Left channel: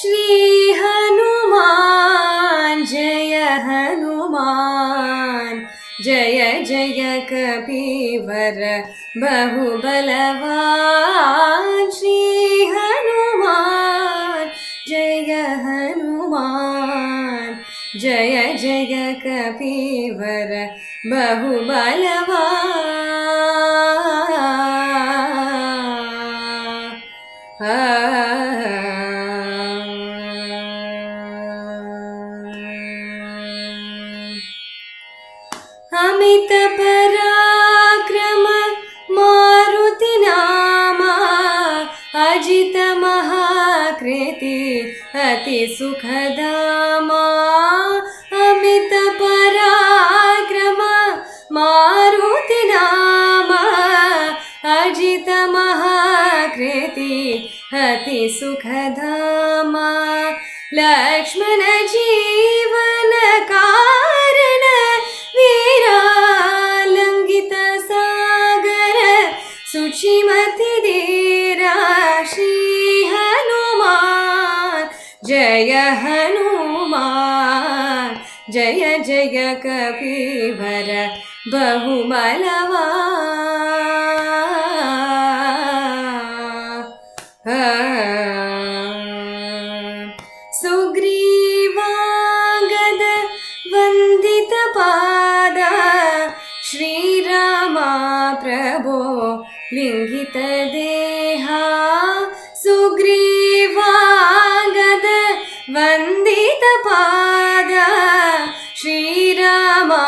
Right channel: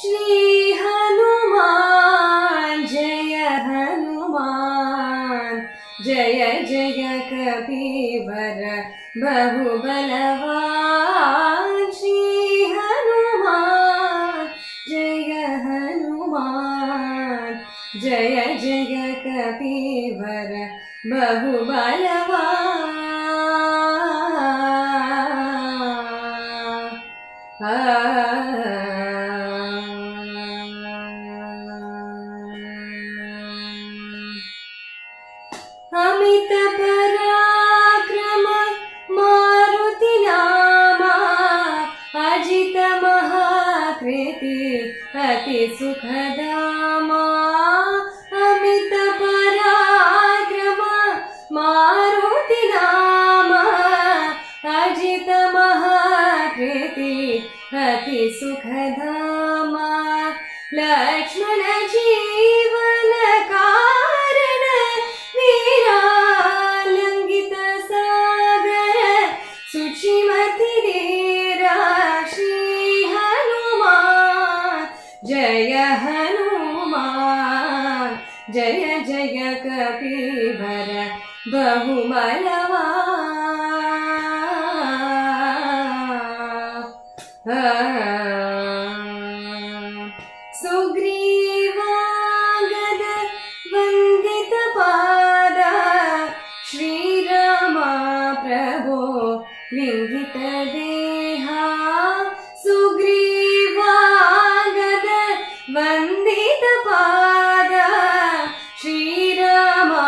श्री हनुमान जय हनुमान जय जय कपीवर बहुबलवान श्री हनुमान जय हनुमान जय जय कपीवर बहुबलवान अमित पराक्रम मारुति नामा अजित महाकृति अति सुखदामा अमित पराक्रम मारुति नामा अजित महाकृति अति सुखदामा लक्ष्मण जीवन कारण वीरालंघित सागर सुचिमति धीरा श्री हनुमान जय हनुमान जय जय कपीवर बहुबलवान सुग्रीवांगद वंदित पादा श्रीरामा प्रभो लिंगित देहा सुग्रीवांगद वंदित पादा श्रीरामा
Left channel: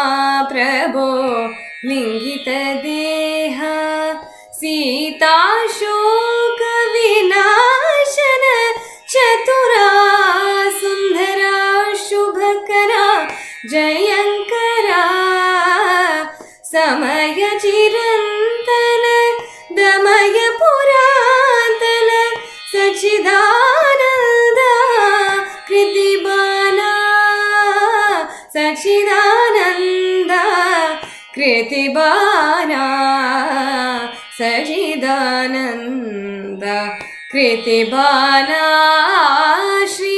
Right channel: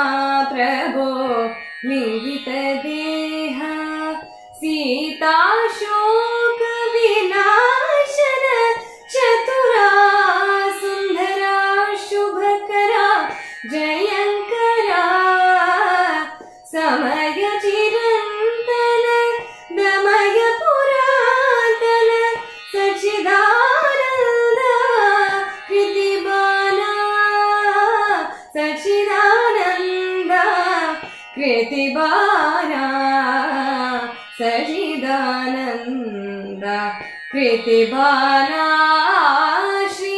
प्रभो लिंगित देहा सीता शोक विनाशन चतुरा सुंदरा शुभकरा जयंकरा समय चिरंतन दमय पुरातन सच्चिदानंद कृतिबाला सच्चिदानंद कृतिबाला सच्चिदानंद कृतिबाला श्री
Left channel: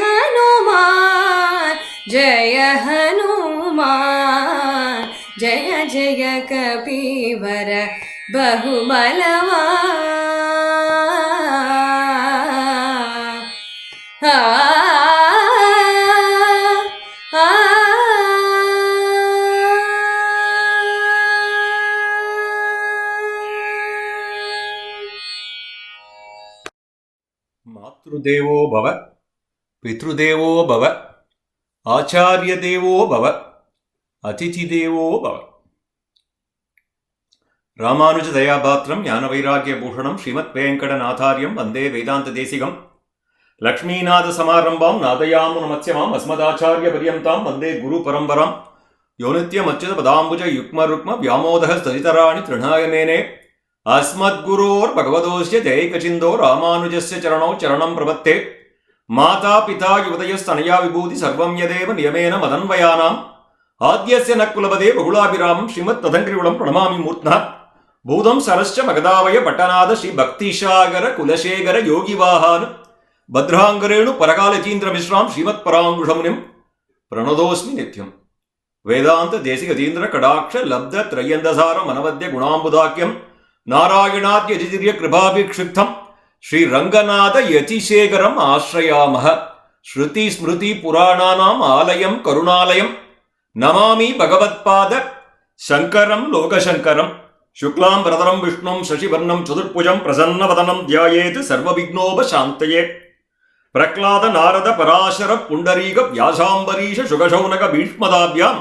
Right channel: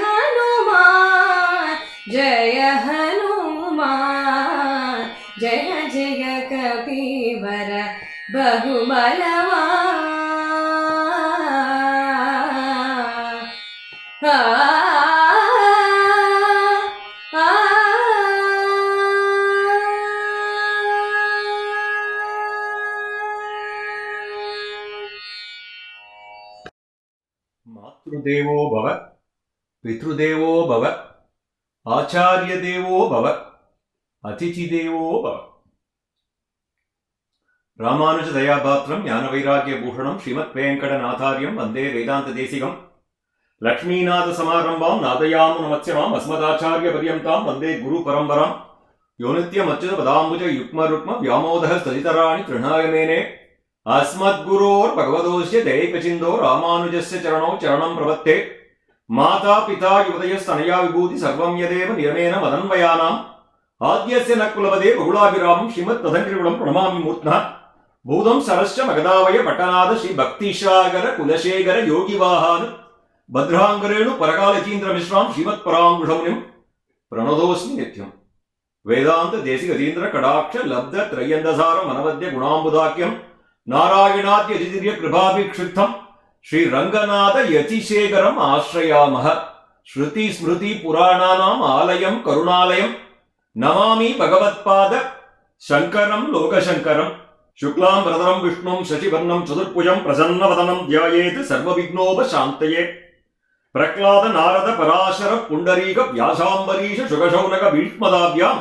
हनुमान जय हनुमान जय जय कपीवर बहुबलवान मातृदेवो भव, पितृदेवो भव, आचार्यदेवो भव, अतिथिदेवो भव. रामानुजदयापात्रं ज्ञानवैराग्यभूषणं श्रीमद्वेङ्कटनाथार्यं वन्दे वेदान्तदेशिकं लक्ष्मीनाथसमारम्भां नादयामुनमत्स्यमाम् अस्मदाचार्यपर्यन्तां वन्दे गुरुपरम्परां यो नित्यमच्युतपदाम्बुजयुग्मरुक्म व्यामोदः स्तरितराणि तृणाय मेने अस्मद्गुरोर्भगवतोऽस्य दैकचिन्दो रामानुजस्य चरणौ चरणं प्रपत्ते माता पिता युवतयस्तनया विभूति सर्वं यदेव नियमेन मदन्वयानाम् आद्यस्य न कुलपदे बहुलाभिरामं श्रीमत्तदङ्घ्रिकुलं प्रणमामि मूर्ध्ना भूतं सरश्च मगधावय पट्टनाद श्री भक्तिसागर कुलशेखर योगिवाहान् भद्राङ्गरेणु परकालतीन्द्रमिश्रां श्रीमत्पराङ्कुशमुनिं प्रणतोऽस्मि नित्यं वेदान्त देशिकतीन्द्र कडाक्ष लब्ध त्रय्यन्दसार मनवद्य गुणाम्बुदाख्यं नारायणाद्यजितिर्य कृपाभिक्षिप्तं श्रीरङ्गनाथ यतिशेखरम् आश्रयामः श्रुति स्मृति पुराणानाम् आलयं करुणालयं नमामि भगवत्पाद शङ्करं लोकशङ्करं शुक्लां वरदं विष्णुं शशिवर्णं चतुर्भुजं प्रसन्नवदनं ध्यायेत् सर्वविघ्नोपशान्तये प्रह्लाद नारद पराशर पुण्डरीक व्यासाम्बरीश शुकशौनक भीष्मदाभ्यां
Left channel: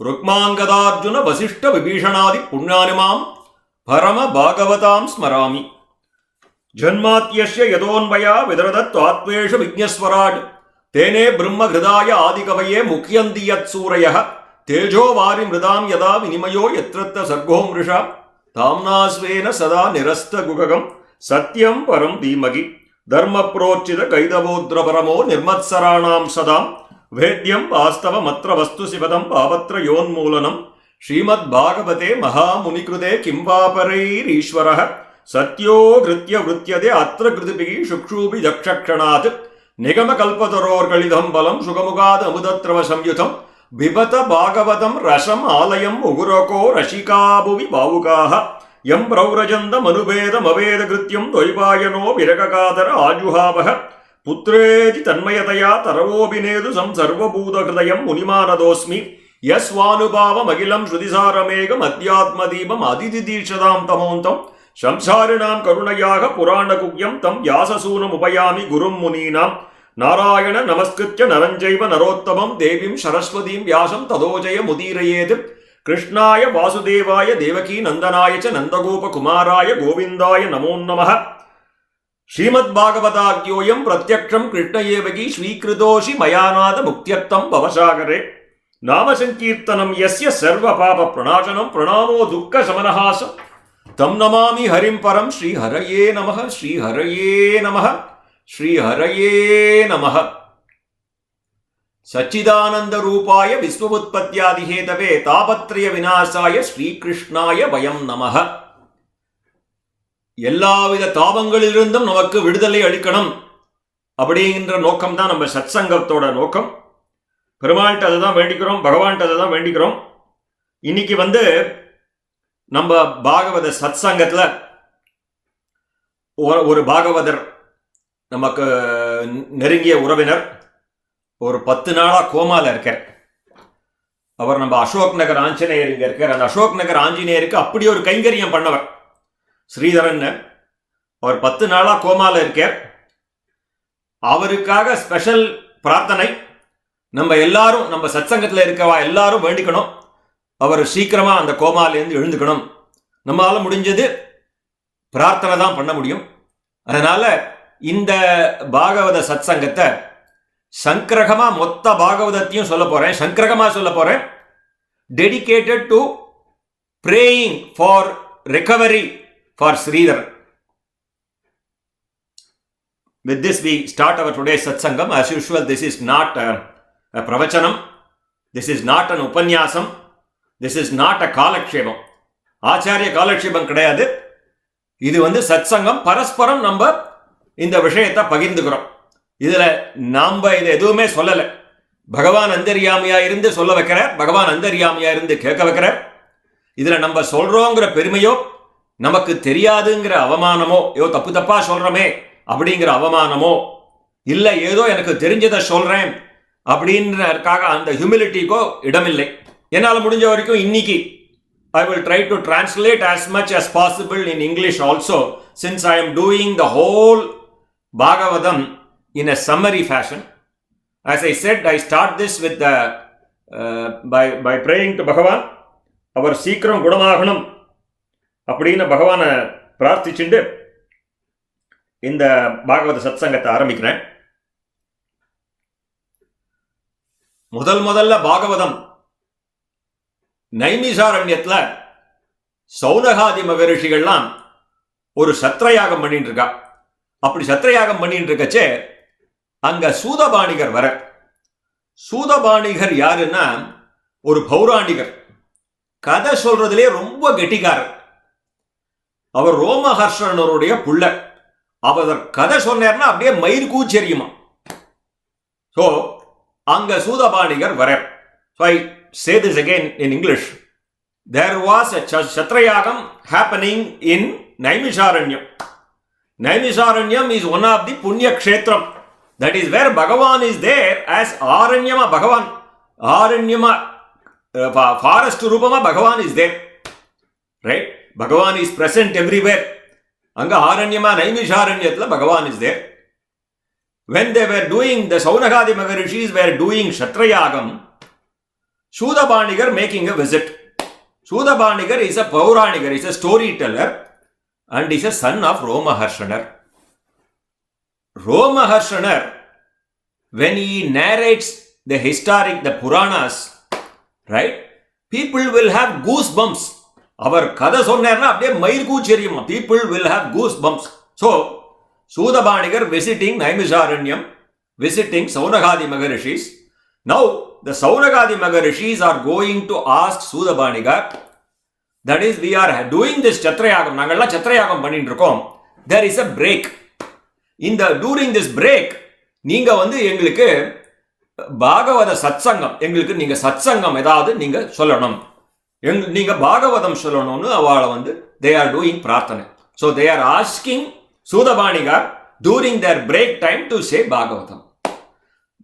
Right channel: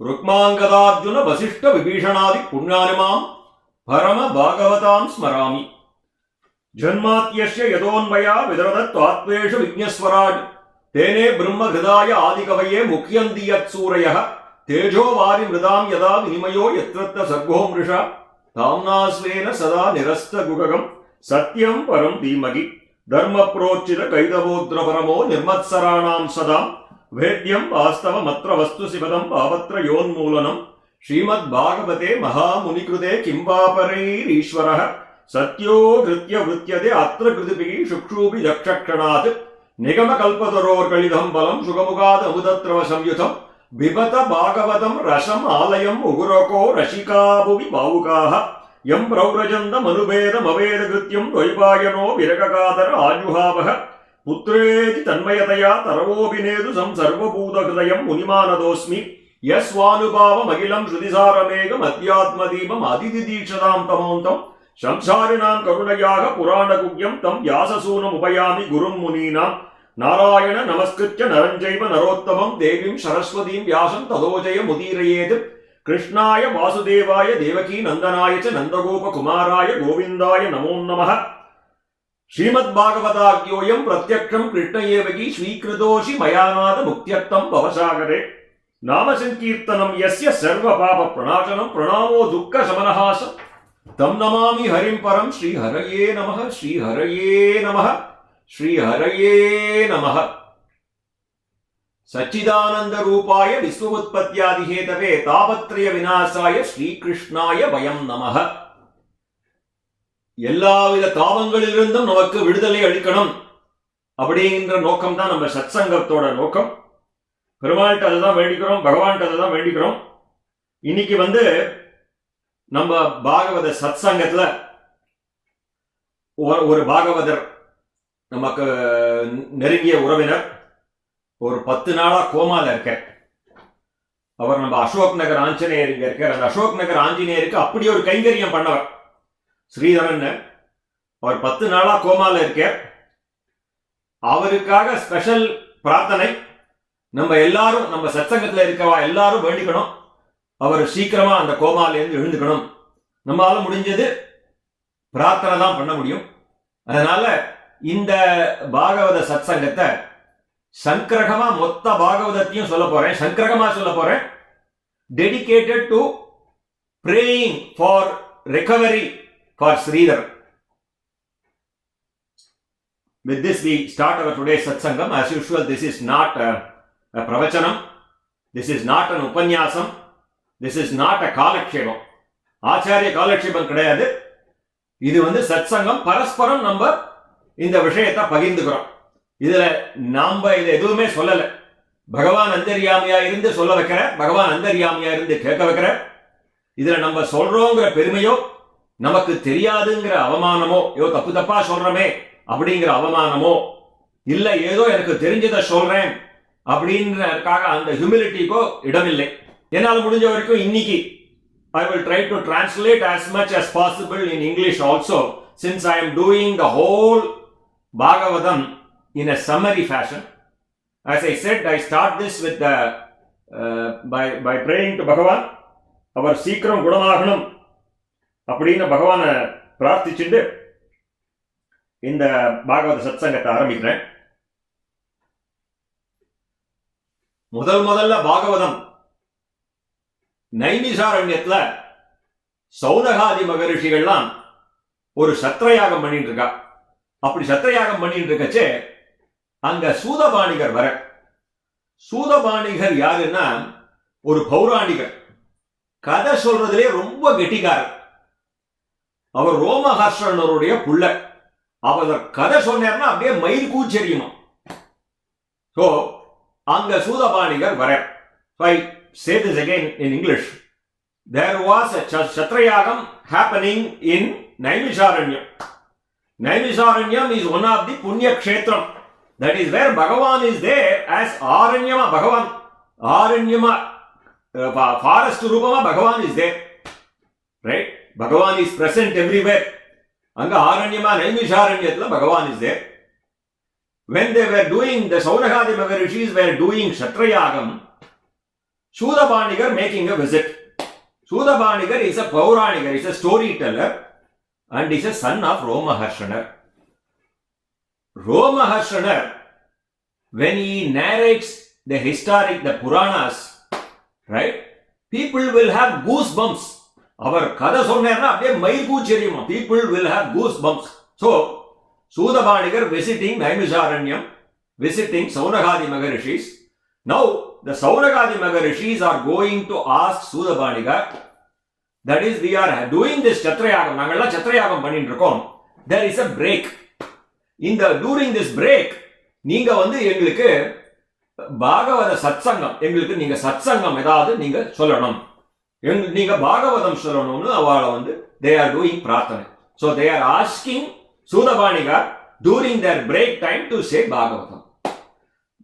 रुक्माङ्गदार्जुन वसिष्ठ विभीषणादि पुण्यानिमां परम भागवतां स्मरामि जन्माद्यस्य यतोऽन्वया विदरदत्वात्मेषु विघ्नस्वराट् तेने ब्रह्महृदाय आदिकवये मुह्यन्ति यत्सूरयः तेजो वारि मृदां यदा विनिमयो यत्र सर्गो मृषा ताम्ना स्वेन सदा निरस्तगुगं सत्यं परं धीमहि धर्मप्रोच्चित कैदवोद्रपरमो निर्मत्सराणां सदा वेद्यं वास्तवमत्र वस्तु शिवदं पावत्रयोन्मूलनं श्रीमद् भागवते महामुनिकृते किं वा परैरीश्वरः सत्यो कृत्य वृत्यते अत्र कृतिभिः शुक्षूभिः दक्षक्षणात् நிகம கல்பதரோர் கலிதம் பலம் சுகமுகாத அமுதத்ரவ சம்யுதம் பிபத பாகவதம் ரசம் ஆலயம் உகுரகோ ரசிகாபுவி பாவுகாக எம் பிரௌரஜந்தம் அனுபேதம் அவேத கிருத்தியம் தொய்பாயனோ விரககாதர ஆஜுஹாவக புத்ரேதி தன்மயதயா தரவோபிநேது சர்வபூதஹிருதயம் முனிமானதோஸ்மி யஸ்வானுபாவம் அகிலம் ஸ்ருதிசாரமேகம் அத்தியாத்மதீபம் அதிதிதீட்சதாம் தமோந்தம் சம்சாரிணாம் கருணையாக புராணகுக்யம் தம் வியாசசூனம் உபயாமி குரும் முனீனாம் நாராயண நமஸ்கிருத்ய நரஞ்சைவ நரோத்தமம் தேவீம் சரஸ்வதீம் வியாசம் ததோஜய முதீரயேத் கிருஷ்ணாய வாசுதேவாய தேவகீ நந்தனாய ச நந்தகோபகுமாராய கோவிந்தாய நமோ நமः ஸ்ரீமத் பாகவதாக்யோயம் பிரத்யக்ஷம் கிருஷ்ணயேவகி ஸ்வீகிருதோஷி மயாநாத முக்தியர்த்தம் பவசாகரே நாமசங்கீர்த்தனம் யஸ்ய சர்வ பாப பிரணாசனம் பிரணாமோ துக்க சமனஹாச தம் நமாமி ஹரிம் பரம் ஸ்ரீ ஹரயே நமः ஸ்ரீ ஹரயே நமः ஸ்ரீ ஹரயே நமः சச்சிதானந்த ரூபாய விஸ்வவுத்பத்யாதி ஹேதவே தாபத்ரய விநாசாய ஸ்ரீகிருஷ்ணாய வயம் நமः. எல்லாவித தாபங்களிலிருந்தும் நமக்கு விடுதலை அளிக்கணும் அப்படிங்கிற நோக்கம் தான் நம்ம சத்சங்கத்தோட நோக்கம். பெருமாள்கிட்ட அதை தான் வேண்டிக்கிறோம், பகவான்கிட்ட அதை தான் வேண்டிக்கிறோம். இன்னைக்கு நம்ம பாகவத சத்சங்கத்தில் ஒரு பாகவதர் நமக்கு நெருங்கிய உறவினர் ஒரு 10 நாளா கோமால இருக்கார். அவர் நம்ம அசோக் நகர் ஆஞ்சநேயர் இங்க இருக்கார். அந்த அசோக் நகர் ஆஞ்சநேயருக்கு அப்படி ஒரு கைங்கரியம் பண்ணவர் ஸ்ரீதரன். அவர் 10 நாளா கோமால இருக்கார். அவருக்காக ஸ்பெஷல் பிரார்த்தனை. நம்ம எல்லாரும், நம்ம சத்சங்கத்தில் இருக்கவா எல்லாரும் வேண்டிக்கணும், அவர் சீக்கிரமா அந்த கோமாலேருந்து எழுந்துக்கணும். நம்மளால முடிஞ்சது பிரார்த்தனை தான் பண்ண முடியும். அதனால இந்த பாகவத சத்சங்கத்தை சங்கிரகமா மொத்த பாகவதத்தையும் சொல்ல போறேன். சங்கிரகமா சொல்ல போறேன். Dedicated to praying for recovery for Sridhar. With this we start our today's satsangam. As usual, this is not a pravachanam. This is not an upanyasam. This is not a காலக்ஷேபம். ஆச்சாரிய காலக்ஷேபம் கிடையாது. இது சத்சங்கம். பரஸ்பரம் நம்ம இந்த விஷயத்தை பகிர்ந்துக்கிறோம். இதுல நாம இது எதுவுமே சொல்லல. பகவான் அந்தர்யாமியா இருந்து சொல்ல வைக்கிற, பகவான் அந்தர்யாமியா இருந்து கேட்க வைக்கிற. இதுல நம்ம சொல்றோங்கிற பெருமையோ, நமக்கு தெரியாதுங்கிற அவமானமோ, தப்பு தப்பா சொல்றமே அப்படிங்கிற அவமானமோ, இல்ல ஏதோ எனக்கு தெரிஞ்சதை சொல்றேன் அப்படின்றதுக்காக அந்த ஹியூமிலிட்டிக்கோ இடமில்லை. என்னால் முடிஞ்ச வரைக்கும் இன்னைக்கு I will try to translate as much as possible in English also, since I am doing the whole Bhagavatam in a summary fashion. As I said, I start this with by praying to Bhagavan. அவர் சீக்கிரம் குணமாகணும் அப்படின்னு பகவானை பிரார்த்திச்சுட்டு இந்த பாகவத சத்சங்கத்தை ஆரம்பிக்கிறேன். முதல்ல பாகவதம் நைமிசாரண்யத்துல சௌனகாதி மகரிஷிகள்லாம் ஒரு சத்ரயாகம் பண்ணிட்டு இருக்கா. அப்படி சத்ரயாகம் பண்ணிட்டு இருக்கச்சே அங்க சூதபாணிகர் வர. சூதபாணிகர் யாருன்னா ஒரு பௌராணிகர், கதை சொல்றதுலே ரொம்ப கெட்டிக்காரர். அவர் ரோமஹர்ஷனருடைய புள்ள. அவர் கதை சொன்னார்னா அப்படியே மயிர் கூச்சரியுமா. ஸோ அங்க சூதபாணிகர் வர. So I say this again in English. There was a Kshatrayagam happening in Naimisharanyam. Naimisharanyam is one of the Punya Kshetram. That is where Bhagavan is there as Aranyama Bhagavan. Aranyama, forest Rupama Bhagavan is there. Right? Bhagavan is present everywhere. Anga Aranyama Naimisharanyathla Bhagavan is there. When they were doing, the Saunakadi Maharishis were doing Kshatrayagam, Sudabanigar making a visit. Sudabanigar is a Pauranigar, is a storyteller, and is a son of Romaharshanar. Romaharshanar, when he narrates the historic, the Puranas, right, people will have goosebumps. Our kada sonnarna apdiye mayir koocheriyuma. People will have goosebumps. So, Sudabanigar visiting Naimisharanyam, visiting Saunakadi Maharishis. Now, the Saunakadi Maharishis are going to ask Sudabanigar, that is, we are doing this Chatrayagam, நாங்கள்லாம் Chatrayagam பண்ணிட்டு இருக்கோம். There is a break. During this break, நீங்க எங்களுக்கு பாகவத சத்சங்கம், எங்களுக்கு நீங்க சத்சங்கம் ஏதாவது நீங்க சொல்லணும், நீங்க பாகவதம் சொல்லணும்னு அவளை they are doing பிரார்த்தனை. So they are asking Sudabanigar during their break time to say Bhagavatam.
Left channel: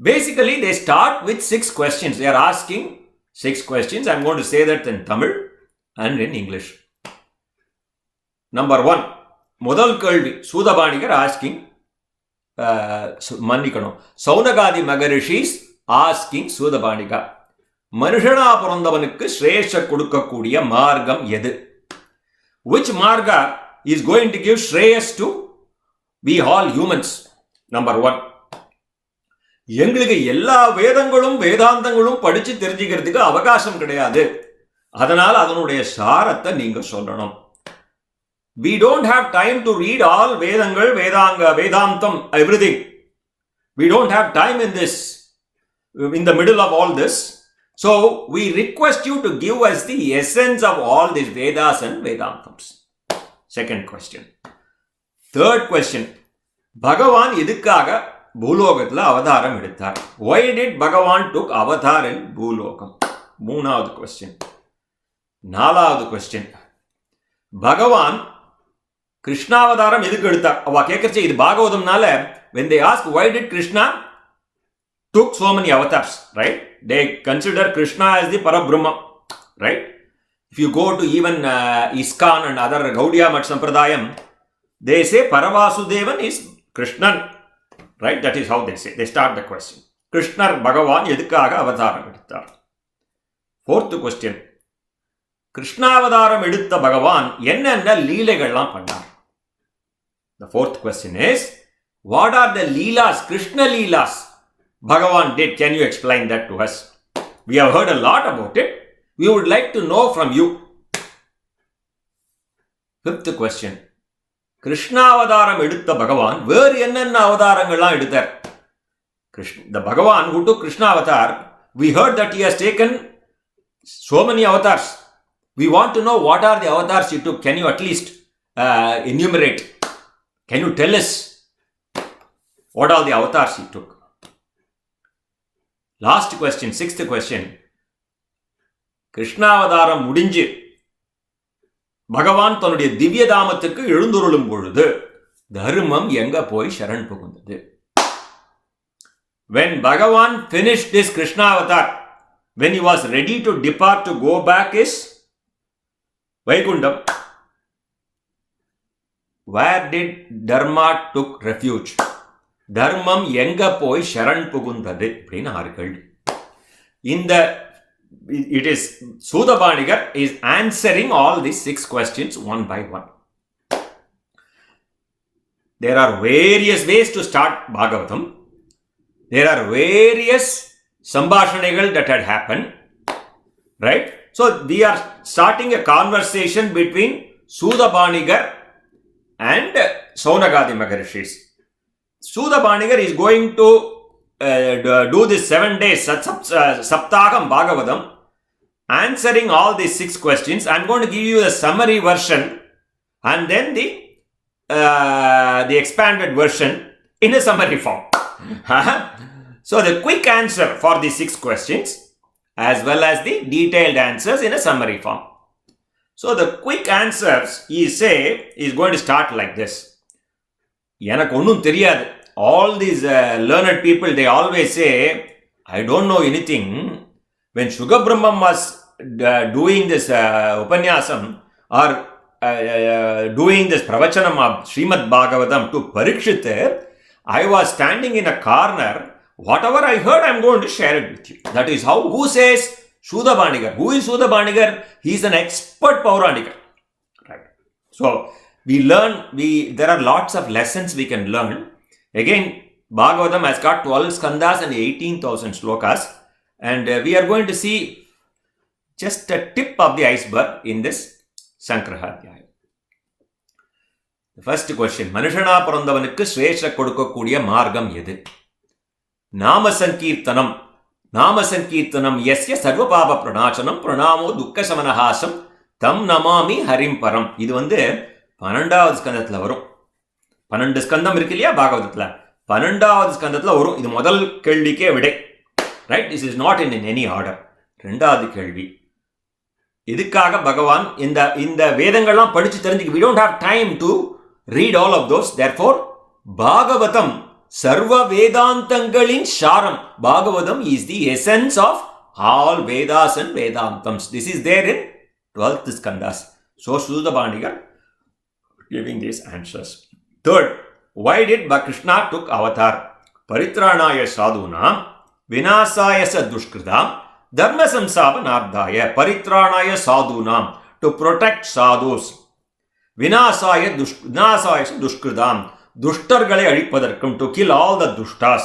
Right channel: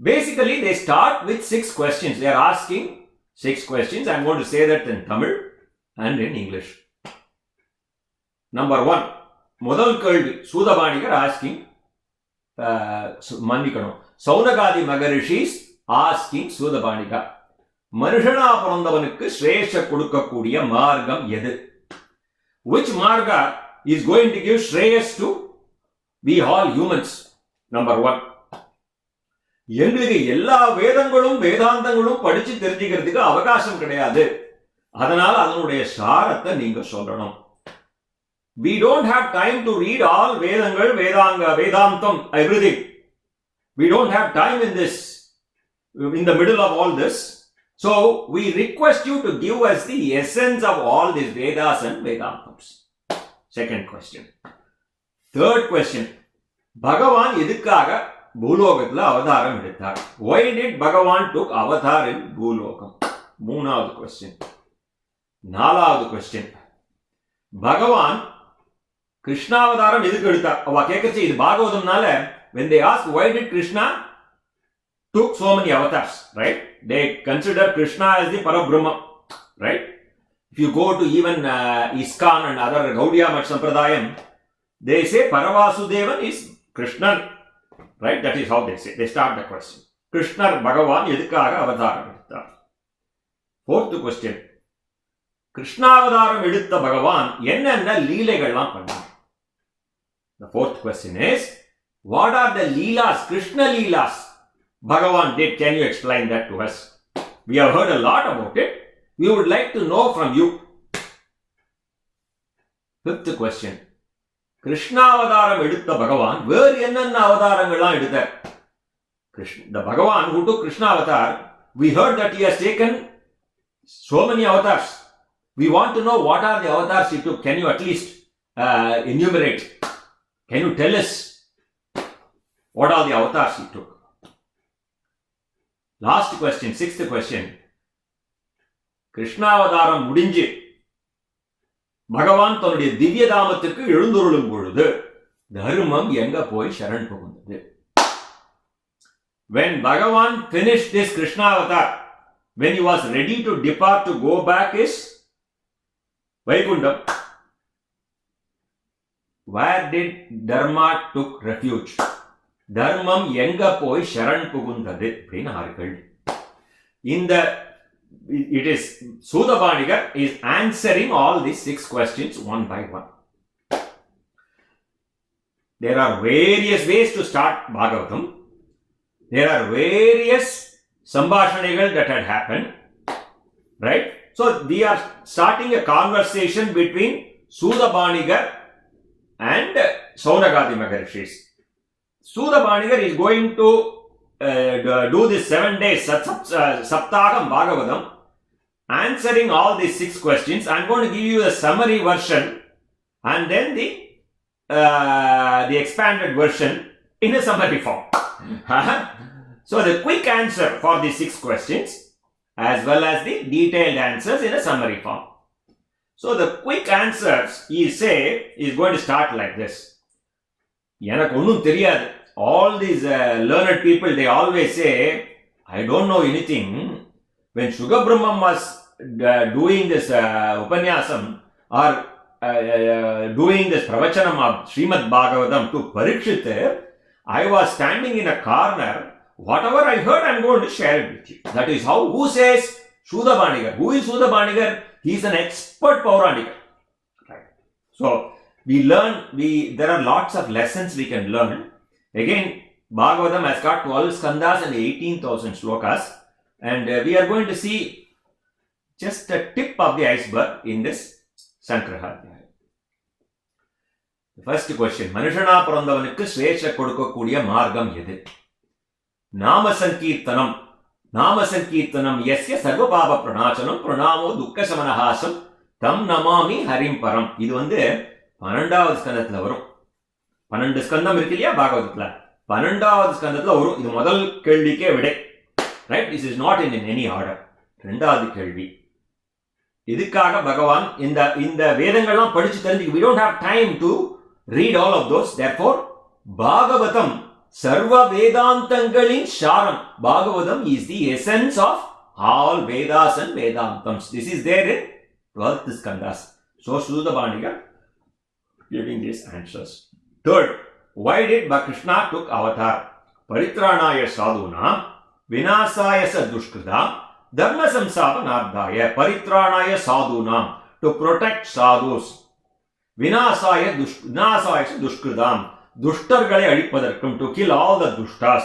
Basically they start with 6 questions. They are asking 6 questions. I'm going to say that in Tamil and in English. Number 1, முதல் கேள்வி Sudabanigar asking மன்னிக்கணும், சௌனகாதி மகரிஷிஸ் asking சூதபாணிகா, மனுஷனா பிறந்தவனுக்கு ஸ்ரேஷ கொடுக்கக்கூடிய மார்க்கம் எது? Which marga is going to give shreyas to we all humans? Number 1, எங்களுக்கு எல்லா வேதங்களும் வேதாந்தங்களும் படிச்சு தெரிஞ்சுக்கிறதுக்கு அவகாசம் கிடையாது, அதனால அதனுடைய சாரத்தை நீங்க சொல்லணும். We don't have time to read all Vedangal, Vedanga, Vedantam, everything. We don't have time in this, in the middle of all this. So, we request you to give us the essence of all these Vedas and Vedantams. Second question. Third question. Bhagavan எதுக்காக பூலோகத்தில் அவதாரம் எடுத்தார்? Why did Bhagavan took avatar in பூலோகம்? மூணாவது question. நாலாவது question. Bhagavan கிருஷ்ணாவதாரம் எதுக்கு எடுத்தார்? அவ கேட்கறச்சு இது பாகவதம்னால when they ask why did Krishna took so many avatars, right? They consider Krishna as the Parabrahma, right? If you go to even ISKCON and other Gaudiya Mat Sampradayam, they say Paravasudevan is Krishnan, right? That is how they say. They start the question. Krishna Bhagavan எதுக்காக அவதாரம் எடுத்தார்? Fourth question. கிருஷ்ணாவதாரம் எடுத்த பகவான் என்னென்ன லீலைகள்லாம் பண்ணார்? The fourth question is, what are the leelas, Krishna leelas Bhagavan did? Can you explain that to us? We have heard a lot about it. We would like to know from you. Fifth question. கிருஷ்ணாவதாரம் எடுத்த பகவான் வேறு என்னென்ன அவதாரங்கள்லாம் எடுத்தார்? The Bhagavan who took Krishna avatar, we heard that he has taken so many avatars. We want to know what are the avatars he took. Can you at least enumerate? Can you tell us what are the avatars he took? Last question, sixth question. கிருஷ்ணாவதாரம் முடிஞ்சு பகவான் தன்னுடைய திவ்ய தாமத்துக்கு எழுந்துருளும் பொழுது தர்மம் எங்க போய் சரண் புகுந்தது? When Bhagavan finished this Krishna avatar, when he was ready to depart to go back his Vaikundam, where did Dharma took refuge? தர்மம் எங்க போய் சரண் புகுந்தது அப்படின்னு ஆர்கள். இந்த it is Sudabanigar is answering all these 6 questions one by one. There are various ways to start Bhagavatam. There are various sambhashanigal that had happened, right? So we are starting a conversation between Sudabanigar and Saunagadi Maharishis. Sudabanigar is going to do this 7 days Saptagam Bhagavatam, answering all these 6 questions. I'm going to give you the summary version and then the expanded version in a summary form. So the quick answer for these 6 questions as well as the detailed answers in a summary form. So the quick answers is going to start like this. எனக்கு ஒன்றும் தெரியாது. All these learned people, they always say, I don't know anything. When Sugabrahmam was doing this upanyasam or doing this pravachanam of Srimad Bhagavatam to Parikshit, I was standing in a corner. Whatever I heard, I'm going to share it with you. That is how. Who says? Sudabanigar. Who is Sudabanigar? He is an expert Pauranikar. Right. So we learn. There are lots of lessons we can learn. Again, Bhagavatam has got 12 skandhas and 18,000 slokas, and we are going to see just a tip of the iceberg in this Sangraham. The first question: மனுஷனா பிறந்தவனுக்கு ஸ்ரேஷ கொடுக்கக்கூடிய மார்க்கம் எது? நாம சங்கீர்த்தனம். நாம சங்கீர்த்தனம் யஸ்ய சர்வ பாப பிரணாசனம் பிரணாமோ துக்க சமனஹாசம் தம் நமாமி ஹரிம் பரம். இது 12வது ஸ்கந்தத்தில் வரும். 12 ஸ்கந்தம் இருக்கு இல்லையா பாகவதத்தில்? 12வது ஸ்கந்தத்தில் வரும். இது முதல் கேள்விக்கே விடை. Right, this is not in any order. 2வது கேள்வி, இதுக்காக பகவான் இந்த வேதங்கள்லாம் படிச்சு தெரிஞ்சுக்க. we don't have time to read all of those. therefore Bhagavatam சர்வ வேதாந்தங்களின் சாரம். Bhagavatam is the essence of all Vedas and Vedantams. This is there in 12th Skandas. So Suda Bandigar giving these answers. Third, why did Krishna took avatar? Paritranaya sadhunam vinasaya sa dushkritam dharma samsavanardaya. Paritranaya sadhunam, to protect sadhus. Vinasaya dushkritam, dushtargale adippadarkum, to kill all the dushtas.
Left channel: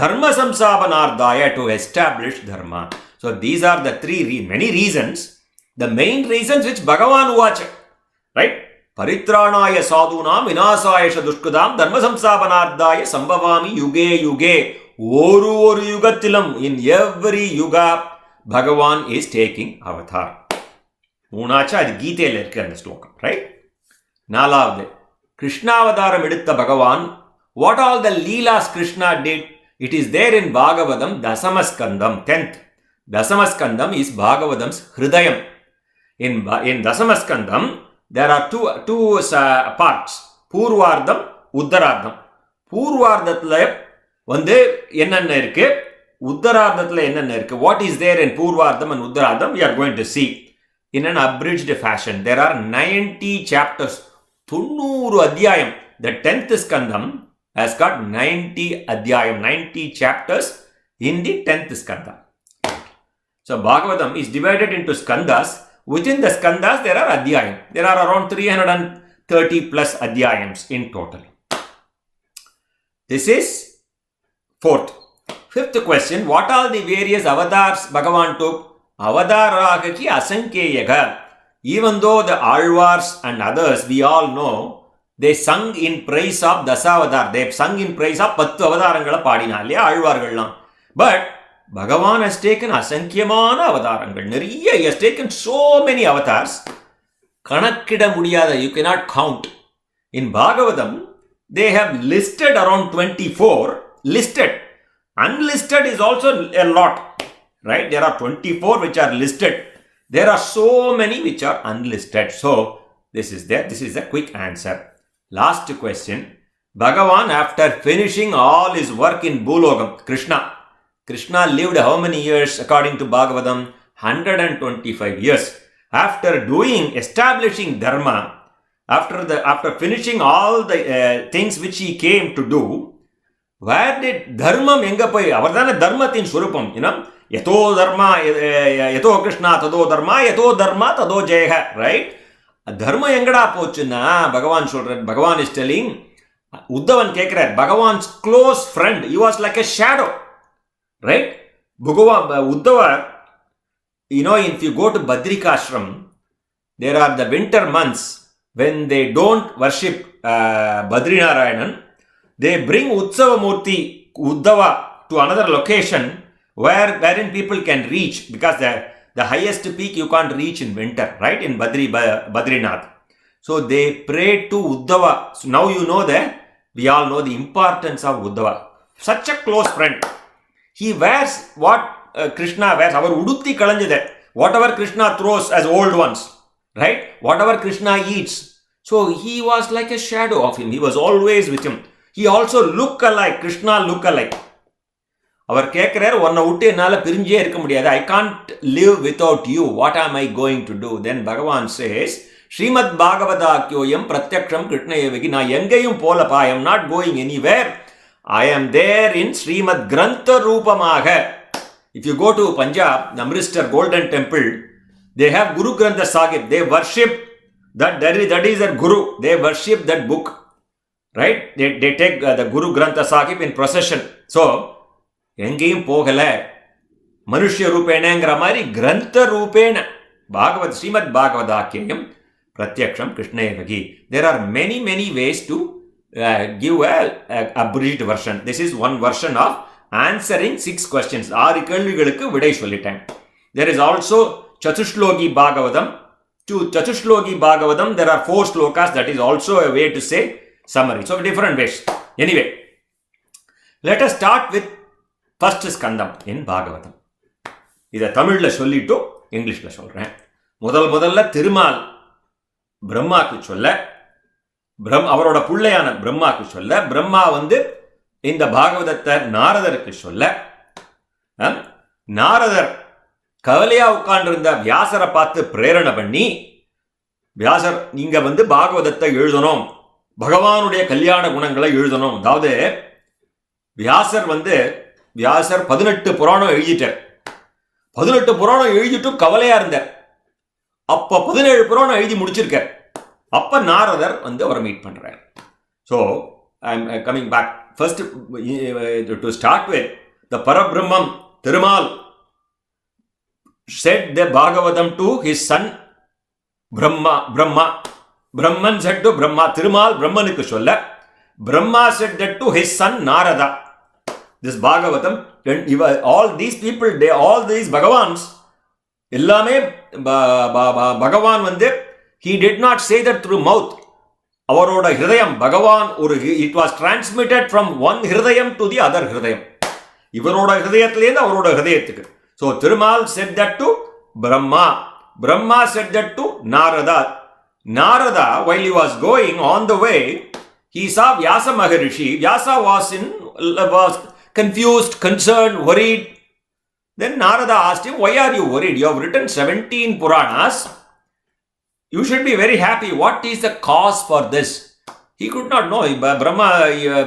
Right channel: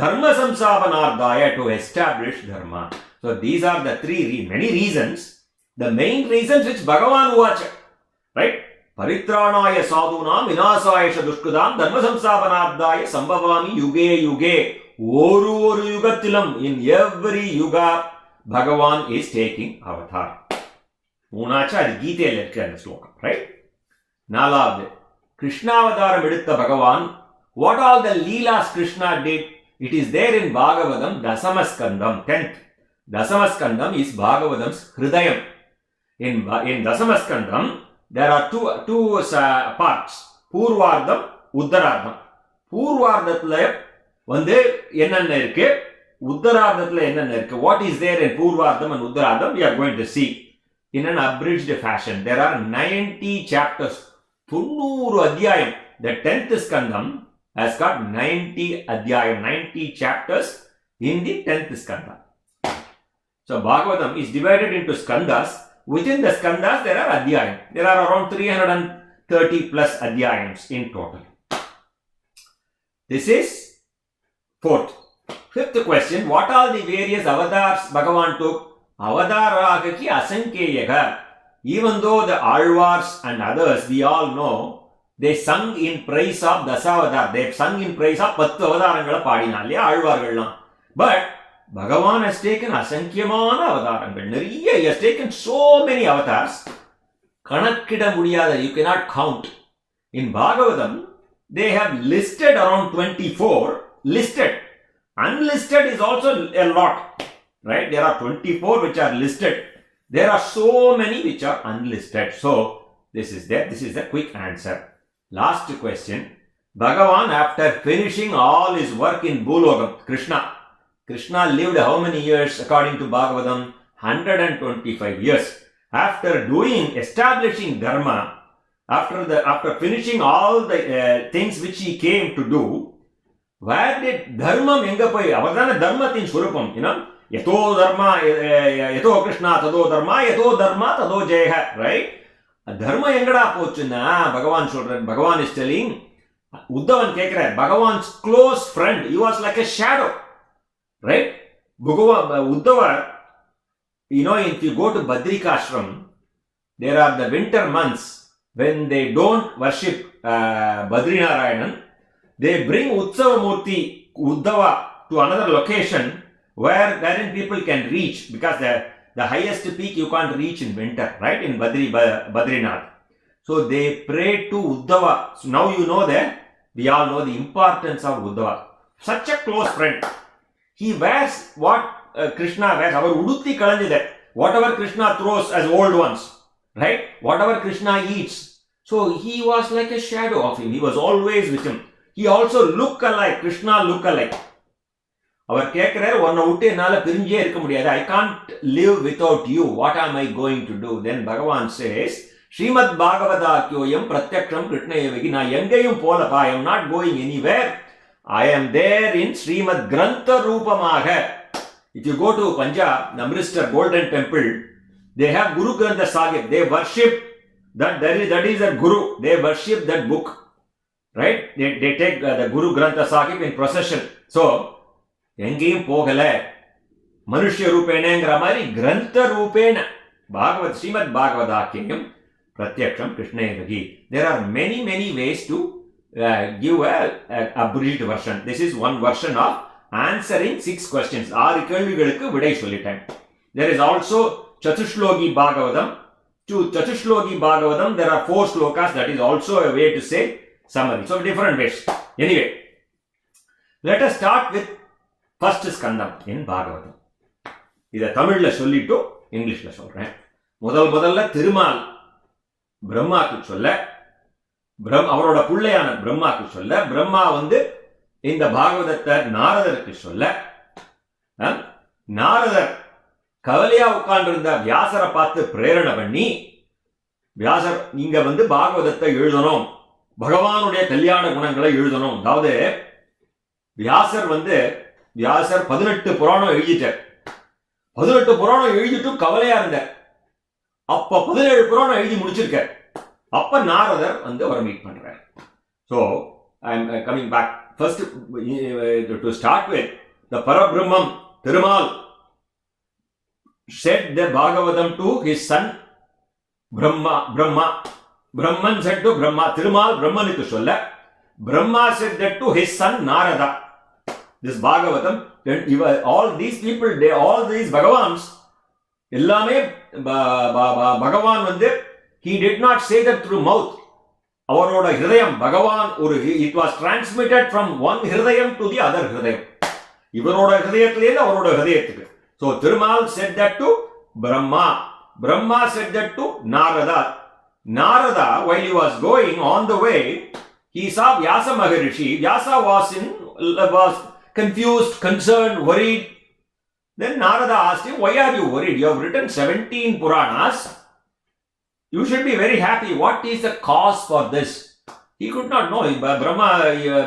Dharma samsavanardaya, to establish dharma. So these are the many reasons, the main reasons which Bhagavan vacha. Right? Paritranaya sadhunam vinasaya dushkritam dharma samsavanardaya sambhavami yuge yuge. Oru yugathilam, in every yuga Bhagavan is taking avatar. Moonacha adu Geethayil irukku and slokam. Right? Nalavadu, Krishna avataram edutha Bhagavan, what all the leelas Krishna did, it is there in Bhagavatam Dasamaskandam, 10th. Dasamaskandam is Bhagavatam's Hridayam. In Dasamaskandam, there are two parts, Purvardham, Uttaraardham. Purvardhathula வந்து என்னென்ன இருக்கு, உத்தரார்த்தத்தில் என்னென்ன இருக்கு, what is there in Purvardham and Uttaraardham, we are going to see in an abridged fashion. There are 90 chapters, 90 adhyayam. The 10th Skandam has got 90 adhyayam, 90 chapters in the 10th Skanda. So Bhagavatam is divided into Skandas. Within the Skandas there are adhyayam. There are around 330 plus adhyayams in total. This is 4th. 5th question, what are the various avatars Bhagavan took? Avataragaki asankyaga. Even though the Alvars and others, we all know, they sung in praise of Dasavatar. They sung in praise of 10 avatarangala paadina illaya Alvargallam. But Bhagavan has taken asankyamana avatarangal. Nariya, he has taken so many avatars. Kanakkida mudiyada, you cannot count. In Bhagavatam, they have listed around 24. Listed. Unlisted is also a lot. Right? There are 24 which are listed. There are so many which are unlisted. So, this is there. This is the quick answer. Last question. Bhagavan, after finishing all his work in Bhulogam, Krishna lived how many years according to Bhagavatam? 125 years. After establishing dharma, after finishing all the things which he came to do, where did dharma enga poi? Avardana dharmathin swarupam, yato dharma, yato Krishna tado dharma, yato dharma tado jaya. Right? Dharma engada pochuna, Bhagavan சொல்றார். Bhagavan is telling, Uddhavan கேட்கிறார், Bhagavan's close friend, he was like a shadow. Right? Uddhava, if you go to Badrikashram, there are the winter months when they don't worship Badrinarayanan. They bring Utsava Murti, Uddhava, to another location wherein people can reach, because the highest peak you can't reach in winter, right? In Badrinath. So they pray to Uddhava. So now you know that we all know the importance of Uddhava. Such a close friend. He wears what Krishna wears. Our udutti kalanjide. Whatever Krishna throws as old ones, right? Whatever Krishna eats. So he was like a shadow of him. He was always with him. He also look alike. Krishna look alike. அவர் கேட்கிறார், உன்னை விட்டு என்னால் பிரிஞ்சே இருக்க முடியாது. I can't live without you. What am I going to do? Then Bhagavan says, Srimad Bhagavatam pratyaksham Krishnayevagi. நான் எங்கேயும் போலப்பா. I am not going anywhere. I am there in Srimad Grantha Rupamaga. If you go to Punjab, the Amritsar Golden Temple, they have Guru Grantha Sahib. They worship that is their Guru. They worship that book. Right? They take the Guru Grantha Sahib in procession. So, எங்கேயும் போகல, மனுஷ்ய ரூபேணங்கிற மாதிரி கிரந்த ரூபேண ஸ்ரீமத் பாகவதாக்கியம் பிரத்யக்ஷம் கிருஷ்ணேவகி. There are many ways to give a abridged version. This is one version of answering 6 questions. 6 கேள்விகளுக்கு விடை சொல்லிட்டேன். There is also Chatushloki Bhagavatam. To Chatushloki Bhagavatam, there are 4 slokas. That is also a way to say summary. So different ways. Anyway, Let us start with first skandam in Bhagavatam. இதை தமிழில் சொல்லிட்டு இங்கிலீஷில் சொல்கிறேன். முதல்ல திருமால் பிரம்மாக்கு சொல்ல, அவரோட பிள்ளையான பிரம்மாக்கு சொல்ல, பிரம்மா இந்த பாகவதத்தை நாரதருக்கு சொல்ல, நாரதர் கவலையா உட்கார்ந்திருந்த வியாசரை பார்த்து பிரேரணை பண்ணி, வியாசர் நீங்க பாகவதத்தை எழுதணும், பகவானுடைய கல்யாண குணங்களை எழுதணும். அதாவது வியாசர் 18 புராணம் எழுதிட்டார். 18 புராணம் எழுதிட்டு கவலையா இருந்தார். அப்ப 17 புராணம் எழுதி முடிச்சிருக்கார். அப்ப நாரதர் அவரை மீட் பண்றார். So I am coming back first to start with the Parabrahman Thirumal said the Bhagavatam to his son Brahman said to Brahma, Thirumal Brahmanuku solla, Brahma said that to his son Narada. This Bhagavatam, all these people, all these Bhagavans, எல்லாமே பகவான் he did not say that through mouth. அவரோட ஹிருதயம் பகவான் it was transmitted from one Hridayam to the other ஹிருதயம். இவரோட ஹிருதயத்திலேருந்து அவரோட ஹிருதயத்துக்கு. So Thirumal said that to Brahma said that to Narada while he was going on the way, he saw Vyasa Maharishi. Vyasa was confused, concerned, worried. Then Narada asked him, why are you worried? You have written 17 Puranas. You should be very happy. What is the cause for this? He could not know.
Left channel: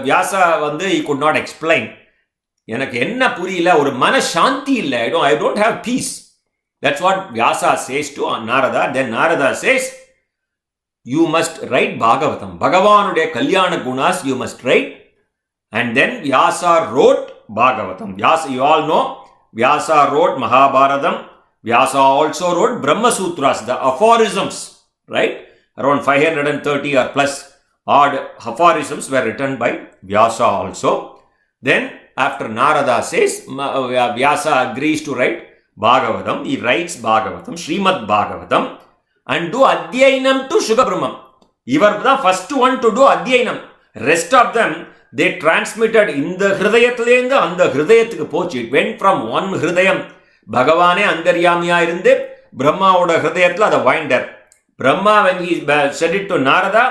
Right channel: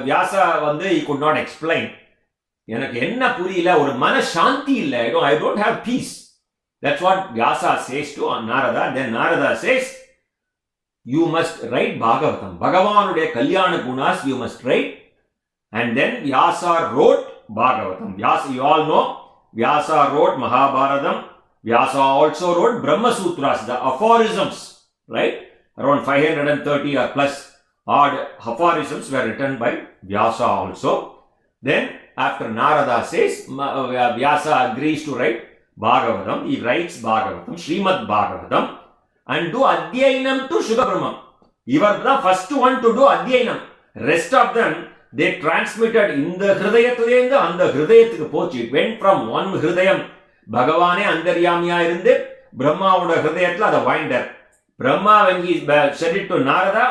Vyasa he could not explain. எனக்கு என்ன புரியல, ஒரு மனசாந்தி இல்லை. I don't have peace. That's what Vyasa says to Narada. Then Narada says, you must write Bhagavatam. Bhagavanudaya Kalyana Gunas you must write. And then Vyasa wrote Bhagavatam. Vyasa, you all know, Vyasa wrote Mahabharatam. Vyasa also wrote Brahma Sutras, the aphorisms, right? Around 530 or plus odd aphorisms were written by Vyasa also. Then after Narada says, Vyasa agrees to write Bhagavatam. He writes Bhagavatam, Srimad Bhagavatam, and do Adhyayanam to Sugabrahmam. He was the first one to do Adhyayanam. Rest of them, they transmitted in the Hridayathilendu and the Hridayathukku pochu. It went from one Hridayam. Bhagavane Andaryamiya irundu Brahma oda Hridayathila the winder. Brahma when he said it to Narada,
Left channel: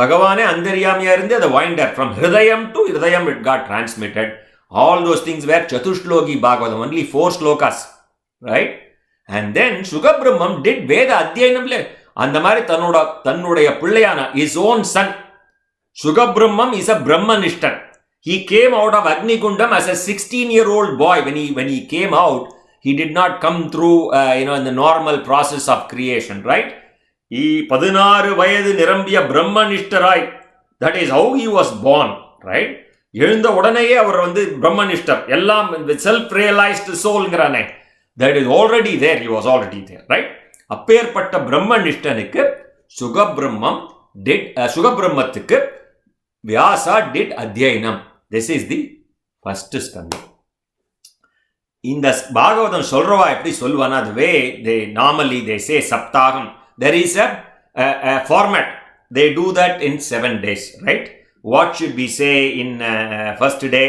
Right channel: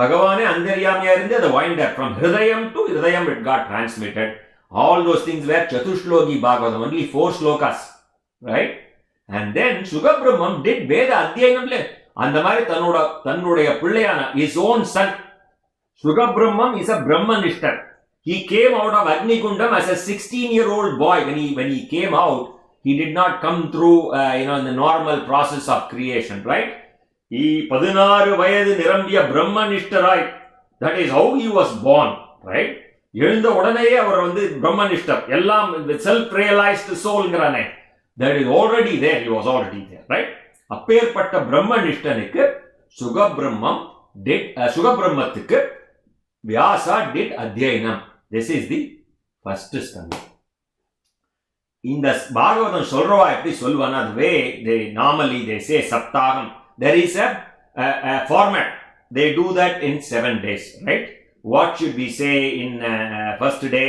Bhagavane Andaryamiya irundu the winder. From Hridayam to Hridayam it got transmitted. All those things were Chatushloki Bhagavatam, only 4 slokas, right? And then Sugabrahmam did Veda Adhyayanam. அந்த மாதிரி தன்னுடைய பிள்ளையான his own son Sugabrahmam is a Brahmanishtan. He came out of Agnikundam as a 16-year-old boy. When he came out, he did not come through in the normal process of creation, right? He 16 வயது நிரம்பிய பிரம்மனிஷ்டராய், that is how he was born, right? எழுந்த உடனேயே அவர் பிரம்மனிஷ்டர், எல்லாம் self realized soulங்கறானே, that is already there. He was already there, right? அப்பேற்பட்ட பிரம்மனிஷ்டனுக்கு சுகபிரம்மத்துக்கு Vyasa did Adhyayanam. This is the first skandam. In the Bhagavatam சொல்றவா எப்படி சொல்வானா, the way they say Saptaham, there is a format. They do that in 7 days, right? What should we say in first day?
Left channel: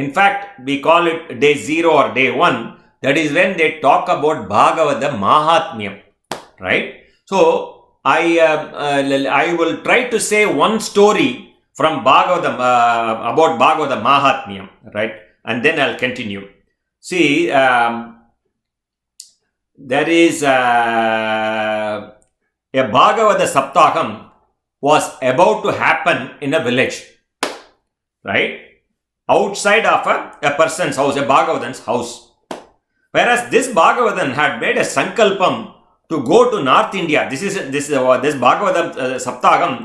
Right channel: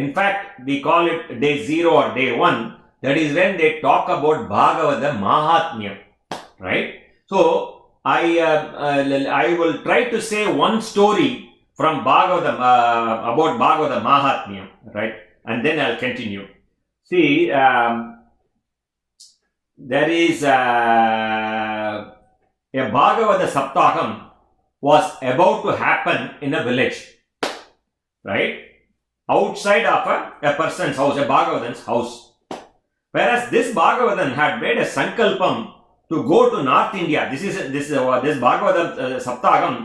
In fact, we call it day 0 or day 1. That is when they talk about Bhagavata Mahatmyam, right? So I will try to say one story from Bhagavatam about Bhagavata Mahatmyam, right? And then I'll continue. See, there is a Bhagavata Saptaham was about to happen in a village, right? Outside of a person's house, a Bhagavatan's house. Whereas this Bhagavatam had made a sankalpam to go to North India. This Bhagavatam Saptaham,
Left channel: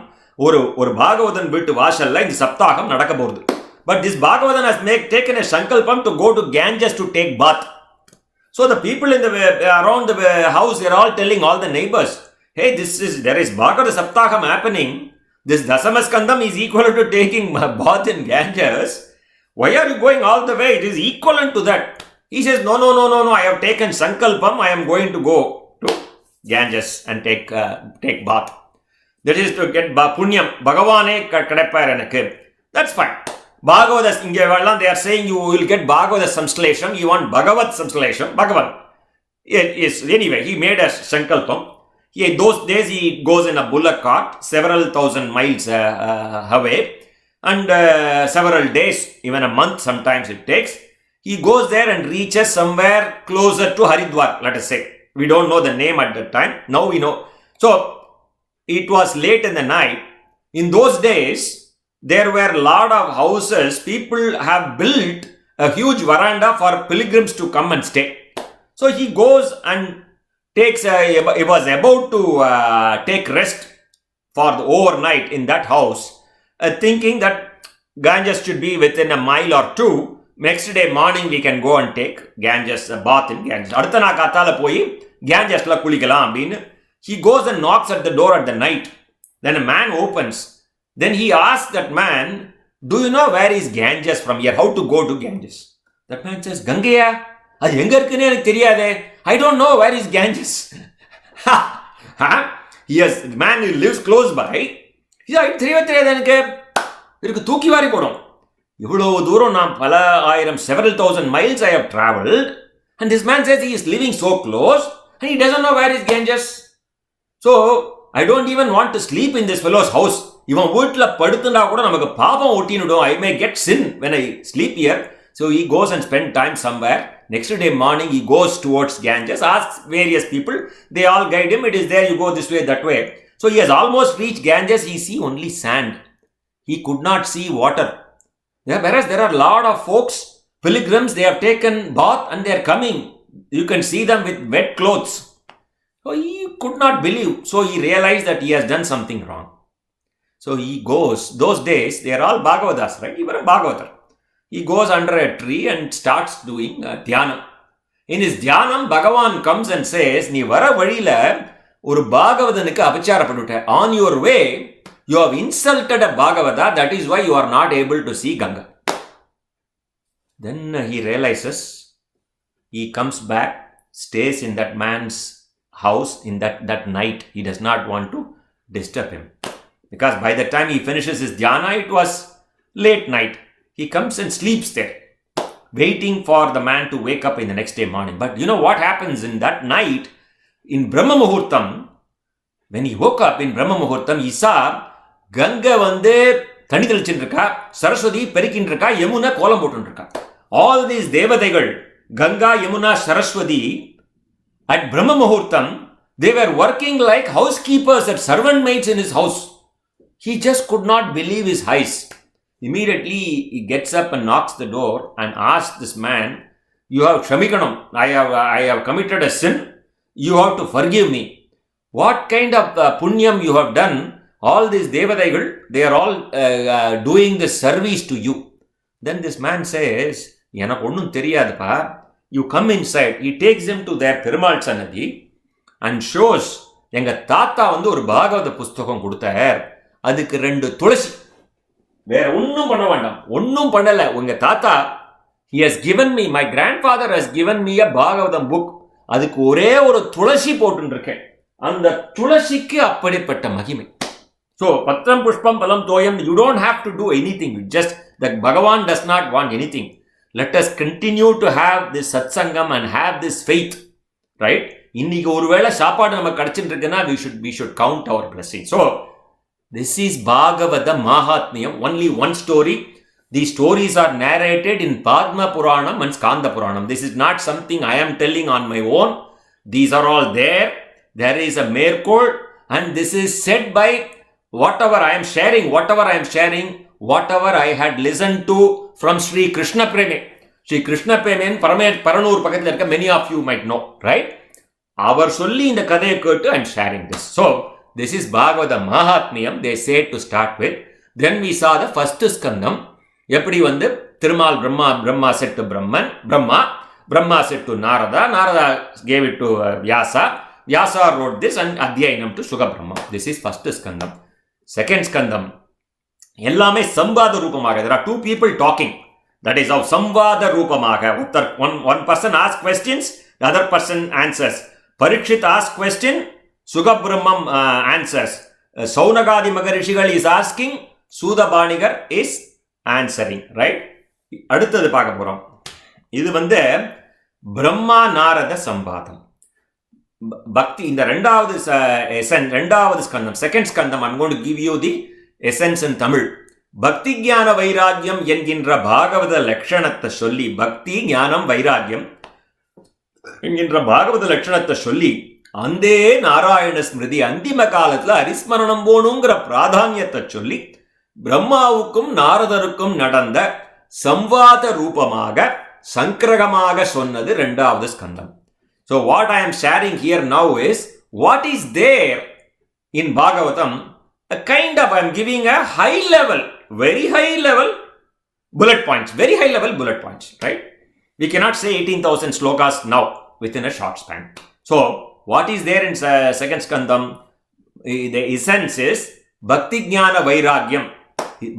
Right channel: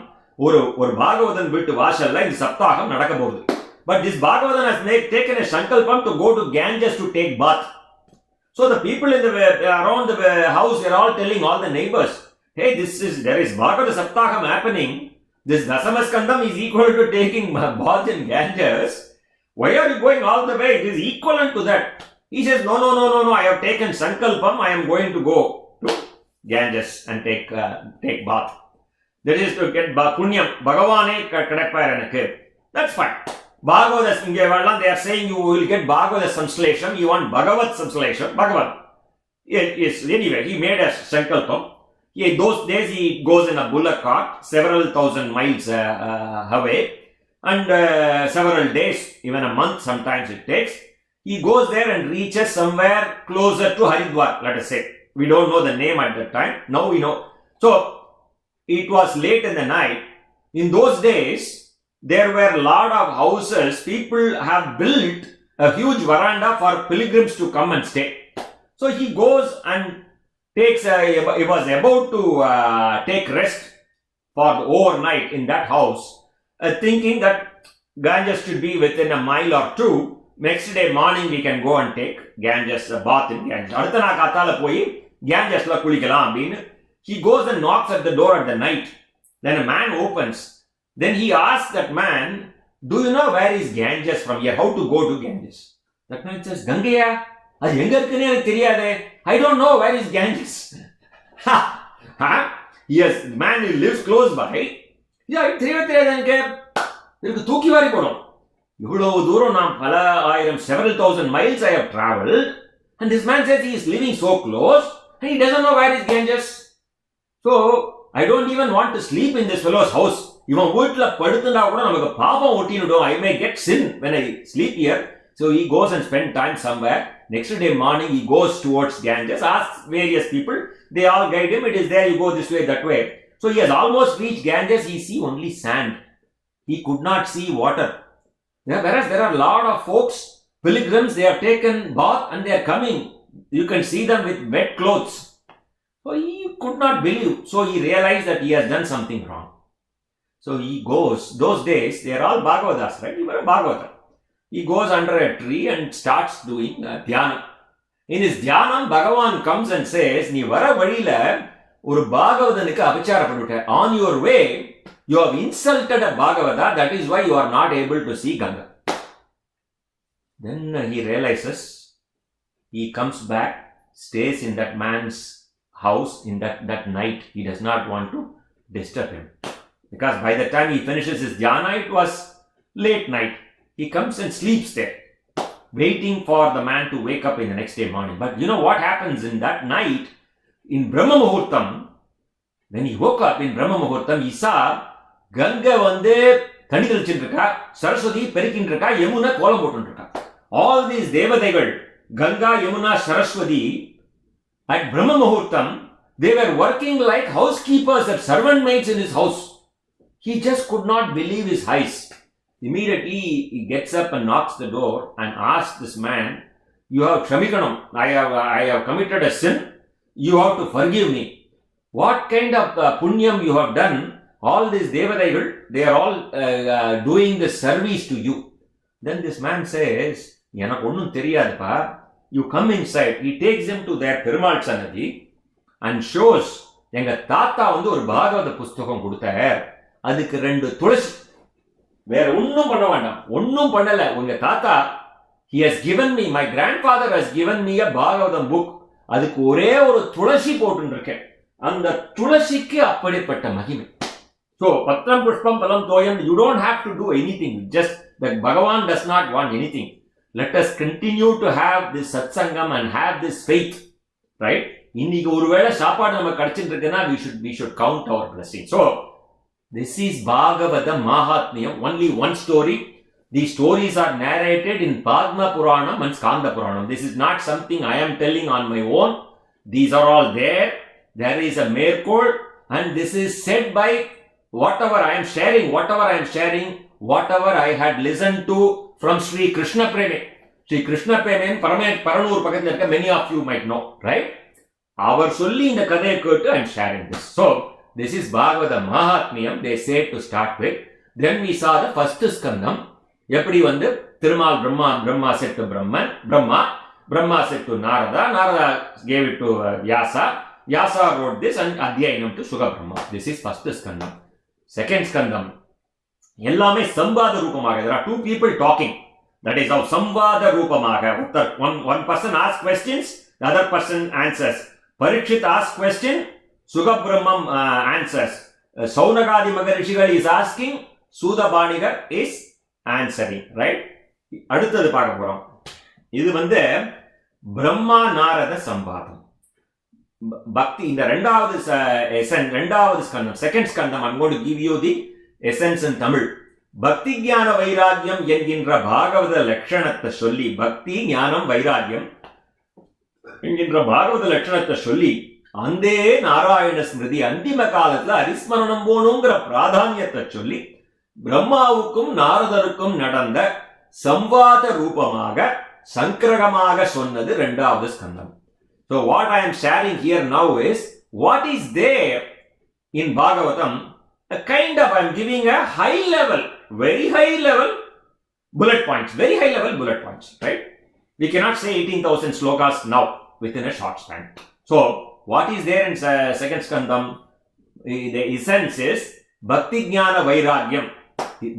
ஒரு பாகவதன் வீட்டு வாசல்ல இந்த சப்தாகம் நடக்க போகுது. But this Bhagavatam has taken a sankalpam to go to Ganges to take bath. So the people around the house, they are all telling all the neighbors, hey, there is Bhagavata Saptaham happening. This Dasamaskandam is equal to taking bath in Ganges. Why are you going all the way? It is equivalent to that. He says, no, I have taken sankalpam. I am going to go to Ganges and take bath. That is to get punyam. Bhagavane kadappar enakku. That's fine. Bhagavata, they are saying you will get Bhagavata Samslesham, you want Bhagavat Samslesham, Bhagavan. Yes, anyway, he made a Sankalpam. Those days he goes in a bullock cart, several thousand miles away, and several days, even a month sometimes it takes. He goes there and reaches somewhere closer to Haridwar, let us say. We don't know the name at that time. Now we know. So, it was late in the night. In those days, there were a lot of houses. People have built a huge veranda for pilgrims to come and stay. So he goes and he was about to take rest for the overnight in that house, thinking that Ganges should be within a mile or two. Next day morning we can go and take Ganges, bath in Ganges. Adutha kaathala poi Ganges la kulikalam abinu. He goes and knocks at the door at the night. Then a man opens. Then he asks that man, do you know where is Ganges from here? How to go to Ganges? That man says, Gangaya. I don't know where is Ganges. Yes, the man who lives close by. He said, several thousand miles I have traveled. And this man says he is living so close and he doesn't know where is Ganges. So, I don't even want to sleep in this fellow's house. I may get sin when I sleep here. So he goes and spends time somewhere. Next day morning, he goes towards Ganges, asks various people. They all guide him. It is there, you go this way, that way. So he has almost reached Ganges. He sees only sand. He could not see water. Whereas there are a lot of folks, pilgrims, they have taken bath and they are coming. You can see them with wet clothes. So he could not believe. So he realized that he has done something wrong. So he goes. Those days, they are all Bhagavatas, right? He was a Bhagavatar. He goes under a tree and starts doing dhyana. In his dhyanam, Bhagavan comes and says, "Nee vara vadila oru Bhagavatanukku apachara pannutta. On your way, you have insulted a Bhagavata. That is why you are not able to see Ganga." Then he realizes, he comes back, stays in that man's house in that night. He does not want to disturb him. Because by the time he finishes his dhyana, it was late night. He comes and sleeps there, waiting for the man to wake up in the next day morning. But you know what happens in that night? In Brahma Muhurtam, when he woke up in Brahma Muhurtam, he saw Ganga vande thani thalichindruka, Saraswati perikindruka, Yamuna kolam potundruka. All these devadaigal, Ganga, Yamuna, Saraswati, at Brahma Muhurtam, they were working like housekeepers and servant maids in his house. He just could not believe his eyes. Immediately, he gets up and knocks the door and asks this man, "You have Shamikanam. I have committed a sin. You have to forgive me. What kind of punyam you have done? All these devadaigal, they are all doing this service to you." Then this man says, "Enak onnum theriyadappa." You come inside. He takes him to their Perumal Sannadhi and shows, "Enga tata vandu oru Bhagavata pusthakam koduthaar. Adukku rendu tulasi. Where onnum panna vandam. Onnum pannala. Unga tata, he has given me, my grandfather has given me a Bhagavatam book. Adukku ore oru tulasi potundirukken. Andha tulasikku appadipatta mahimai." So, Patram Pushpam Palam Toyam, you don't have to do anything. Just that Bhagavan does not want anything. Let us continue to have this satsangam and have this faith. Right? Inniki oru vela saapadu namakku kadichindirukena, we should count our blessings. So, this is Bhagavata Mahatmyam, only one story. These stories are narrated in Padma Puranam and Skanda Puranam. This is not something I am telling on my own. These are all there. There is a Merkol, and this is said by whatever I am sharing, whatever I had listened to from Sri Krishna Preme. Sri Krishna Preme, Paranur Pakathil, many of you might know, right? Our solli in the Kadai Kurtu, I am sharing this. So, this is Bhagavata Mahatmyam, they say to start with. Then we saw the first skandam. Eppadi vandu Thirumal Brahma said to Brahma said to Narada gave it to Vyasa wrote this and Adhyayanam to Shuga Brahma. This is first skandam. Second skandam. Ellame Samvada Rupamaga. There are two people talking. That is how Samvada Rupamaga. One person asks questions, the other person answers. Parikshit asks question, Shuga Brahmam answers. Saunagadi Magarishigal is asking, Sudha Banigar is answering. Right? அடுத்தது பார்க்க போறோம். இது பிரம்மா நாரத சம்பாதம். பக்தி இந்த ரெண்டாவது ஸ்கந்தம், second ஸ்கந்தம். I'm going to give you the essence in Tamil. பக்தி ஞான வைராக்கியம் என்கின்ற பாகவத லட்சணத்தை சொல்லி, பக்தி ஞானம் வைராக்கியம் என்கின்ற பாகவத லட்சணத்தை சொல்லி, அந்தே நாராயண ஸ்மிருதி அந்திம காலத்துல அரிஸ்மரணம் போகணுங்கிற பிராதானியத்தை சொல்லி, பிரம்மாவுக்கும் நாரதருக்கும் நடந்த சம்வாத ரூபமாக சங்கிரகமாக சொன்னது இரண்டாவது ஸ்கந்தம். So what I am sharing here now is what is there in Bhagavatam. A kind of, I am giving a high level, very high level bullet points, very high level bullet points, right? We cannot say 18,000 slokas now within a short span. So what is there in second skandam? The essence is bhakti jnana vairagyam.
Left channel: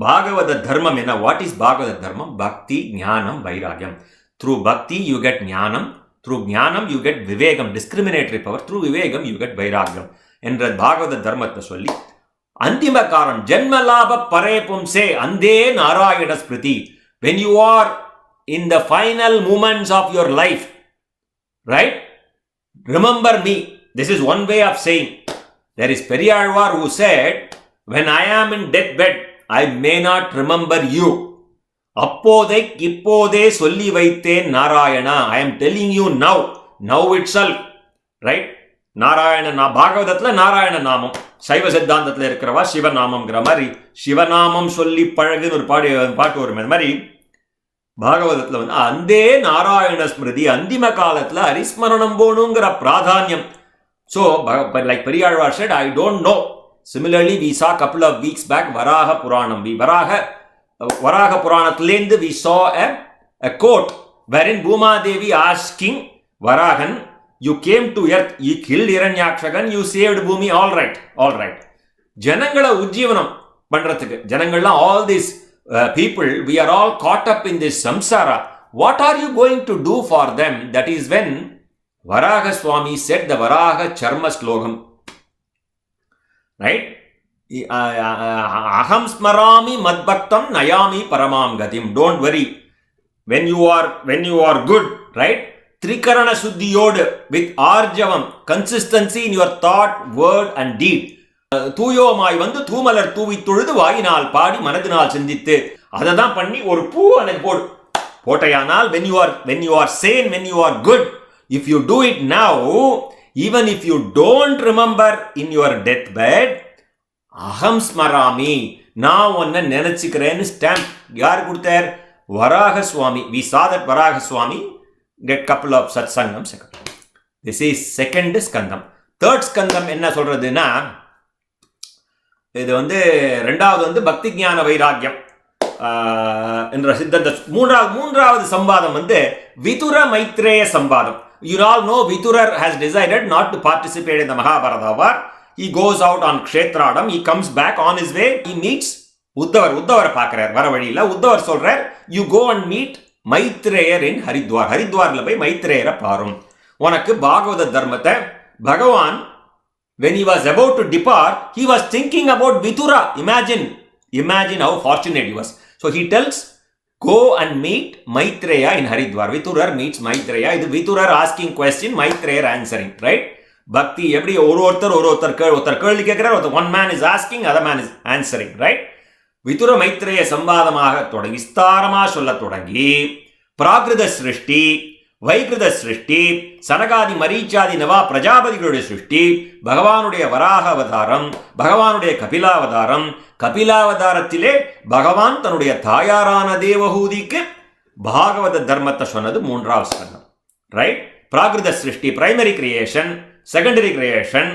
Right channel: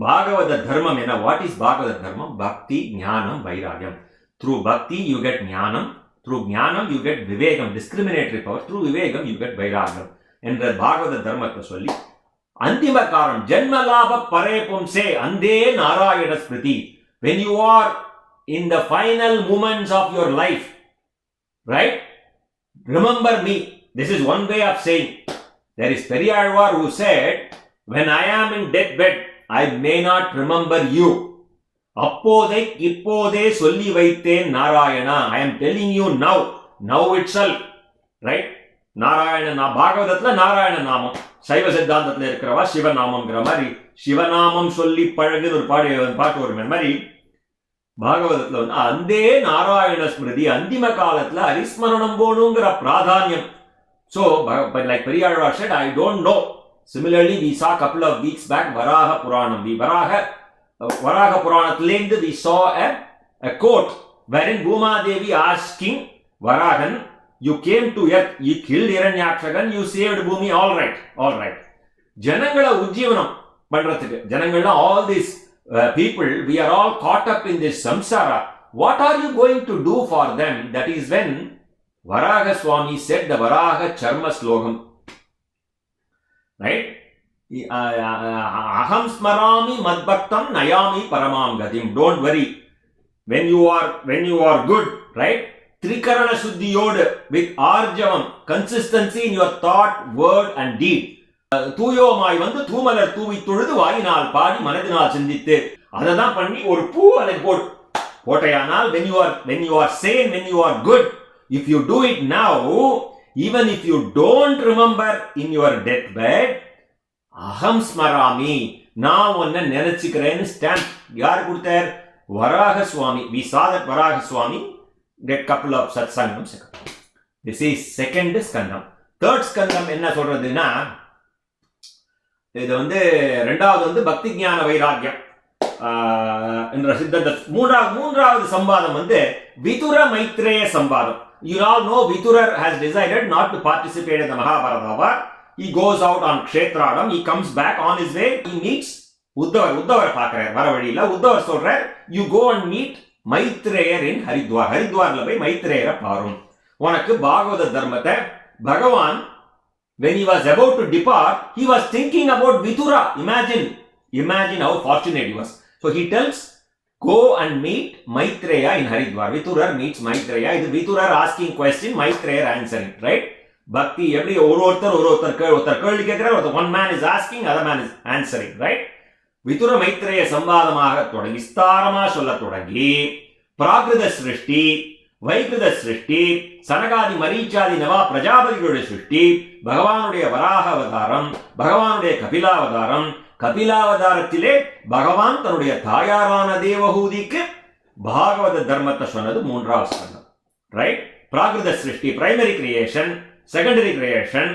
Bhagavata dharmam enna? What is Bhagavata dharmam? Bhakti jnanam vairagyam. Through bhakti you get jnanam. Through jnanam you get vivegam, discriminatory power. Through vivegam you get vairagyam. என்ற பாகவத தர்மத்தை சொல்லி, அந்திம காலம் ஜென்மலாப பரே பும்சே அந்தே Narayana Smriti. When you are in the final moments of your life, right? Remember me. This is one way of saying. There is Periyalvar who said, when I am in deathbed, I may not remember you. அப்போதை இப்போதே சொல்லி வைத்தேன் Narayana. I am telling you now itself, right? Narayana பாகவதத்துல நாராயண நாமம், சைவ சித்தாந்தத்தில் இருக்கிறவா சிவநாமம்ங்கிற மாதிரி சிவநாமம் சொல்லி பழகுன்னு ஒரு பாட்டு வரும். அந்த மாதிரி பாகவதத்துல அந்தே நாராயண ஸ்மிருதி அந்திம காலத்துல ஹரிஸ்மரணம் போகணுங்கிற பிராதானியம். So like Periyalvar said, I don't know. Similarly, we saw a couple of weeks back Varaha Puranam. Varaha Puranathilendhu we saw a quote wherein Bhuma Devi asking Varahan, you came to earth, you killed Hiranyakshagan, you saved Bhumi, all right. Janangala ujjivanam பண்றதுக்கு, ஜனங்கள்லாம் all these people, we are all caught up in this samsara. What are you going to do for them? That is when Varaha Swami said the Varaha Charma Slokam. Right? Aham smarami madbhaktam nayami paramam gatim. Don't worry. When you are good, right? Trikarana Shuddhiyodu with Arjavam, consistency in your thought, word and deed. தூயோமாய் தூமலர் தூவி தொழுது வாயினால் பாடி மனதினால் சிந்தித்து அதை தான் பண்ணி ஒரு பூ எனக்கு போட்டையானால் when you are sane, when you are good, if you do it now, even if you don't remember in your deathbed, aham smarami, நான் உன்னை நினைச்சுக்கிறேன்னு ஸ்டாம்ப் யார் கொடுத்தார்? வராக சுவாமி. We saw that Varaha Swami get couple of satsangams. This is second skandam. Third skandam என்ன சொல்றதுன்னா, இது ரெண்டாவது பக்தி ஞான வைராக்கியம் என்ற சித்தந்த. மூன்றாவது சம்பாதம் Vidura Maitreya சம்பாதம். You all know Vidurar has decided not to participate in the Mahabharata war. He goes out on Kshetradam. He comes back on his way. He meets உத்தவர் பார்க்கிறார் வர வழியில. உத்தவர் சொல்றார், you go and meet மைத்ரேயர் in Haridwar. ஹரித்வார்ல போய் மைத்ரேயரை பாரும். உனக்கு பாகவத தர்மத்தை பகவான், when he was about to depart, he was thinking about Vidura. Imagine how fortunate he was. So he tells, go and meet Maitreya in Haridwar. Vidurar meets Maitreya. This Vidurar asking question, Maitreya answering, right? Bhakti, every ஒருத்தர் கேள்வி கேட்கிறார், one man is asking, other man is answering, right? Vidura Maitreya சம்பாதமாக தொடங்கி விஸ்தாரமாக சொல்ல தொடங்கி பிராகிருத சிருஷ்டி, வைகிருத சிருஷ்டி, சனகாதி மரீச்சாதி நவா பிரஜாபதிகளுடைய சிருஷ்டி, பகவானுடைய வராக அவதாரம், பகவானுடைய கபிலாவதாரம், கபிலாவதாரத்திலே பகவான் தன்னுடைய தாயாரான தேவஹூதிக்கு பாகவத தர்மத்தை சொன்னது மூன்றாவது ஸ்கந்தம், ரைட்? பிராகிருத சிருஷ்டி, primary creation, secondary creation,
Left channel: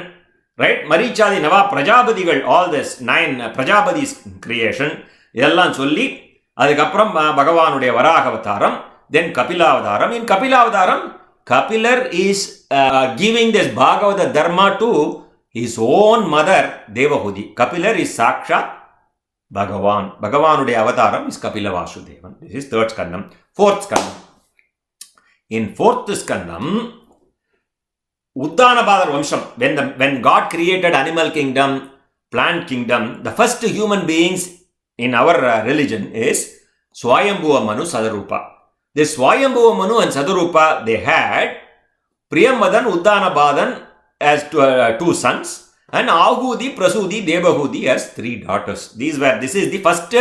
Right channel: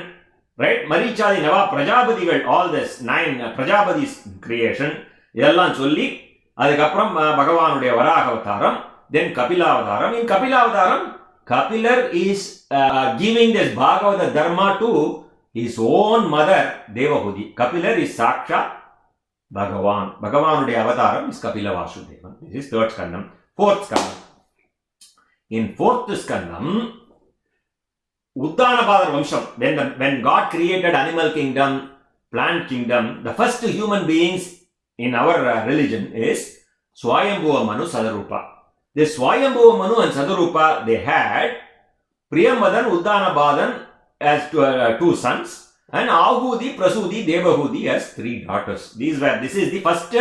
right? மரீச்சாதி நவா பிரஜாபதிகள், ஆல் திஸ் 9 பிரஜாபதிஸ் கிரியேஷன், இதெல்லாம் சொல்லி அதுக்கப்புறம் பகவானுடைய வராக அவதாரம், then Kapilavaram. In Kapilavaram, Kapilar is giving this Bhagavata Dharma to his own mother, Devahudi. Kapilar is Sakshat Bhagavan. Bhagavanudaya avataram is Kapila Vasudevan. This is third skandam. Fourth skandam. In fourth skandam, Uddanabadar Vamsham, when God created animal kingdom, plant kingdom, the first human beings in our religion is Swayambhuva Manu, Sadarupa. This Swayambhuva Manu and Sadarupa, they had Priyamadan, Uddanabadan as two sons, and Ahudi, Prasudi, Devahudi as 3 daughters. This is the first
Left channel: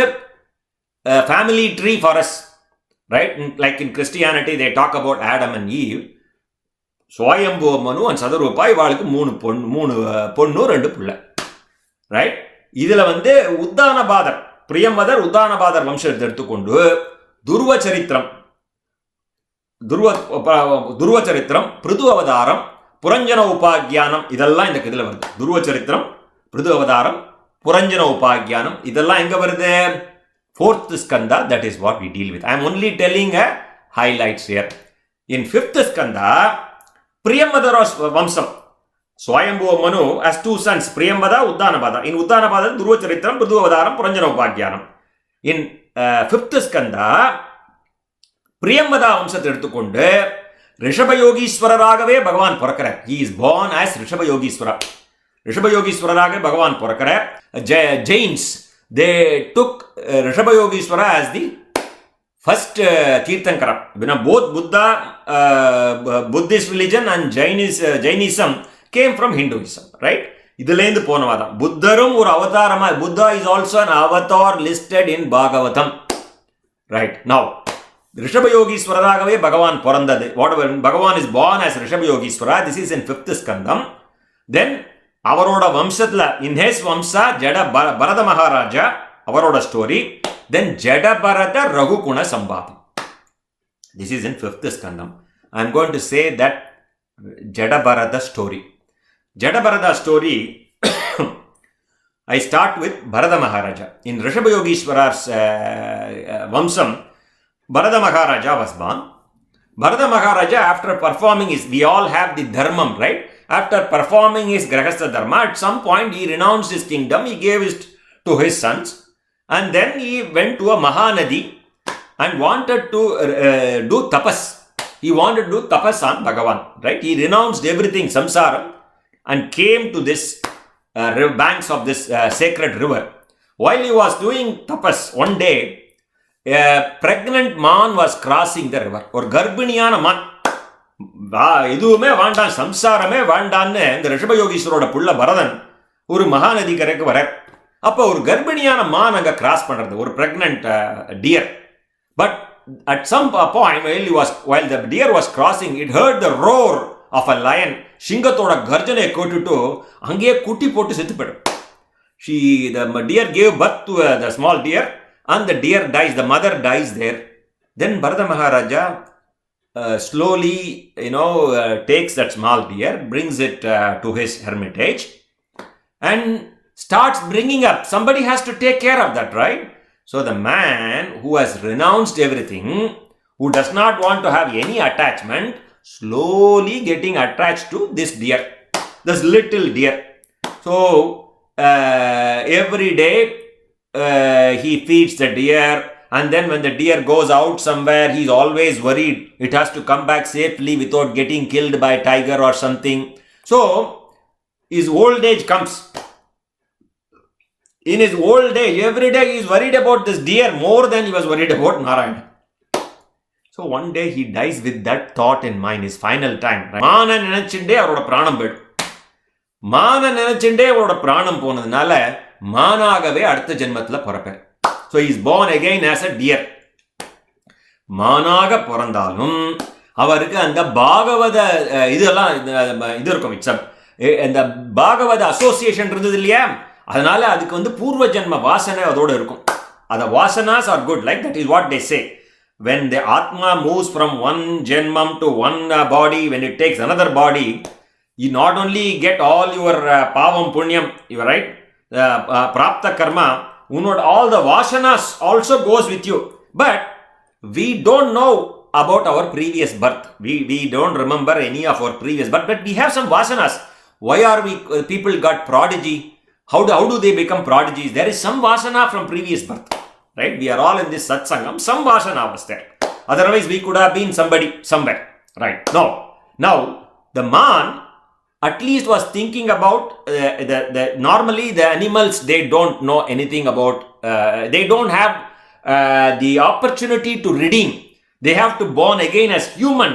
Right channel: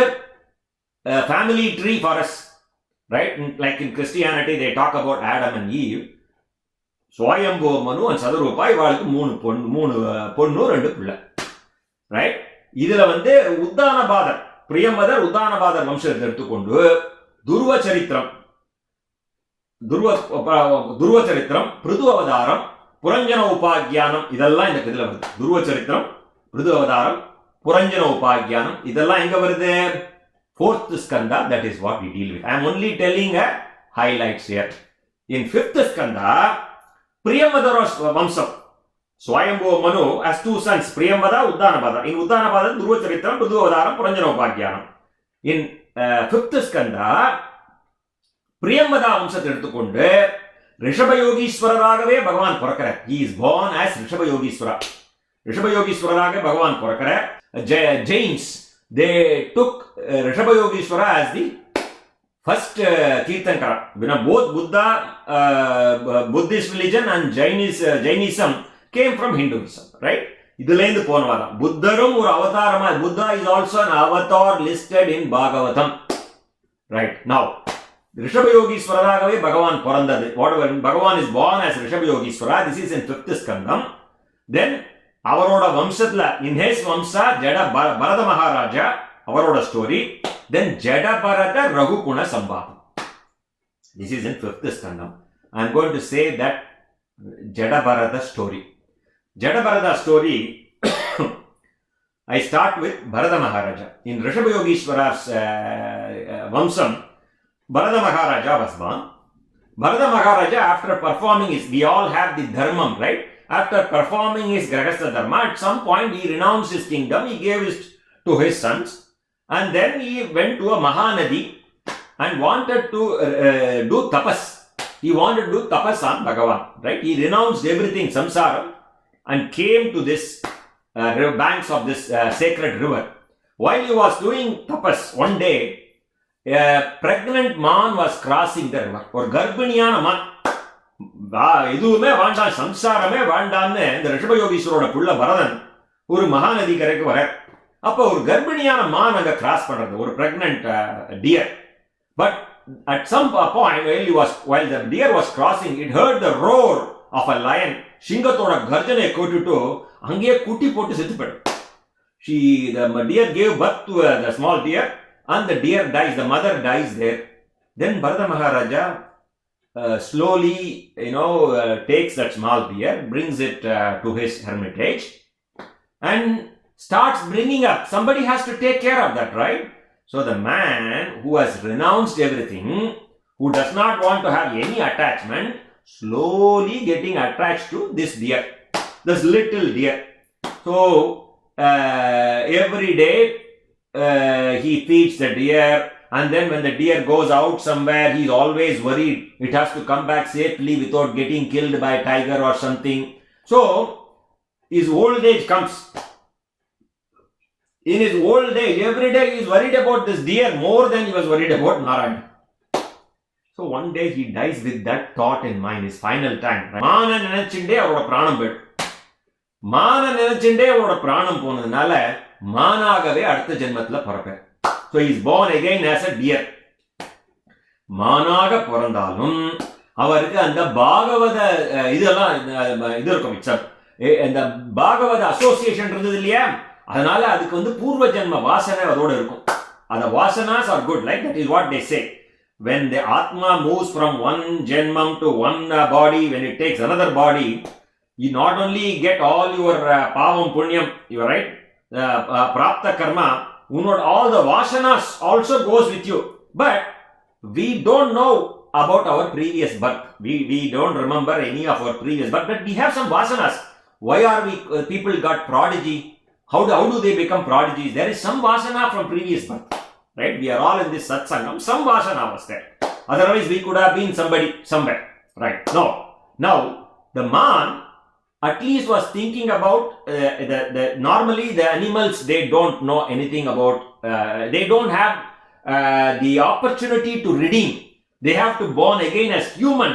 family tree for us, right? Like in Christianity, they talk about Adam and Eve. Swayambhuva Manu and Sadarupa, இவாளுக்கு 3 பொண்ணு 2 பிள்ளை, right? இதுல உத்தானபாதர், பிரியமதர் உத்தானபாதர் வம்சத்தை எடுத்துக்கொண்டு துருவச்சரித்திரம், பிருது அவதாரம், புரஞ்சன உபாக்கியானம், இதெல்லாம் இந்த இதுல வருது. துருவச்சரித்திரம், பிருது அவதாரம், புரஞ்சன உபாக்கியானம், இதெல்லாம் எங்க வருது? 4th skanda. That is what we deal with. I am only telling highlights here. In 5th skanda, Priyamvada's Vamsam. Swayambhuva Manu has 2 sons, Priyamvada, Uddanabada. In Uddanabada, Dhruvacharitram, Pradhuvadaram, Puranjana Upadhyanam. In 5th skanda, Priyamvada Vamsat எடுத்துக்கொண்டு ரிஷபயோகீஸ்வரராகவே பகவான் பிறக்கிறார். He is born as ரிஷபயோகீஸ்வரா. ரிஷபயோகீஸ்வரராக பகவான் பிறக்கிறார். Jains, they took ரிஷபயோகீஸ்வரா as the first Kirtankara. Both Buddhist religion and Jainism came from Hinduism, right? இதிலேந்து போனவாதான். புத்தரும் ஒரு அவதாரமா, Buddha is also an avatar listed in Bhagavatam. Right, now, ரிஷபயோகீஸ்வரராகவே பகவான் பிறந்தது. Whatever, Bhagavan is born as ரிஷபயோகீஸ்வரா. This is in 5th skandam. Then, அவரோட வம்சத்துல, in his வம்சா, ஜட பரத மகாராஜா, அவரோட story. Then, Jadai Bharata ரகுகுண சம்பாதம். This is in 5th skandam. I am going to say that Jada Bharata story. Jada Bharata story, I start with Bharata Maharaja. In Rishabhayogishwara's Vamsam, Bharata Maharaja was born. Bharata Maharaja, after performing his, we all have the dharmam, right? After performing his Grahastha dharma, at some point he renounced his kingdom, he gave it to his sons, and then he went to a Mahanadi and wanted to do tapas. He wanted to do tapas on Bhagavan, right? He renounced everything, samsara, and came to this banks of this sacred river. While he was doing tapas, one day, a pregnant man was crossing the river. Or garbiniyana man. எதுவுமே வேண்டாம், சம்சாரமே வேண்டான்னு இந்த ரிஷபயோகீஸ்வரோட புள்ள பரதன் ஒரு மகாநதி கரைக்கு வர. அப்போ ஒரு கர்ப்பிணியான மான் அங்க கிராஸ் பண்றது, ஒரு pregnant dear. But at some point, while the deer was crossing, it heard the roar of a lion. Shingathoda garjane kotutu ange kutti pottu settu pedum. The deer gave birth to the small deer, and the deer dies. The mother dies there. Then Bharata Maharaja slowly, takes that small deer, brings it to his hermitage, and starts bringing up. Somebody has to take care of that, right? So the man who has renounced everything, who does not want to have any attachment, slowly getting attached to this deer, this little deer. So every day he feeds the deer, and then when the deer goes out somewhere, he is always worried it has to come back safely without getting killed by a tiger or something. So his old age comes. In his old age, every day he is worried about this deer more than he was worried about Narayana. So one day he dies with that thought in mind, his final time. Mana nenachinde avaroda pranam poidu. Mana nenachinde avaroda pranam ponadanaல மானாகவே அடுத்த ஜென்மத்துல பிறப்பார். So he is born again as a deer. மானாக பிறந்தாலும் அவருக்கு அந்த பாகவத இதெல்லாம் இது இருக்கும். இந்த பாகவத association இருந்தது இல்லையா, அதனால அதுக்கு பூர்வ ஜென்ம வாசனை அதோட இருக்கும். அந்த vasanas are good, like that is what they say. When the Atma moves from one Janmam to one body, when it takes another body, you not only get all your Pavam Punyam, you are right, Prapta Karma, all the Vasanas also goes with you. But we don't know about our previous birth. We don't remember any of our previous birth, but we have some Vasanas. Why are people got prodigy? How do they become prodigies? There is some Vasana from previous birth. Right? We are all in this satsangam. Some Vasana was there. Otherwise, we could have been somebody somewhere. Right? No. Now, the man at least was thinking about normally the animals, they don't know anything about, they don't have the opportunity to redeem. They have to born again as human.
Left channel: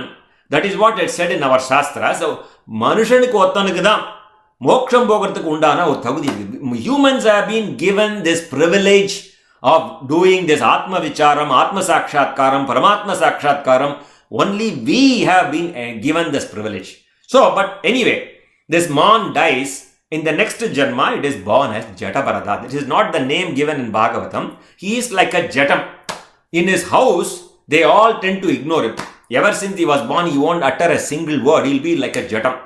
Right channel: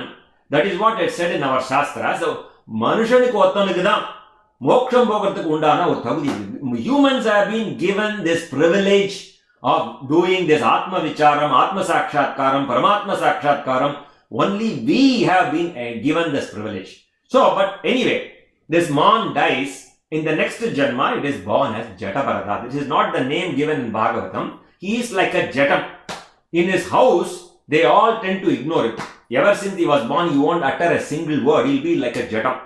That is what it said in our Shastra. So, மனுஷனுக்கு ஒருத்தனுக்கு தான் மோட்சம் போகிறதுக்கு உண்டான ஒரு தகுதி. Humans have been given this privilege of doing this Atma Vicharam, Atma Sakshatkaram, Paramatma Sakshatkaram. Only we have been given this privilege. So, but anyway, this man dies. In the next Janma, it is born as Jatabarada. This is not the name given in Bhagavatam. He is like a Jatam. In his house, they all tend to ignore him. Ever since he was born, he won't utter a single word. He'll be like a Jatam.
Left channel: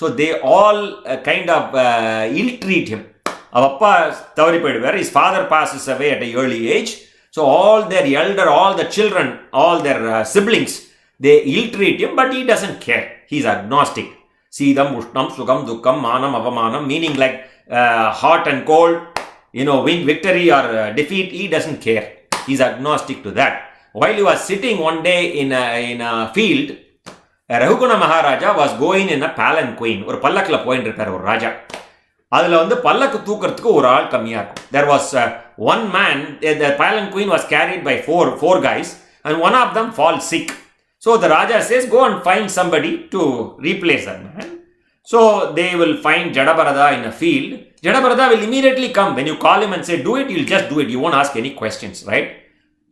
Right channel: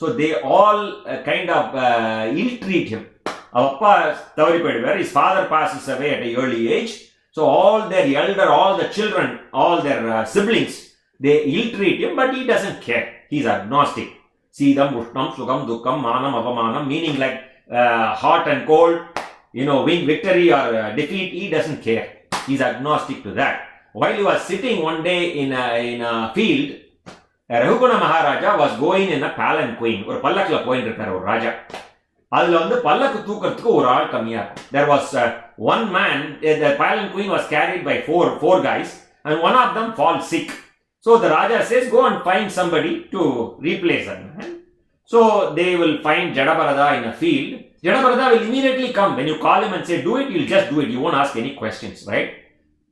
So they all kind of ill-treat him. His father passes away at an early age. So all their elder, all the children, all their siblings, they ill-treat him, but he doesn't care. He's agnostic. Sidam, Ushnam, Sugam, Dukkam, Manam, Avamanam, meaning like hot and cold, win victory or defeat, he doesn't care. He's agnostic to that. While he was sitting one day in a field, Rahuguna Maharaja was going in a palanquin. ஒரு பல்லக்கில் போயிட்டு இருக்கார் ஒரு ராஜா. அதில் வந்து பல்லக்கு தூக்கிறதுக்கு ஒரு ஆள் கம்மியாக இருக்கும். There was one man, the palanquin was carried by four guys, and one of them falls sick. So the Raja says, go and find somebody to replace that man. So they will find Jatabarada in a field. Jatabarada will immediately come. When you call him and say, do it, he'll just do it. You won't ask any questions, right?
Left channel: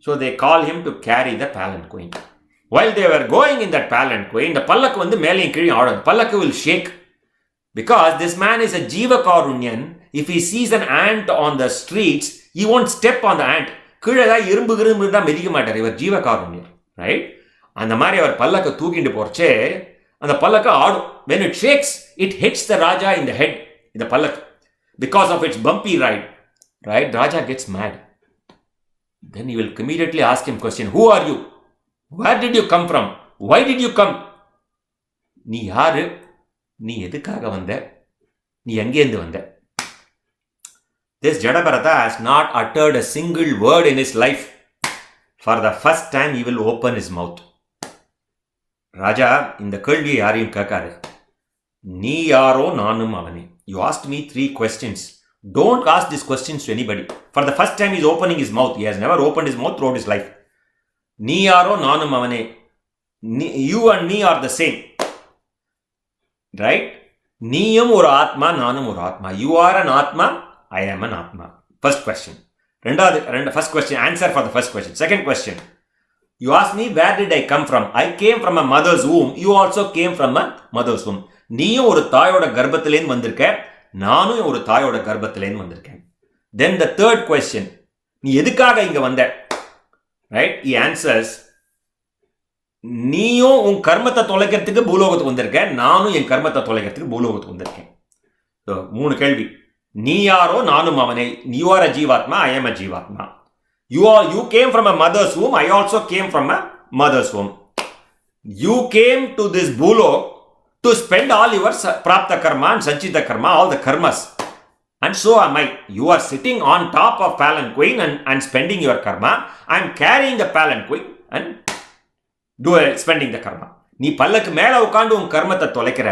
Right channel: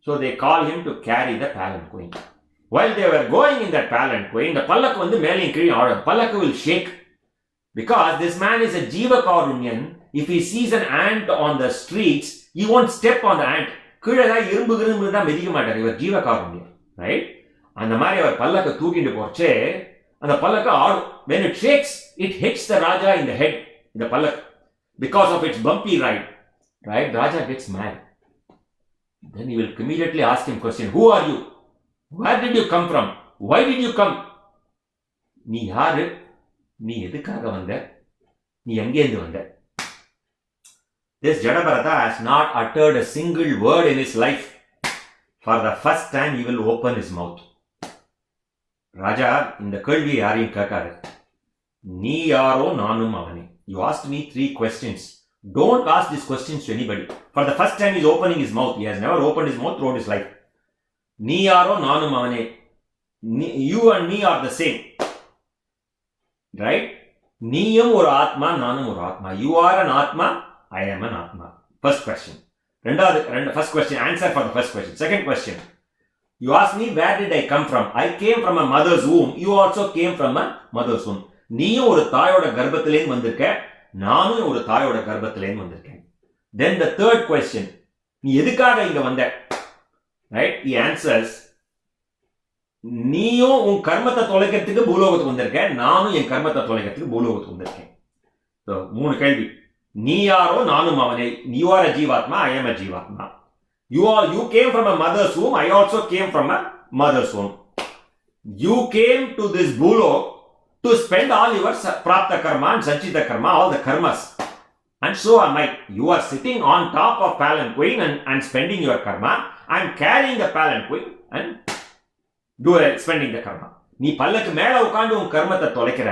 So they call him to carry the palanquin. While they were going in that palanquin, the pallak vandu melayum kizhum aadum. Pallak will shake. Because this man is a Jiva Karunyan. If he sees an ant on the streets, he won't step on the ant. Kizha da irumbu da medikka maatar. Ivar Jiva Karunyan, right? அந்த மாதிரி அவர் பல்லக்க தூக்கிட்டு போறச்சே அந்த பல்லக்க ஆடும். When it shakes, it hits the Raja in the head, in the pallak, because of its bumpy ride. Right? Raja gets mad. Then he will immediately ask him question. Who are you? Where did you come from? Why did you come? நீ யாரு? நீ எதுக்காக வந்த? நீ எங்கேருந்து வந்த? This Jatabarata has not uttered a single word in his life. For the first time, he will open his mouth. ராஜா இந்த கேள்வியை யாரையும் கேட்காரு. நீ யாரோ நானும் அவனே. You asked me 3 questions. Don't ask these questions to anybody. For the first time, he is opening his mouth. He has never opened his mouth throughout his life. நீ யாரோ நானும் அவனே. You and me are the same. Right? நீயும் ஒரு ஆத்மா, நானும் ஒரு ஆத்மா. You are an ஆத்மா, I am an ஆத்மா. First question. First question, answer for the first question. Second question. You asked me, where did I come from? I came from a mother's womb. You also came from a mother's womb. நீயும் ஒரு தாயோட கர்ப்பத்திலேருந்து வந்திருக்க, நானும் ஒரு தாயோட கர்ப்பத்திலேருந்து வந்திருக்கேன். Then the third question. நீ எதுக்காக இங்க வந்த? Right? He answers, நீயும் உன் கர்மத்தை தொலைக்கிறதுக்கு பூலோகத்துக்கு வந்திருக்க, நானும் என் கர்மத்தை தொலைக்கிறதுக்கு பூலோகத்துக்கு வந்திருக்கேன். So 3 கேள்வி. நீ யாரோ நானும் அவனே. You are a Jivatma, I am a Jivatma. You came from a mother's womb, I also came from a mother's womb. You came to this Bhulok to spend all your Prapta Karma and Sanchita Karma, all the karmas. And so am I. You are sitting on top of palanquin and spending your karma. I am carrying the palanquin and spending the karma. நீ பல்லக்கு மேல உட்காந்து உன் கர்மத்தை தொலைக்கிற,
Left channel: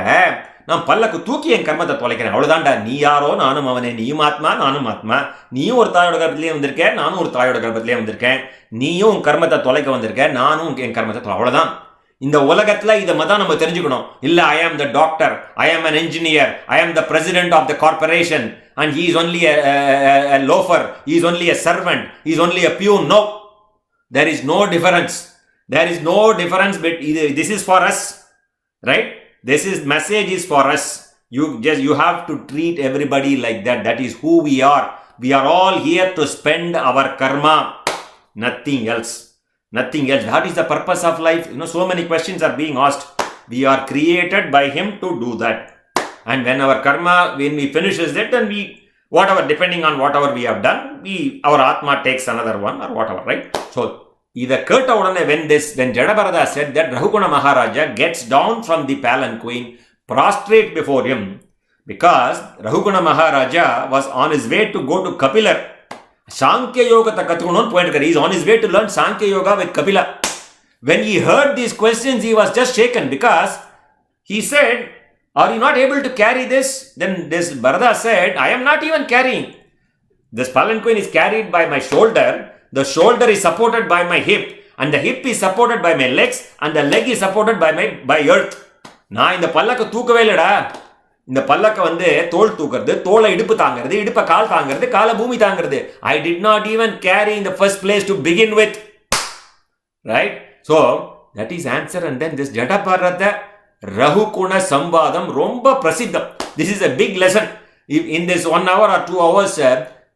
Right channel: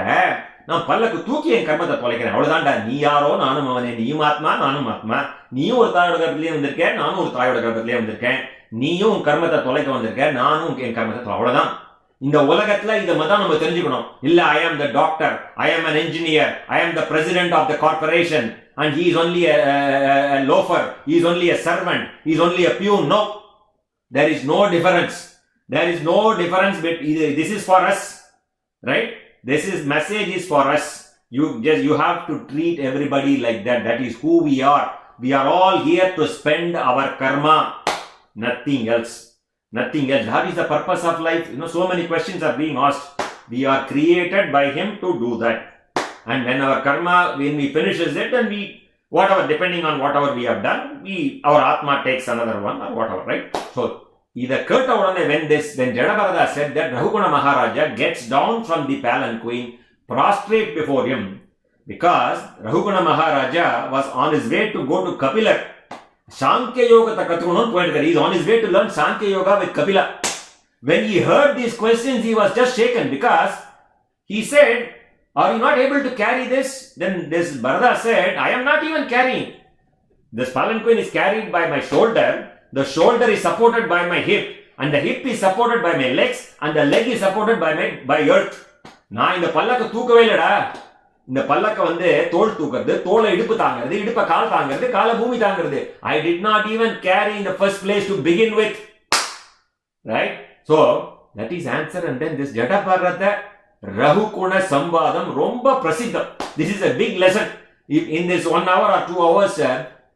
நான் பல்லக்கு தூக்கி என் கர்மத்தை தொலைக்கிறேன். அவ்வளவுதான்டா. நீ யாரோ நானும் அவனே. நீயும் ஆத்மா, நானும் ஆத்மா. நீயும் ஒரு தாயோட கர்ப்பத்திலேயே வந்திருக்கேன், நானும் ஒரு தாயோட கர்ப்பத்திலேயே வந்திருக்கேன். நீயும் உன் கர்மத்தை தொலைக்க வந்திருக்க, நானும் என் கர்மத்தை அவ்வளவுதான். இந்த உலகத்துல இதை தான் நம்ம தெரிஞ்சுக்கணும். இல்ல, I am the doctor, I am an engineer, I am the president of the corporation, and he is only a loafer, he is only a servant, he is only a peon. No, there is no difference. There is no difference. But this is for us, right? This message is for us. You have to treat everybody like that. That is who we are. We are all here to spend our karma. Nothing else. Nothing else. That is the purpose of life. So many questions are being asked. We are created by him to do that. And when our karma, when we finishes it, then whatever, depending on whatever we have done, our Atma takes another one or whatever, right? So, இதை கேட்ட உடனே when Jatabarada said that, Rahuguna Maharaja gets down from the palanquin, prostrate before him, because Rahuguna Maharaja was on his way to go to Kapila. Sankhya Yoga takathukonnu poyirukkaru. He is on his way to learn Sankhya Yoga with Kapila. When he heard these questions, he was just shaken, because he said, are you not able to carry this? Then this Bharata said, I am not even carrying. This palanquin is carried by my shoulder. The shoulder is supported by my hip, and the hip is supported by my legs, and the leg is supported by earth. நான் இந்த பல்லக்க தூக்கவே இல்லடா. இந்த பல்லக்க வந்து தோல் தூக்குறது, தோலை இடுப்பு தாங்கிறது, இடுப்பை கால் தாங்கிறது, காலை பூமி தாங்கிறது. I did not even carry in the first place to begin with. Right? So, that is answer. And then this Jadaparada Rahukuna Sambadam Romba Prasiddham. This is a big lesson. If in this 1 hour or 2 hours,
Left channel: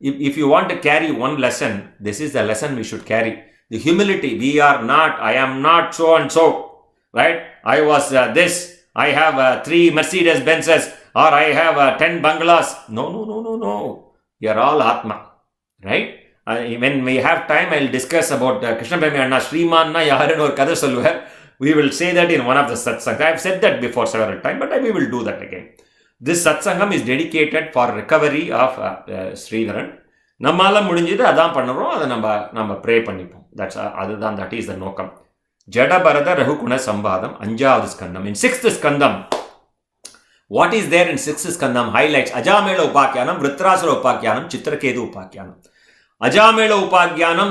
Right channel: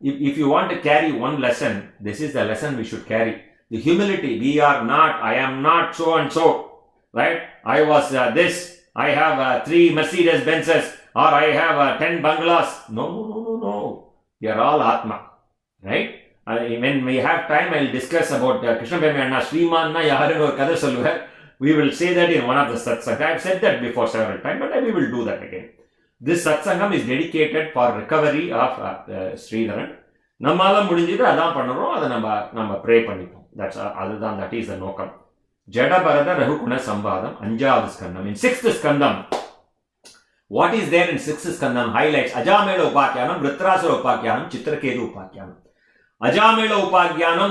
if you want to carry one lesson, this is the lesson we should carry. The humility. We are not, I am not so and so. Right? I was this. I have 3 Mercedes Benzes, or I have 10 bungalows. No. We are all Atma. Right? When we have time, I will discuss about Krishna Premi Anna Srimanna Yaharanu or Kadar Solluvar. We will say that in one of the satsangs. I have said that before several times, but we will do that again. This satsangam is dedicated for recovery of Sridharan. நம்மால முடிஞ்சது அதான் பண்ணுறோம். அதை நம்ம pray பண்ணிப்போம். அதுதான் that is the நோக்கம். ஜடபரத ரகுகுண சம்பாதம் 5வது ஸ்கந்தம். In 6th skandam, what is there in 6th skandam? Highlights Ajamela Upakyanam, Vritrasura Upakyanam, Chitraketu Upakyanam. Ajamela Upakyanam,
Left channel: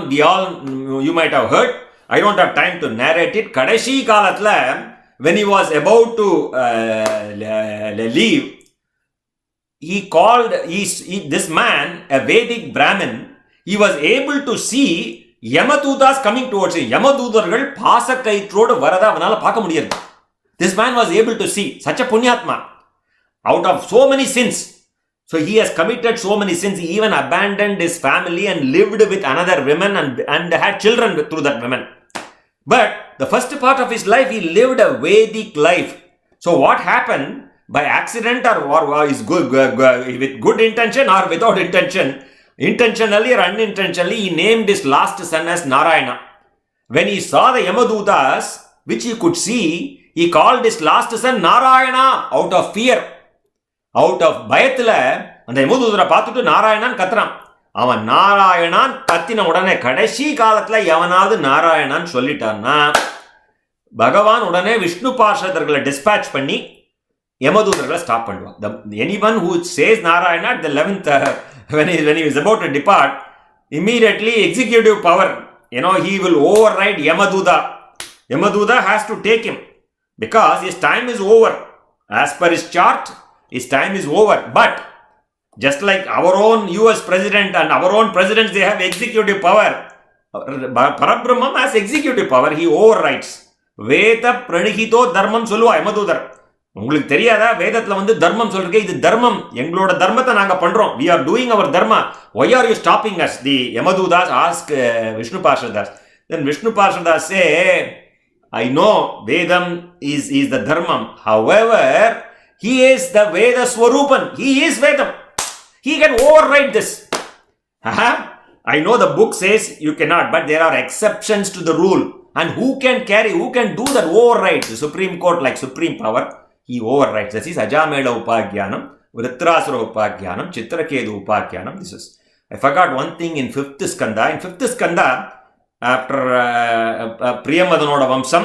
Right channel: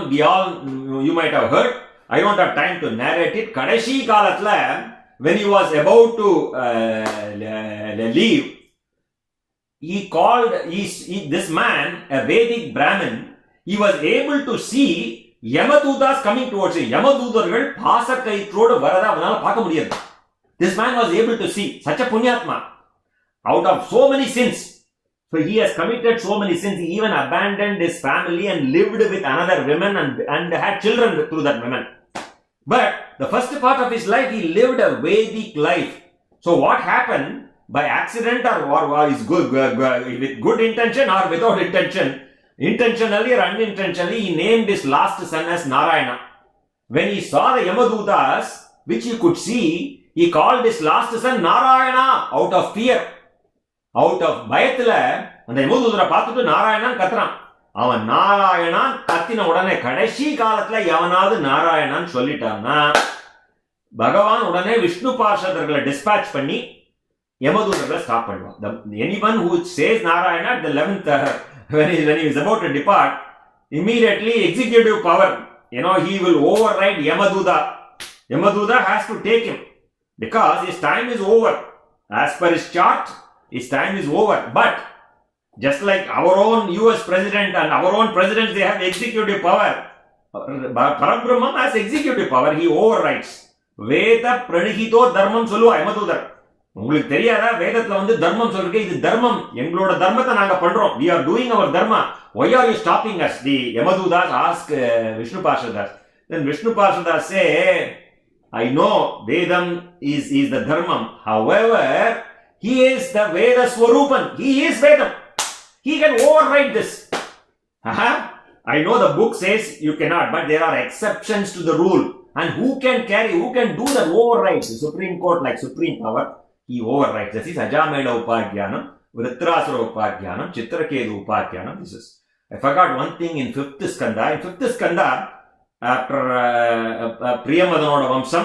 you might have heard. I don't have time to narrate it. Kadashi Kalatla, when he was about to leave, he called this man, a Vedic Brahmin. He was able to see Yamadutas coming towards him. Yamadutargal Pasakaitrodu Varada Vanala Pakamudiyar. This man was able to see such a Punyatma out of so many sins. So he has committed so many sins. He even abandoned his family and lived with another woman and had children through that woman. But the first part of his life, he lived a Vedic life. So what happened? By accident or is good with good intention or without intention, intentionally or unintentionally, he named his last son as Narayana. When he saw the Yamadutas, which he could see, he called his last son Narayana out of fear. Out of பயத்துல அந்த யமதூதரை பார்த்துட்டு நாராயணான் கத்துறான். அவன் நாராயணான் கத்தின உடனே கடைசி காலத்துல எவனாவது நாராயணான் சொல்லிட்டான்னா பகவான் உடனே விஷ்ணு பார்ஷதர்களை டிஸ்பேட்ச் பண்ணி யமதூதர்களை ஸ்டாப் பண்ணுவான். Anyone who says Narayana at the 11th when he is about to depart, immediately executive power, he will override Yamaduta. Yamaduta has to take him because his time is over. As per his chart, his time is over. But just like our own US president and our own presidents, they have executive power. Parabrahman has executive power. He overrides. Veda pranihito dharmam சொல்லுவா யமதூதர். உங்களுக்கு தெரியாதா? வேதத்துல வந்து தர்மம் சொல்றீங்க. இது தர்மம், எங்களோட தர்மத்தை நாங்க பண்றோம். We are doing our dharma. Why are you stopping us? The Yamadutas ask Vishnu Parshadas. Then Vishnu Parshadas say, I know Vedam is the dharmam. However, he is the Veda Swarupan. He is Vedam. He can override this. I know the book says you cannot, but there are exceptions to the rule. And who can do that override? The Supreme Court, like supreme power, he overrides. This is Ajamela Upakyanam, Vritrasura Upakyanam, Chitraketu Upakyanam. This is. I forgot one thing in 5th skanda. In 5th skanda, after Priyamadanoda Vamsam,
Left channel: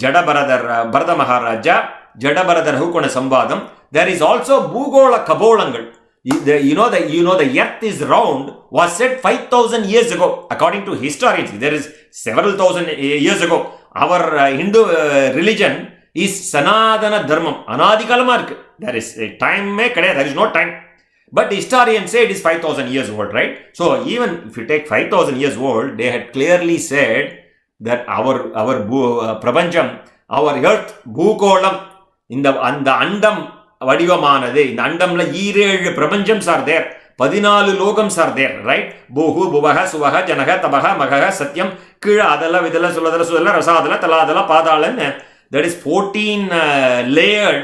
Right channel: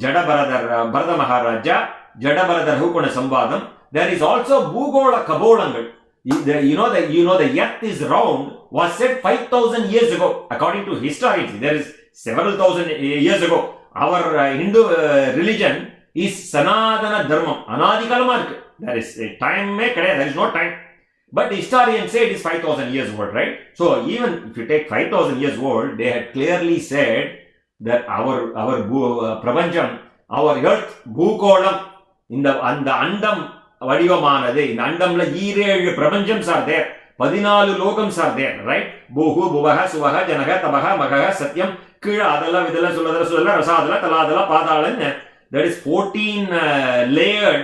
Bharata Maharaja, Jadabaradar Hukuna Sambadam, there is also Bhugola Kabolangal. The earth is round was said 5,000 years ago. According to historians, there is several thousand years ago. Our Hindu religion is Sanatana Dharmam. Anadikalama irukku. There is a time, there is no time. But historians say it is 5,000 years old, right? So even if you take 5,000 years old, they had clearly said that our Prapancham, our earth, Bhukolam, அந்த அண்டம் வடிவமானது. இந்த அண்டம்ல 7 பிரபஞ்சம்ஸ் are there. 14 லோகம்ஸ் are there, right? பூஹு புவஹ சுவஹ ஜனக தபஹ மகஹ சத்யம் கீழ அதல விதல சுலதல Sutala Rasatala Talatala பாதாளன். That is 14 layered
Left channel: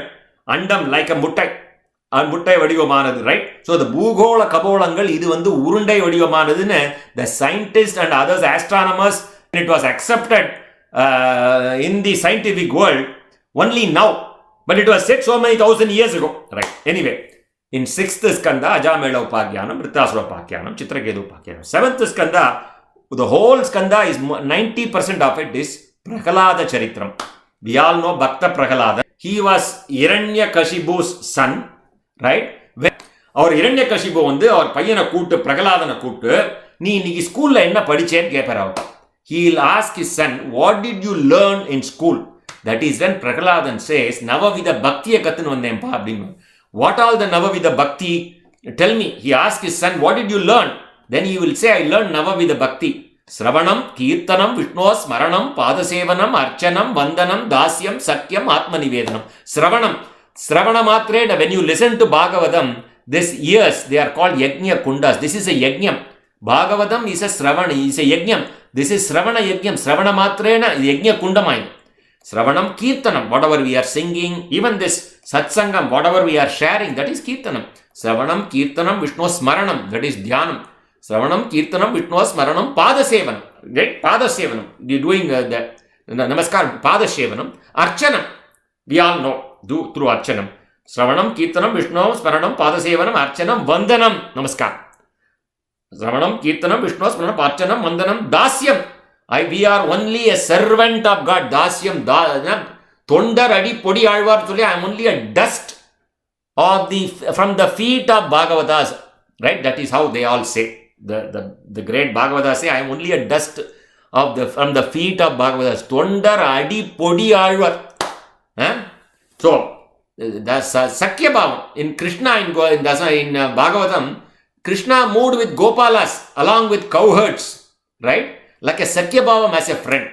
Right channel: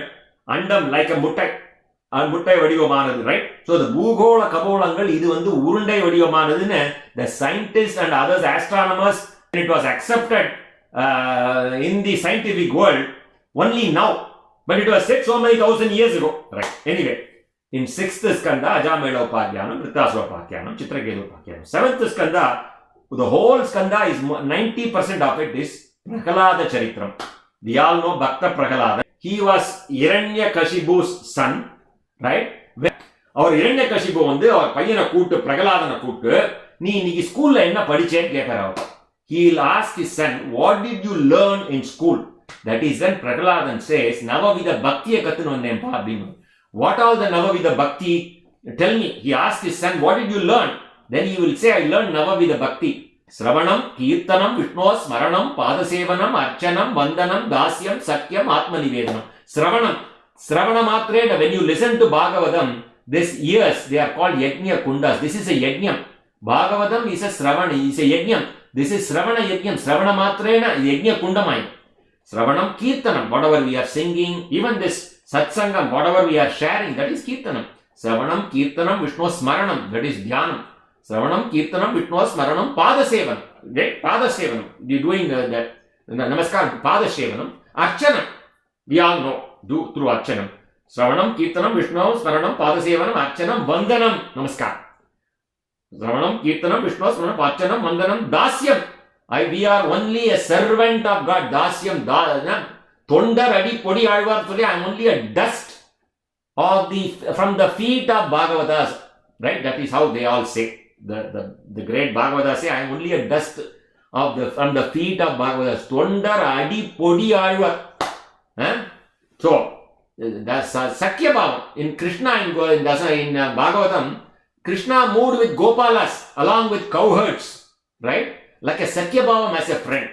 andam like a முட்டை வடிவமானது, ரைட்? ஸோ the பூகோள கபோளங்கள் இது வந்து உருண்டை வடிவமானதுன்னு the scientists and others astronomers, it was accepted in the scientific world only now. But it was said so many thousand years ago, right? Anyway, in 6th skanda, Ajamela Upakyanam, Vritrasura Upakyanam, Chitraketu Upakyanam. 7th skanda, the whole skanda is 90% of it is Prahalada Charitram. We all know Bhakta Prahalada. He was Hiranyakashipu's son, right? அவர் இரண்யகசிபு வந்து அவர் பையனை கூட்டு பிரகலாதனை கூட்டு நீ இன்னைக்கு ஸ்கூல்ல என்ன படிச்சேன்னு கேட்பார் அவர். He will ask his son, what did you learn in school? That is when Prahaladan says, Navavida Bhaktiya Katun Vandempa Abdinu. What all the Navavida Bhakti? Tell me. He asked his son, what did you learn? Then he will say, I learned Navavida Bhakti. Sravanam, Kirtanam, Vishnu Smaranam, Padasevanam, Archanam, Vandanam, Dasyam, Sakyam, Atmanivedanam. Sravana Matre, when you listen to Bhagavatam, these ears, they are called Yajna Kundas. This is a Yajnam. Bhagavatam is a Sravana, is a Yajnam. This is Sravana Yajnam. Sravana Matrena, Yajna Kundamai. Sravanam, Kirtanam, whatever we are singing, even this Satsangam, whatever we are sharing, that is Kirtanam. Sravanam, Kirtanam, Vishnu Smaranam, that is Dhyanam. Sravanam, Kirtanam, Vishnu Smaranam, Padasevanam. Right? Padasevanam. You doing that. Namaskar, Padasevanam. Archanam. We all know. Do through Archanam. Sravanam, Kirtanam, Vishnu Smaranam, Padasevanam, Archanam, Vandanam. Namaskar. Sravanam, Kirtanam, Vishnu Smaranam, Archanam, Vandanam, Dasyam. We are only a servant of God. Dasyam. Tondar Adi Podi Alvar. I am only a dust from the feet of Bhagavatas. Right? That is how they all say. The great Bhagavatas say, I am only a dust from the feet of Bhagavatas. Tondar Adi Podi Alvar. So, that's Sakya Bhava. In Krishna, in Bhagavatam, Krishna moved with Gopalas along with cowherds. Right? Like a Sakya Bhavam as a friend.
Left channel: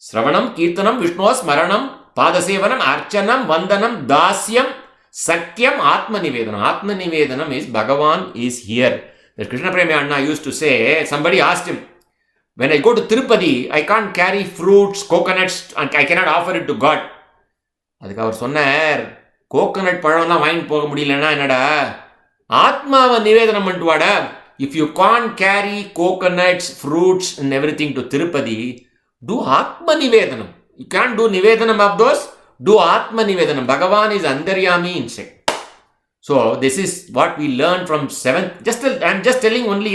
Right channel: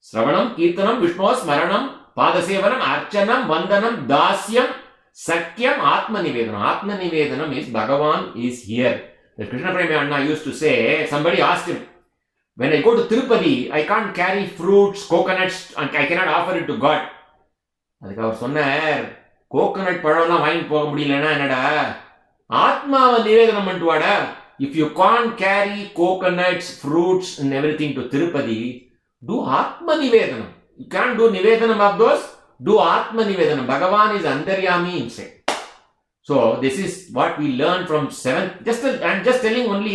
Sravanam, Kirtanam, Vishnu Smaranam, Padasevanam, Archanam, Vandanam, Dasyam, Sakyam, Atmanivedanam. Atmanivedanam is Bhagavan is here. The Krishna Premi Anna used to say, somebody asked him, when I go to Tirupati, I can't carry fruits, coconuts, and I cannot offer it to God. அதுக்கு அவர் சொன்னார், coconut பழம்லாம் வாங்கிட்டு போக முடியலன்னா என்னடா, ஆத்மாவை நிவேதனம் பண்ணிட்டு வாடா. If you can't carry coconuts, fruits and everything to Tirupati, do Atma Nivedanam. You can't do Nivedanam of those, do Atma Nivedanam. Bhagavan is Antaryami inside. So this is what we learn from 7th. I'm just telling only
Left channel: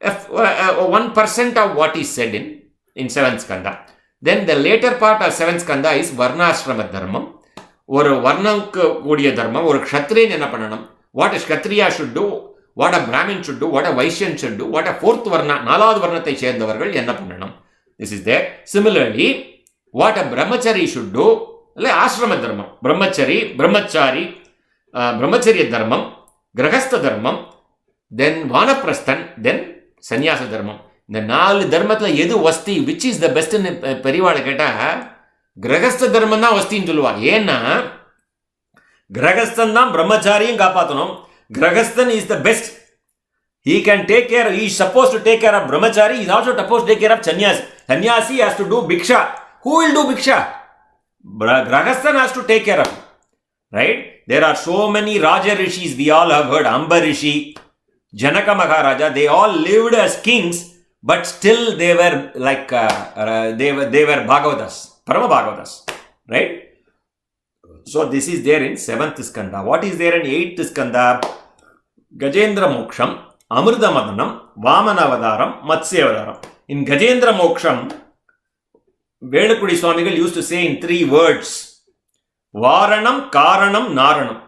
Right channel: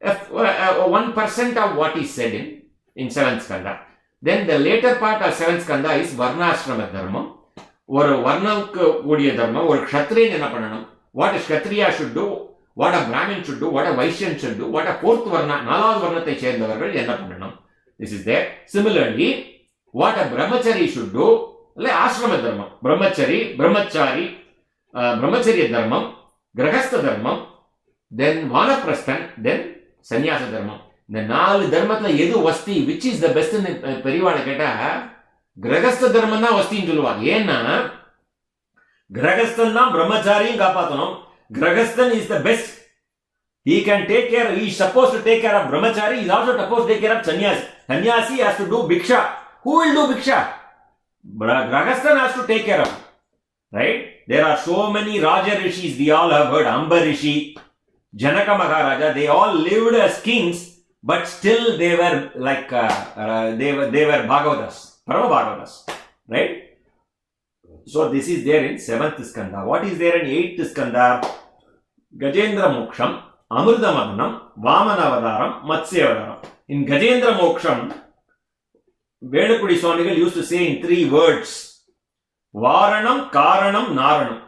1% of what is said in 7th Skanda. Then the later part of 7th Skanda is Varnashrama Dharmam. ஒரு வர்ணம்க்கு கூடிய தர்மம், ஒரு க்ஷத்ரியன் என்ன பண்ணணும், what a kshatriya should do, what a brahmin should do, what a vaishyan should do, what a fourth varna, நாலாவது வர்ணத்தை சேர்ந்தவர்கள் என்ன பண்ணணும். This is there. Similarly, what a brahmachari should do, இல்லை ஆசிரம தர்மம், பிரம்மச்சரிய தர்மம், கிரகஸ்த தர்மம், then வானப்பிரஸ்தன், then சன்னியாச தர்மம். இந்த 4 தர்மத்தில் எது வஸ்தி, which is the best ன்னு பெரியவாளை கேட்டால் கிரகஸ்த தர்மம் தான் வஸ்தின்னு சொல்லுவாங்க. ஏன்னா கிரகஸ்தன் தான் பிரம்மச்சாரியும் காப்பாற்றணும். கிரகஸ்தன் is the best. He can take care, he is supposed to take care of brahmachari, he is also supposed to take care of sannyasi. Sannyasi has to do bhiksha. Who will do bhiksha? Grahasthan has to take care of it. Right? There are so many Raja Rishis, we all have heard, Amba Rishi, Janaka Maharaja, they all lived as kings, but still they were like, they were Bhagavatas. Parama Bhagavatas, right? So this is there in 7th Skanda. What is there in 8th Skanda? Gajendra Moksham, Amrita Madanam, Vamana Avadaram, Matsya Avadaram. In Gajendra Moksham, Vedapudi Swamigal used to say in 3 words, Varanam, Karanam, Naranam.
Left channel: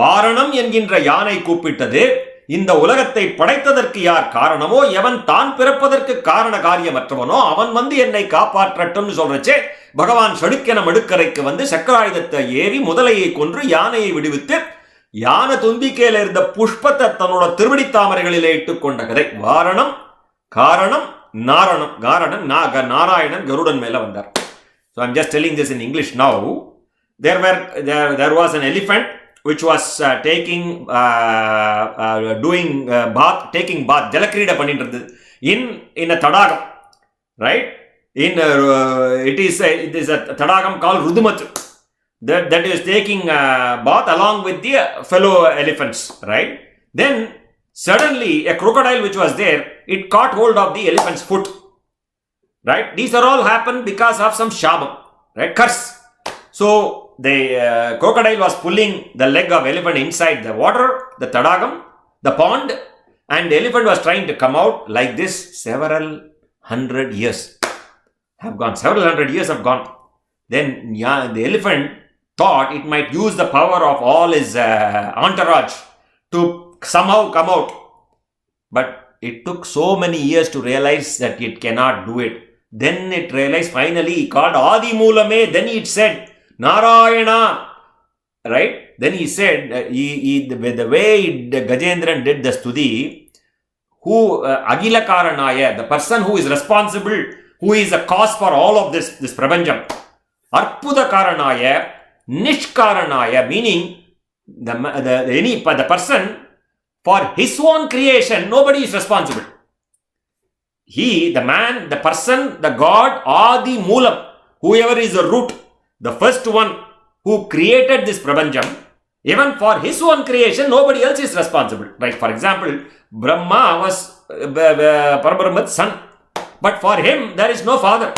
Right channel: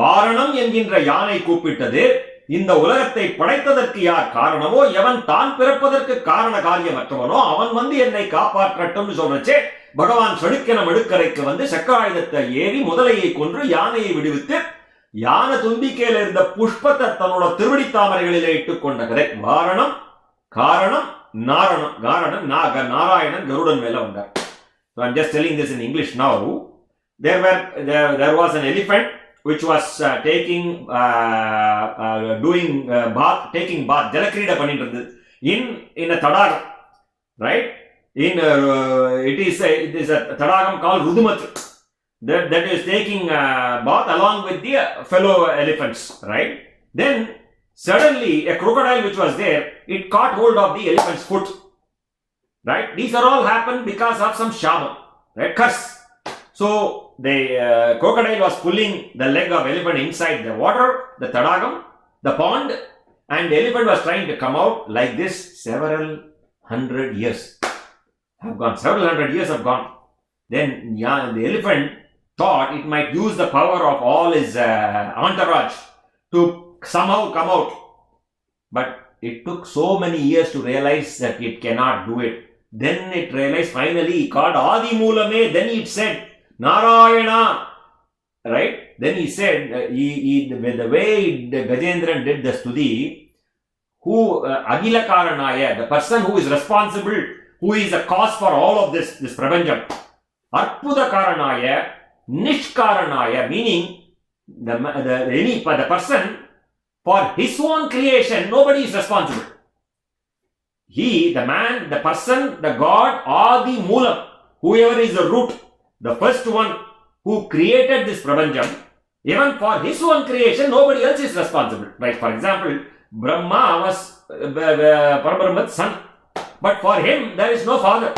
Varanam என்கின்ற யானை கூப்பிட்டது, இந்த உலகத்தை படைத்ததற்கு யார் காரணமோ, எவன் தான் பிறப்பதற்கு காரண காரியமற்றவனோ அவன் வந்து என்னை காப்பாற்றட்டும்னு சொல்றச்சே, பகவான் சடுக்கென மடுக்கரைக்கு வந்து சக்கராயுதத்தை ஏறி முதலையை கொன்று யானையை விடுவித்து யானை தும்பிக்கையில் இருந்த புஷ்பத்தை தன்னோட திருவடி தாமரைகளிலே இட்டுக் கொண்ட கதை. வாரணம், காரணம், நாரணம். காரணம் நாராயணன் கருடன் மேல வந்தார். So I'm just telling this in English now. There was an elephant which was taking bath, Jalakrida பண்ணிட்டு இருந்தது in a tadagam, right? It is a tadagam called Rudumat that is taking bath along with the fellow elephants, right? Then suddenly a crocodile which was there, it caught hold of the elephant's foot, right? These are all happened because of some shabam, right? Curse. So the crocodile was pulling the leg of elephant inside the water, the tadagam, the pond, and the elephant was trying to come out. Like this, several hundred years have gone. Then the elephant thought it might use the power of all his entourage to somehow come out. But it took so many years to realize that it cannot do it. Then it realized, finally, he called Adi Moolame. Then it said, Narayana. Right? Then he said, the way Gajendran did the stuti, who Agila Karanaya, the person who is responsible, who is the cause for all of this Prabanjam. Arpuda Karanaya, Nishkaranaya, meaning the person for his own creation, nobody is responsible. He, the man, the person, the God, Adi Moolam, whoever is the root, the first one who created this Prabanjam, even for his own creation, nobody else is responsible. Like, for example, Brahma was Parabrahma's son, but for him, there is no father.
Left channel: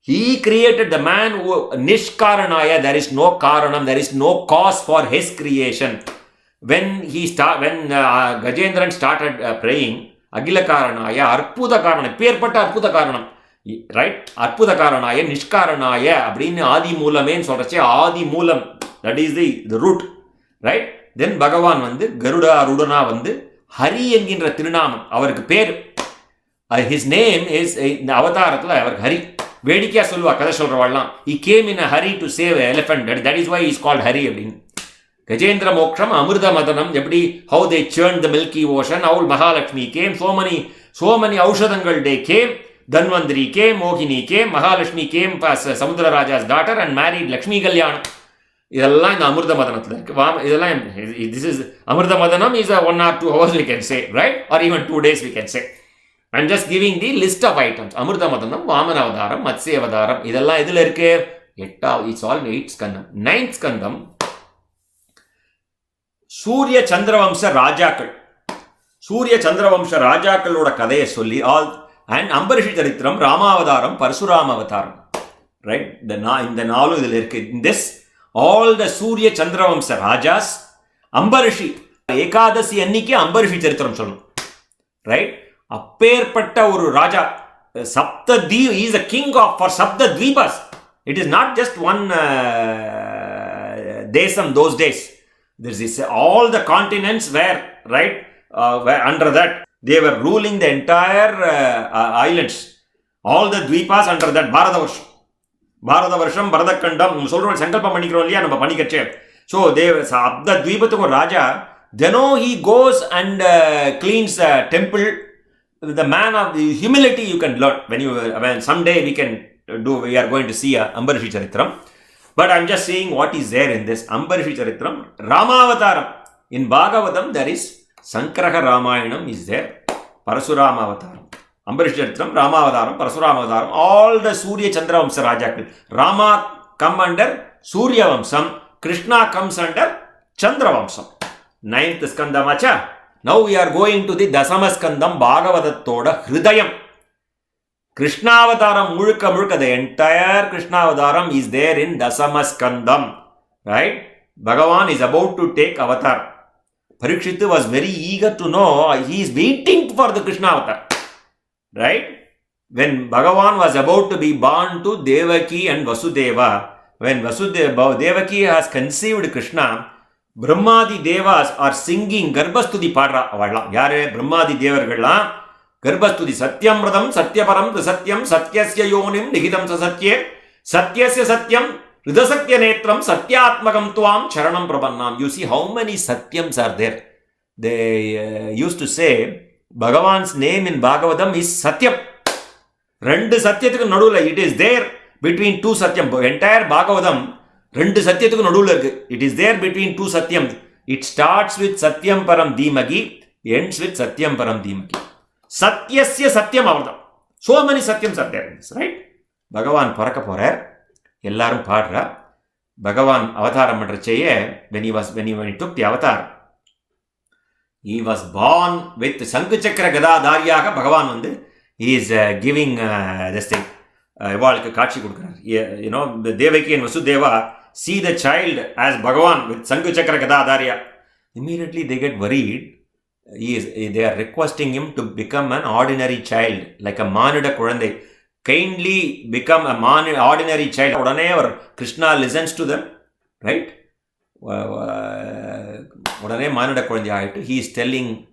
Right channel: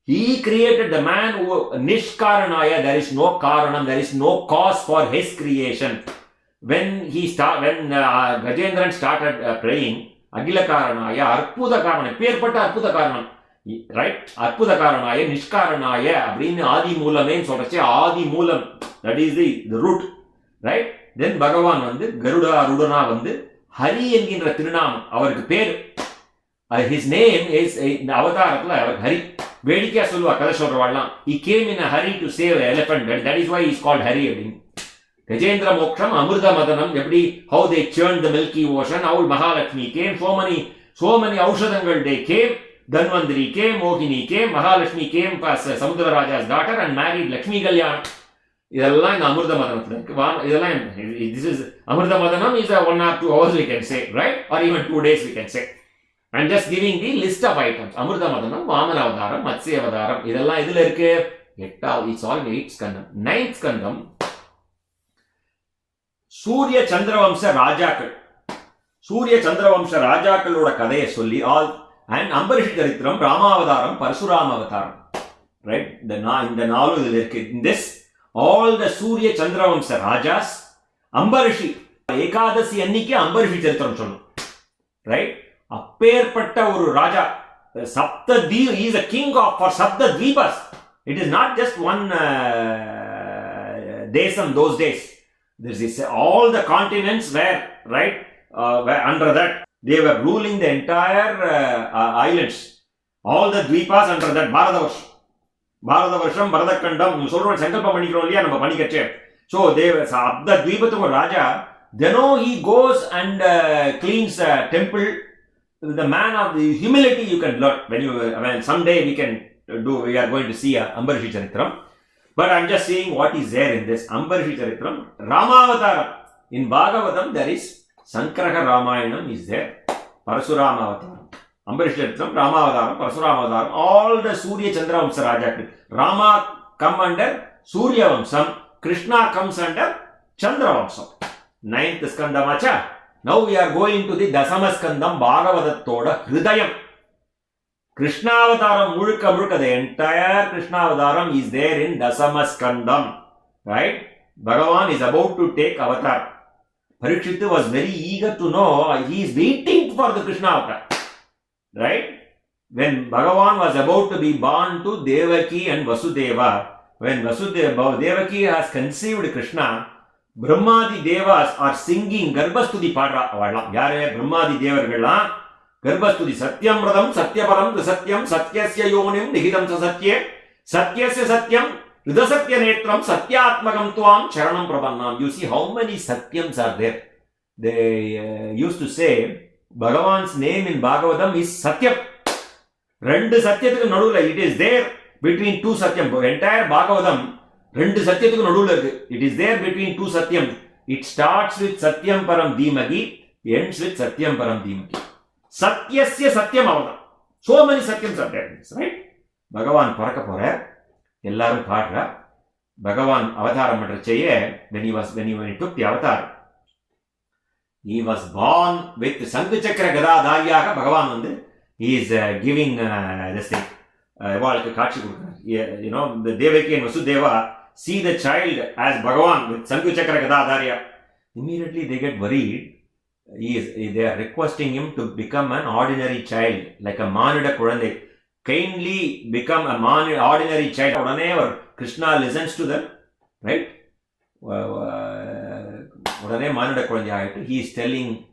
He created the man who, Nishkaranaya, there is no Karanam, there is no cause for his creation. When Gajendran started praying, Agila Karanaya, Arpuda Karanaya, Perpata Arpuda Karanam, right? Arpuda Karanaya, Nishkaranaya, Abrini Adi Moolame, Sotache Adi Moolam, that is the root, right? Then Bhagavan Vandu, Garuda Arudana Vandu, Hari Enginra Tirunamam, avarku per. His name is, in the Avataratla, Hari. Vedikia Sulva, Kada Solravallam. He came in a hurry to save an elephant. That is why he is called Hari. Gajendra Moksham, Amrita Madanam, how they churned the Milky Ocean, how Mahalakshmi came, so many Aushadangal they came, Dhanvantari came, Mohini came, Mahalakshmi came as Samudra Raja's daughter and married Lakshmi Kalyan. Idella in Amrita Madanam. This is Amrita Madanam is 1 or 2 hours we can say, right? Or even 2 days we can say. I'm just giving the list of items. Amrita Madanam, Vamana Avadaram, Matsya Avadaram. Idella idhula irke. It's all 8th skandam. 9th skandam. Surya Chandravamsa Rajakal. Surya Chandravamsa Rajakaloda Kadaya Solli, all, and Ambarishi Charitram, Rama Avadaram, Parsurama Avataram. Right? In the Nalu idhula irke. In this, all the Surya Chandravamsa Rajas, Ambarishi, Ekadasi Anniki Ambarishi Charitram Sollu. Right? அப்பேற்பட்ட ஒரு ராஜா Saptadweep, he is a king for Saptadweepas. It is not just one desam those days. There is all the continents were, right, were under that. They were ruling the entire islands. All the Dweepas under that. Bharatavarsam, Bharadakandam, சொல்றோம் சங்கல்பம் பண்ணிக்கிறோம் இல்லையா நம்ம பண்ணிக்கச்சே. So they were Saptadweepatuku Raja. Then he goes and cleans the temple. The man of the humility you can learn when someday we are going to see Ambarishi Charitram. But I'm just saying what is there in this Ambarishi Charitram. Ramavataram. In Bhagavatam there is Sangraha Ramayanam is there. Parasurama Avataram. Ambarishi Charitram, Ramavataram, Parasurama Avataram. All the Surya Chandra Vamsa Rajakal. Rama come under Surya Vamsam. Krishna comes under Chandra Vamsam. 9th Skandamacha. Now we are going to the Dasamaskandam Bhagavatatoda Hridayam. Krishna Avataram Murka, the entire Krishna Avataram is there in Dasamaskandam. Right? Bhagavan is about to take avatar. Parikshit was very eager to know, he is waiting for the Krishna Avatar. Right? When Bhagavan was about to be born to Devaki and Vasudeva, when Devaki has conceived Krishna, Brahmadi Devas are singing Garbhastuti Padra Avadlam. Yare Brahmadi Devargala Garbhastuti Satyam Radam Satyaparam Satyam Satyasya Yonim Nihitam Satye Satyasya Satyam Ridasatya Netram Satyatmakam Tuam Charanam Prabannam. You see how many Satyams are there. They used to say Bhagavan's name in Bhagavatam is Satyam. Rendu Satyathukku nadula, it is there between two Satyam. Entire Bhagavatam Rendu Satyathuku nadula irukku. It is there between two Satyams. It starts with Satyam Param Dhimagi, ends with Satyam Param Dhimagi. Satyasya Satyam Avadam. So many Satyams are there in this, right? Bhagavan Paraka Porar, Ellarum Padra, Bhagavan Avataram Madracheye, when he took the avatar, he was born with Sankuchakra Gada Dharyaha Bhagavan Vandu. He is giving this thing. You know, the Devaki and Vasudeva see the child as Bhagavan with Sankuchakra Gadadharya. Immediately they get worried. They are requesting him to become an ordinary child, like a Manuda Kurandai. Kindly become a ordinary child. Odane Krishna listens to them, right? Odane Manuda Kurandai. He is telling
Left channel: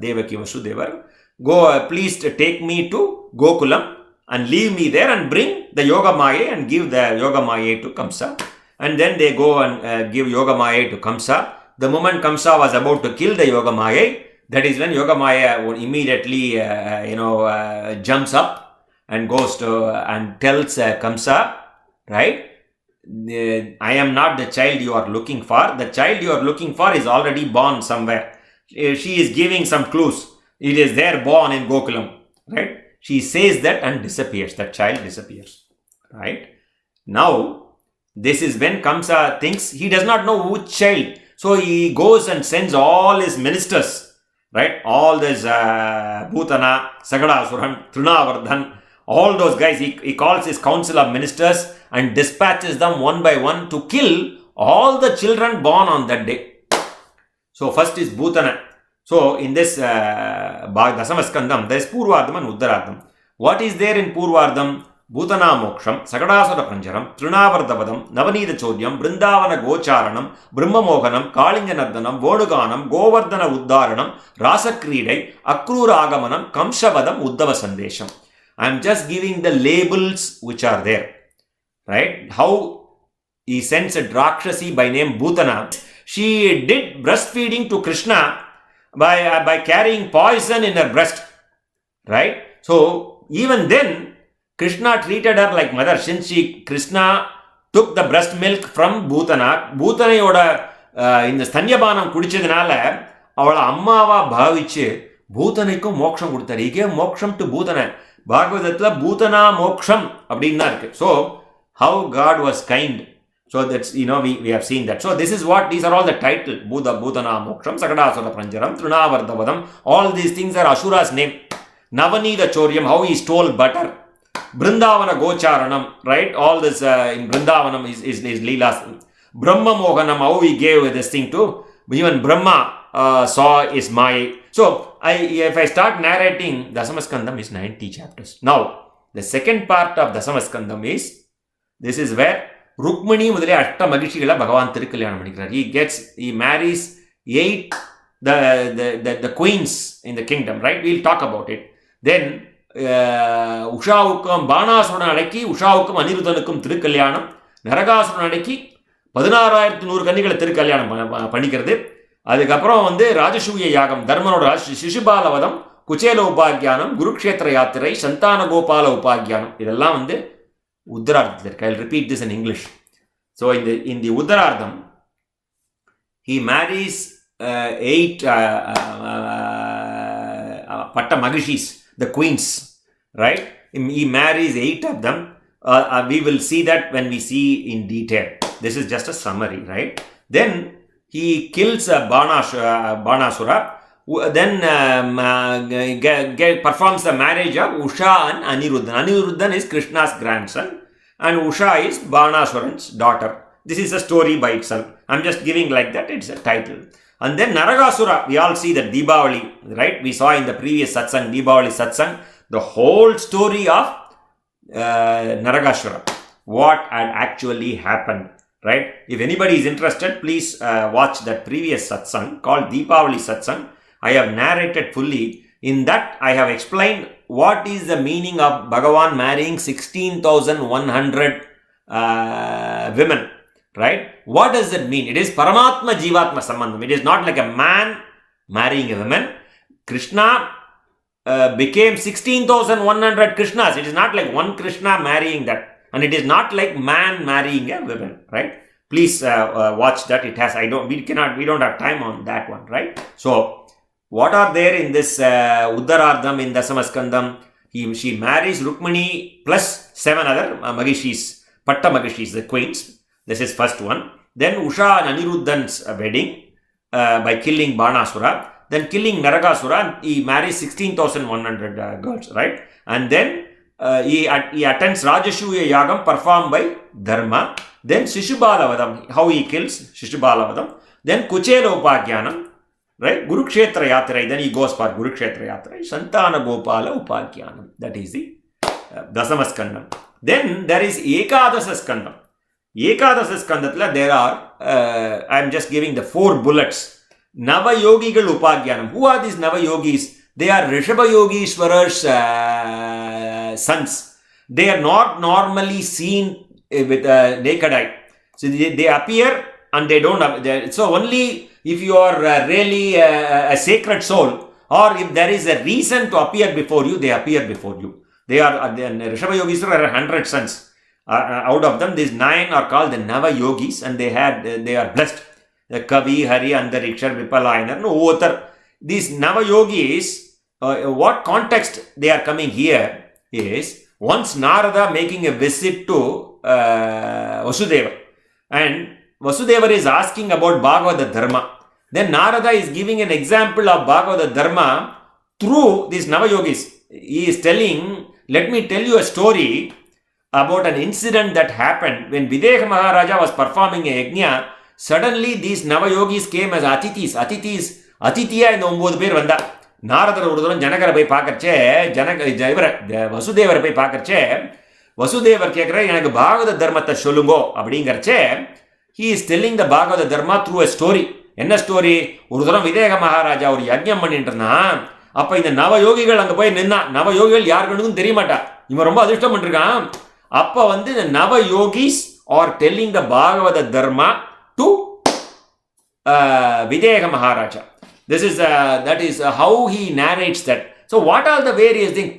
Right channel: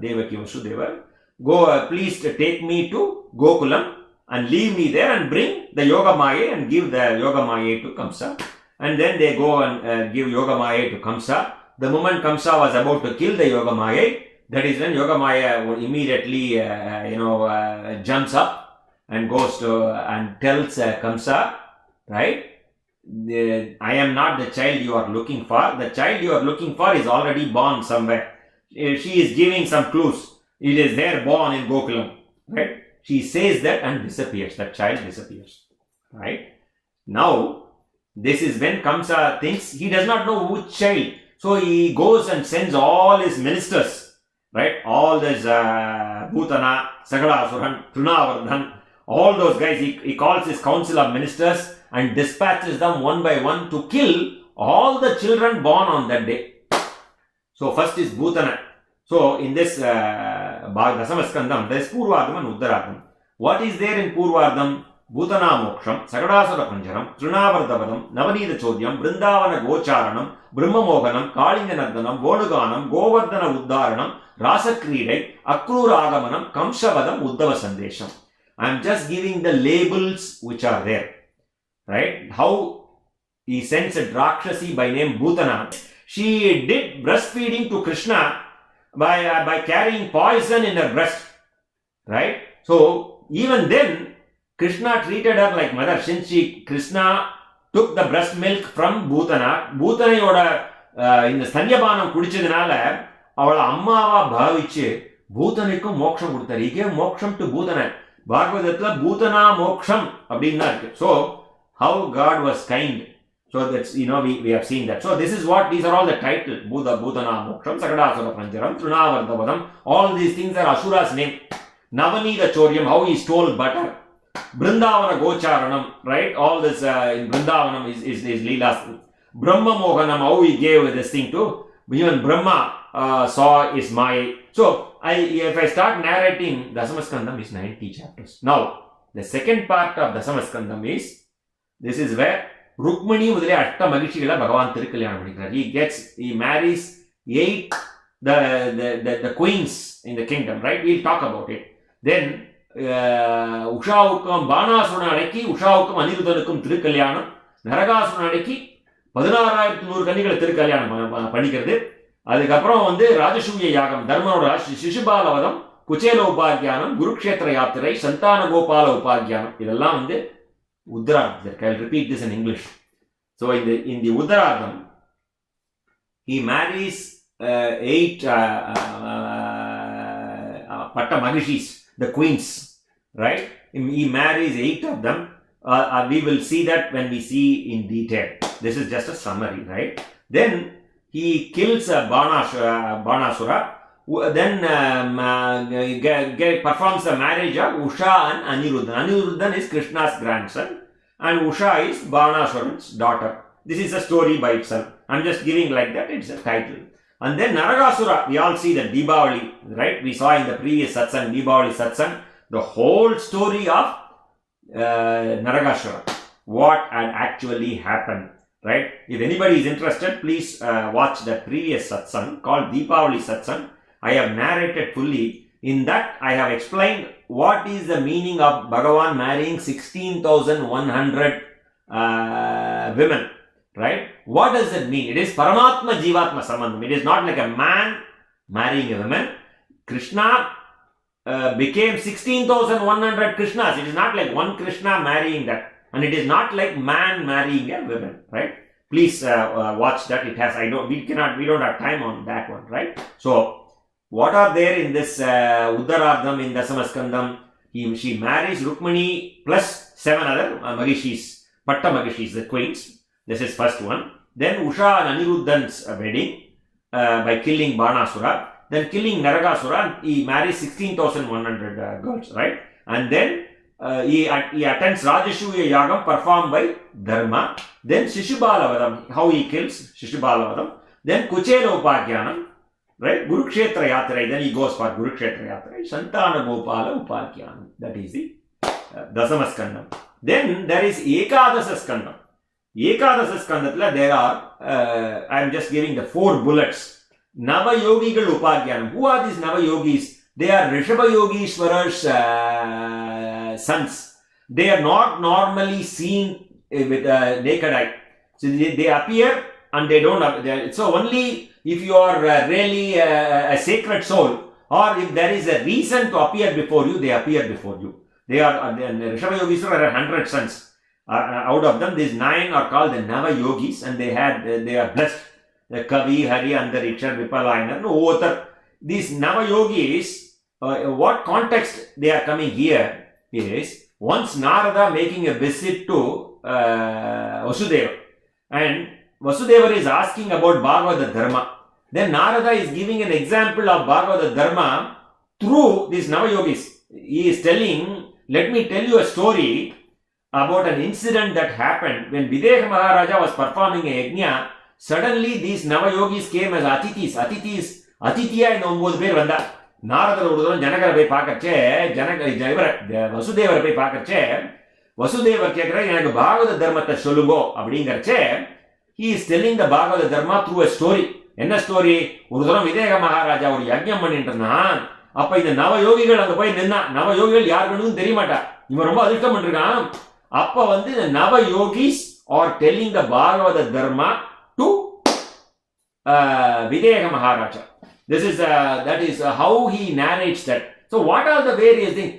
Devaki Vasudevar, go, please take me to Gokulam and leave me there and bring the Yoga Maya and give the Yoga Maya to Kamsa. And then they go and give Yoga Maya to Kamsa. The moment Kamsa was about to kill the Yoga Maya, that is when Yoga Maya immediately jumps up and goes to and tells Kamsa, right? I am not the child you are looking for. The child you are looking for is already born somewhere. She is giving some clues. It is there born in Gokulam, right? She says that and disappears. That child disappears, right? Now, this is when Kamsa thinks he does not know which child. So he goes and sends all his ministers, right? All this Bhutana, Sagadasuran, Trunavardhan, all those guys. He calls his council of ministers and dispatches them one by one to kill all the children born on that day. So first is Bhutana. So in this Dasamaskandam, there is Purvardham and Uttaradham. What is there in Purvardham? Bhutana Moksham, Sagadasura Panjaram, Trunavardhavadam, Navanida Chodyam, Brindavana Gocharanam, Brahma Mohanam, Kalinganardanam, Voduganam, Govardhana Uddharanam, Rasa Kridai, Akrura Agamanam, Kamshavadam, Uddhava Sandesham. I am just giving the labels which are there. Right? How he sends a Drakshasi by name Bhutana. She did breastfeeding to Krishna by carrying poison in her breast. Right? So even then, Krishna treated her like mother. Since Krishna took the breast milk from Bhutana, Bhutanayoda in the Stanyabanam kudichadanaala, avala ammava bhavichu Bhutanaikum moksham kodutharu. He gave moksham to Bhutana. Bhagavatathila Bhutana moksham அப்படின்னா இருக்கு. So how God was kind. So that's, we have seen that. So these are all the title. Bhutana Moksham, Sakadasura Pranjaram, Trunavardhavadam. All these things are Asura's name. Navanida Choryam, how he stole butter. Brindavana Gocharanam, right? All this in Brindavanam is Leela's. Brahma Mohanam, how he gave this thing to. Even Brahma saw is Maya. So if I start narrating, Dasamaskandam is 90 chapters. Now, the second part of Dasamaskandam is, this is where Rukmini முதலே அஷ்ட மகிழ்ச்சிகளை பகவான் திருக்கல்யாணம் பண்ணிக்கிறார். He marries 8 the queens in the kingdom, right? We'll talk about it. Then உஷாவுக்கும் Banasuran அடக்கி உஷாவுக்கும் அனிருத்தனுக்கும் திருக்கல்யாணம், நரகாசுரன் அடக்கி 16,100 கன்னிகளை திருக்கல்யாணம் பண்ணிக்கிறது. அதுக்கப்புறம் ராஜசூய யாகம், தர்மனோட சிசுபாலவதம், குச்சேல உபாக்கியானம், குருக்ஷேத்திர யாத்திரை, சந்தான கோபால உபாக்கியானம், இதெல்லாம் Uttaraardham. I'll repeat this in English. So in the Uttaraardham, he marries 8 Patta Magishis, the queens, right? He marries 8 of them. We will see that when we see in detail. This is just a summary, right? Then he kills Banasura. Then performs the marriage of Usha and Aniruddhan. Aniruddhan is Krishna's grandson and Usha is Banasuran's daughter. This is a story by itself. I'm just giving like that, it's a title. And then Naragasura, we all see that Deepavali, right? We saw in the previous satsang, Deepavali satsang, the whole story of Naragasura, what had actually happened, right? If anybody is interested, please watch that previous satsang called Deepavali satsang. I have narrated fully. In that, I have explained what is the meaning of Bhagavan marrying 16,100 women, right? What does that mean? It is Paramatma Jivatma Sambandham. It is not like a man marrying a woman. Krishna became 16,100 Krishnas. It is not like one Krishna marrying that. And it is not like man marrying a woman, right? Please watch that. We don't have time on that one, right? So, what are there in this Uttaraardham in Dasamaskandam? She marries Rukmini plus 7 other Magishis, Patta Magishis, the queens. This is first one. Then Usha and Aniruddhan's wedding by killing Banasura. Then killing Naragasura, he marries 16,100 girls, right? And then he attends Rajashuya Yagam performed by Dharma. Then Shishubalavadam, how he kills Shishubalavadam. Then Kuchela Upakyanam. Right? Kurukshetra Yatra, then he goes for Kurukshetra Yatra. Santana Gopala Upakyanam. That is the Dasamaskandam. Then there is Ekadasaskandam. Ekadasaskandam, there are, I am just giving the 4 bullets. Nava Yogigal Upagyanam. Who are these Nava Yogis? They are Rishabha Yogishwara's sons. They are not normally seen with a naked eye. So they appear and they don't. So only if you are really a sacred soul, or if there is a reason to appear before you, they appear before you. They are Rishabha Yogishwara are 100 sons. Out of them, these 9 are called the Nava Yogis, and they are blessed. The Kavi, Hari, Andariksha, Vipalayanar, no other. These Nava Yogis, what context they are coming here is once Narada making a visit to Vasudeva, and Vasudeva is asking about Bhagavata Dharma. Then Narada is giving an example of Bhagavata Dharma through these Nava Yogis. He is telling, let me tell you a story about an incident that happened when Videha Maharaja was performing a yajna. Suddenly these Nava Yogis came as Atithis. Atithiya இந்த 9 பேர் வந்தா. நாரதர் ஒரு தரம் ஜனகரை போய் பார்க்கறச்சே, வசுதேவரை போய் பார்க்கறச்சே, வசுதேவர் கேட்குற எனக்கு பாகவத தர்மத்தை சொல்லுங்கோ அப்படிங்கிறச்சே, he is telling the Bhagavata Dharma through a story. என்ன ஸ்டோரி? ஒரு தரம் விதேக மகாராஜா ஒரு யஜ்ஞம் பண்ணிட்டு இருந்தான். அப்ப இந்த நவ யோகிகள் அங்க போய் நின்னா. நவ யோகிகள் யாருக்குன்னு தெரிய மாட்டா. இவன் ரொம்ப அதிர்ஷ்டம் பண்ணிருக்கான். அப்ப இந்த நவ yogis are telling the Bhagavata Dharma to Videga Maharaja. This is that is how he narrates that. So what are the various things?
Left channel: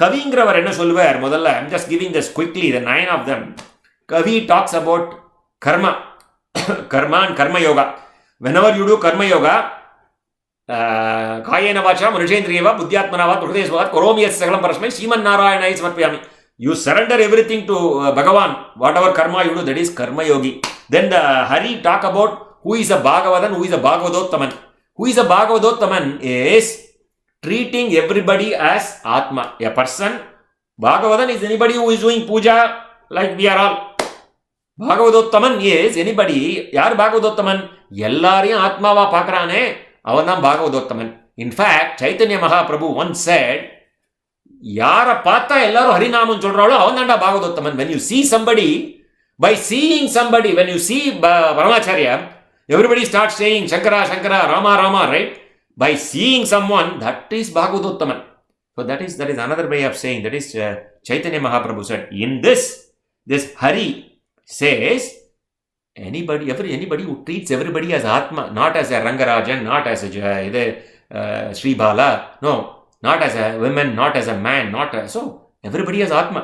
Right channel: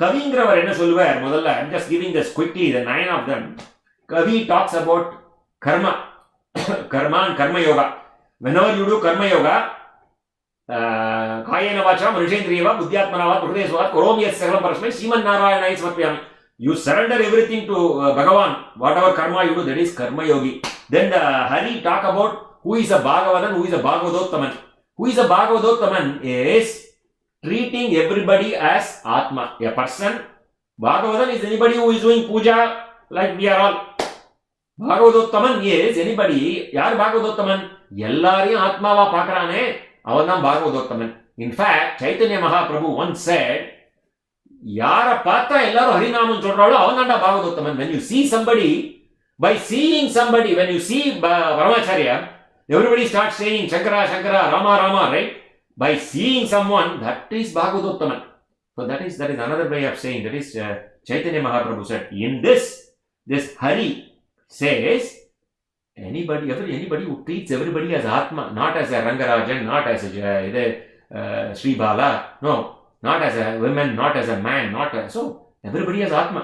Kaviங்கிறவர் என்ன சொல்லுவார் முதல்ல? I'm just giving this quickly, the 9 of them. Kavi talks about karma. Karma and karma yoga. Whenever you do karma yoga, kayena vacha manushendriyava buddhyatmanava hridayasvat koromi yat sagalam parasmai Srimad Narayana samarpayami. You surrender everything to Bhagavan. Whatever karma you do, that is karma yogi. Then the Hari talk about who is a Bhagavadan, who is a Bhagavadottaman. Who is a Bhagavadottaman is treating everybody as Atma. A person, Bhagavadan is anybody who is doing puja like we are all. Bhagavadottaman is anybody, yaar Bhagavadottaman? Ellariயும் ஆத்மாவா பார்க்கறானே அவன் தான் Bhagavadottaman. In fact, Chaitanya Mahaprabhu once said, யாரை பார்த்தா எல்லாரும் ஹரிநாமம் சொல்றாளோ அவன் தான்டா Bhagavadottaman. When you see somebody, by seeing somebody, when you see Paramacharya, everybody starts saying Shankara, Shankara, Rama, Rama, right? By seeing someone, that is Bhagavadottaman. So that is another way of saying, that is Chaitanya Mahaprabhu said. In this Hari says, anybody who treats everybody as Atma, not as a Rangarajan, not as a Sri Bala, no, not as a woman, not as a man, so everybody as Atma.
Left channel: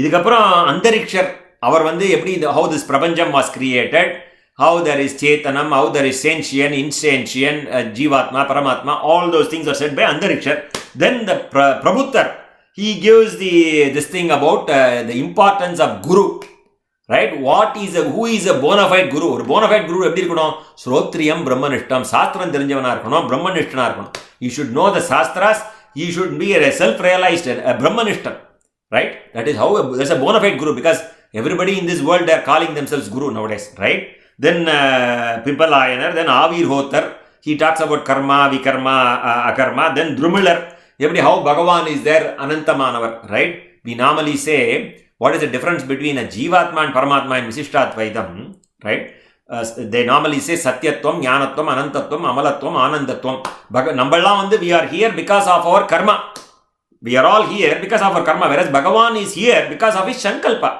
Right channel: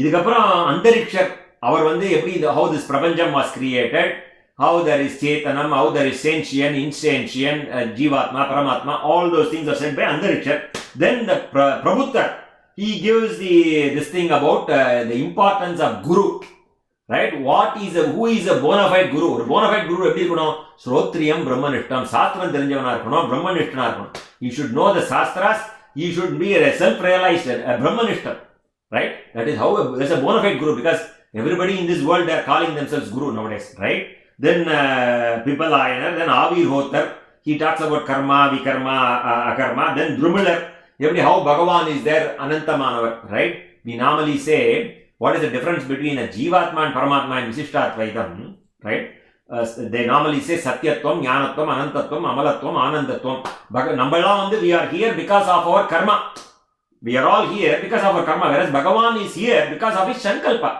இதுக்கப்புறம் அந்தரிக்ஷர் அவர் எப்படி how this பிரபஞ்சம் was created, how there is Chetanam, how there is sentient, insentient, Jivatma, Paramatma, all those things are said by Antarikshar. Then the Prabhuttar, he gives this thing about the importance of Guru, right? Who is a bona fide Guru? ஒரு bona fide Guru எப்படி இருக்கணும்? ஸ்ரோத்ரியம் பிரம்மனிஷ்டம், சாஸ்திரம் தெரிஞ்சவனா இருக்கணும், பிரம்மனிஷ்டனா இருக்கணும். He should know the Shastras, he should be a self-realized Brahmanishtam, right? That is how there's a bona fide Guru, because everybody in this world they are calling themselves Guru nowadays, right? Then Pipalayanar, then Avirhotar, he talks about karma, vikarma, akarma. Then Drumilar, how Bhagavan is there, Anantamanavar, right? We normally say, what is the difference between a Jivatma and Paramatma in Visishtatvaitam, right? They normally say Satyatvam, Jnanatvam, Anantatvam, Amalatvam, Anandatvam. Namballam we are here because of our karma. We are all here because of our karma, whereas Bhagavan is here because of his Sankalpa.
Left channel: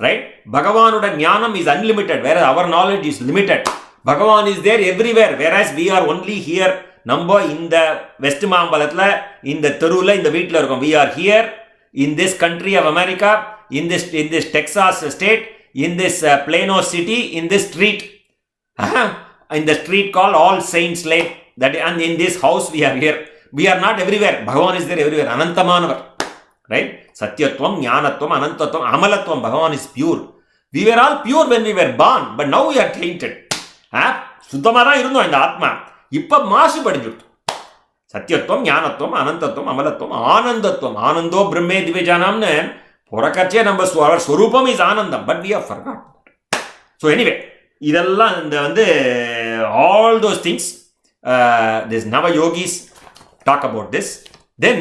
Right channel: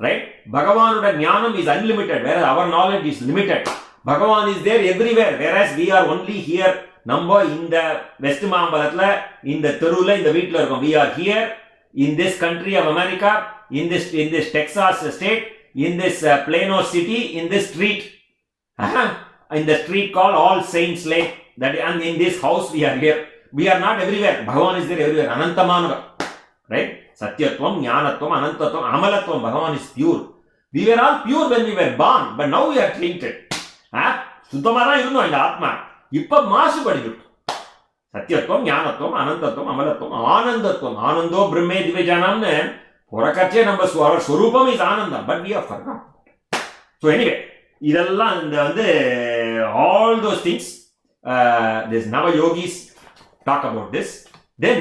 Right? Bhagavanuda jnanam is unlimited, whereas our knowledge is limited. Bhagavan is there everywhere, whereas we are only here. Number in the West Mambalatla, in the Terula, in the Vitla. We are here in this country of America, in this Texas state, in this Plano city, in this street. In the street called All Saints Lake. And in this house we are here. We are not everywhere. Bhagavan is there everywhere. Anantamanavar. Right? Satyatvam, Jnanatvam, Anantatvam, Amalatvam. Bhagavan is pure. We were all pure when we were born, but now we are tainted. சுத்தமாக இருந்தோம் இந்த ஆத்மா. இப்போ மாசுபடிஞ்சுட்டு. சத்தியத்துவம், ஞானத்துவம், அனந்தத்துவம், அமலத்துவம், ஆனந்தத்துவம். ஆனந்தோ பிரம்மே திவ்யஜானம்னு புறக்கச்சே நம்ம ஸ்வரூபம் is ஆனந்தம். But we are forgot. So anyway இதெல்லாம் இந்த all those things, this Navayogis talk about this. Then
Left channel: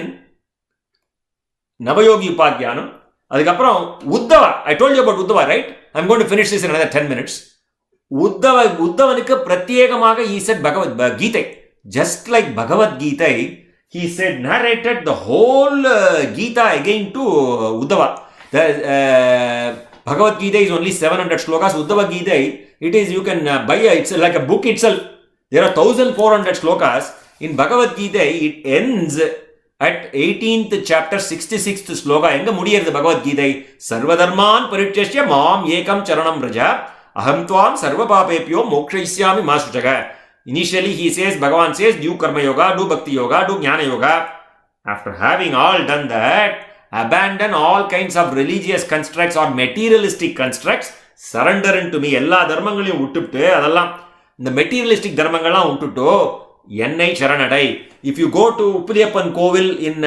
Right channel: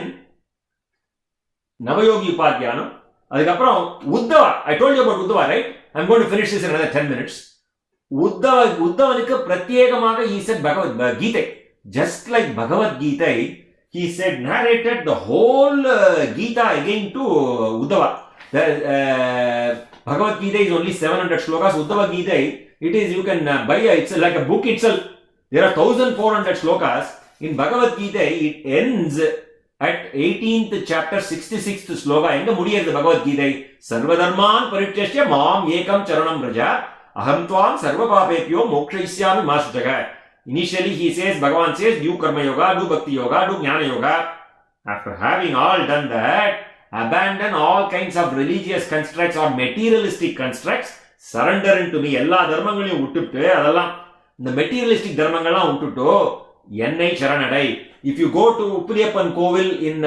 Navayogi Upadhyanam. அதுக்கப்புறம் Uddawa. I told you about Uddhava, right? I'm going to finish this in another 10 minutes. உத்தவனுக்கு பிரத்யேகமாக he said Bhagavad just like Bhagavad Gita, he said narrated the whole Gita again to Uddhava. The Bhagavad Gita is only 700 slokas. Uddhava Gita, it is, you can buy it's like a book itself. There are 1400 slokas. In Bhagavad Gita, it ends at 18th chapter 66th sloka. Enga mudiyirudhu Bhagavad Gita? Sarvadharman parityasya mam ekam charanam vraja aham tvam sarva papepyo mokshayishyami ma shuchaga. Initially he says, Bhagavan says, do karma yoga, do bhakti yoga, do jnana yoga. After having all done that, abandon all kinds of religious constructs or materialistic constructs, surrender into me. எல்லா தர்மங்களையும் விட்டுட்டு, அதெல்லாம் இந்த materialistic தர்மங்கள்லாம் விட்டுட்டு என்னை சரணடை. If you go to Uppiliyappan Kovil in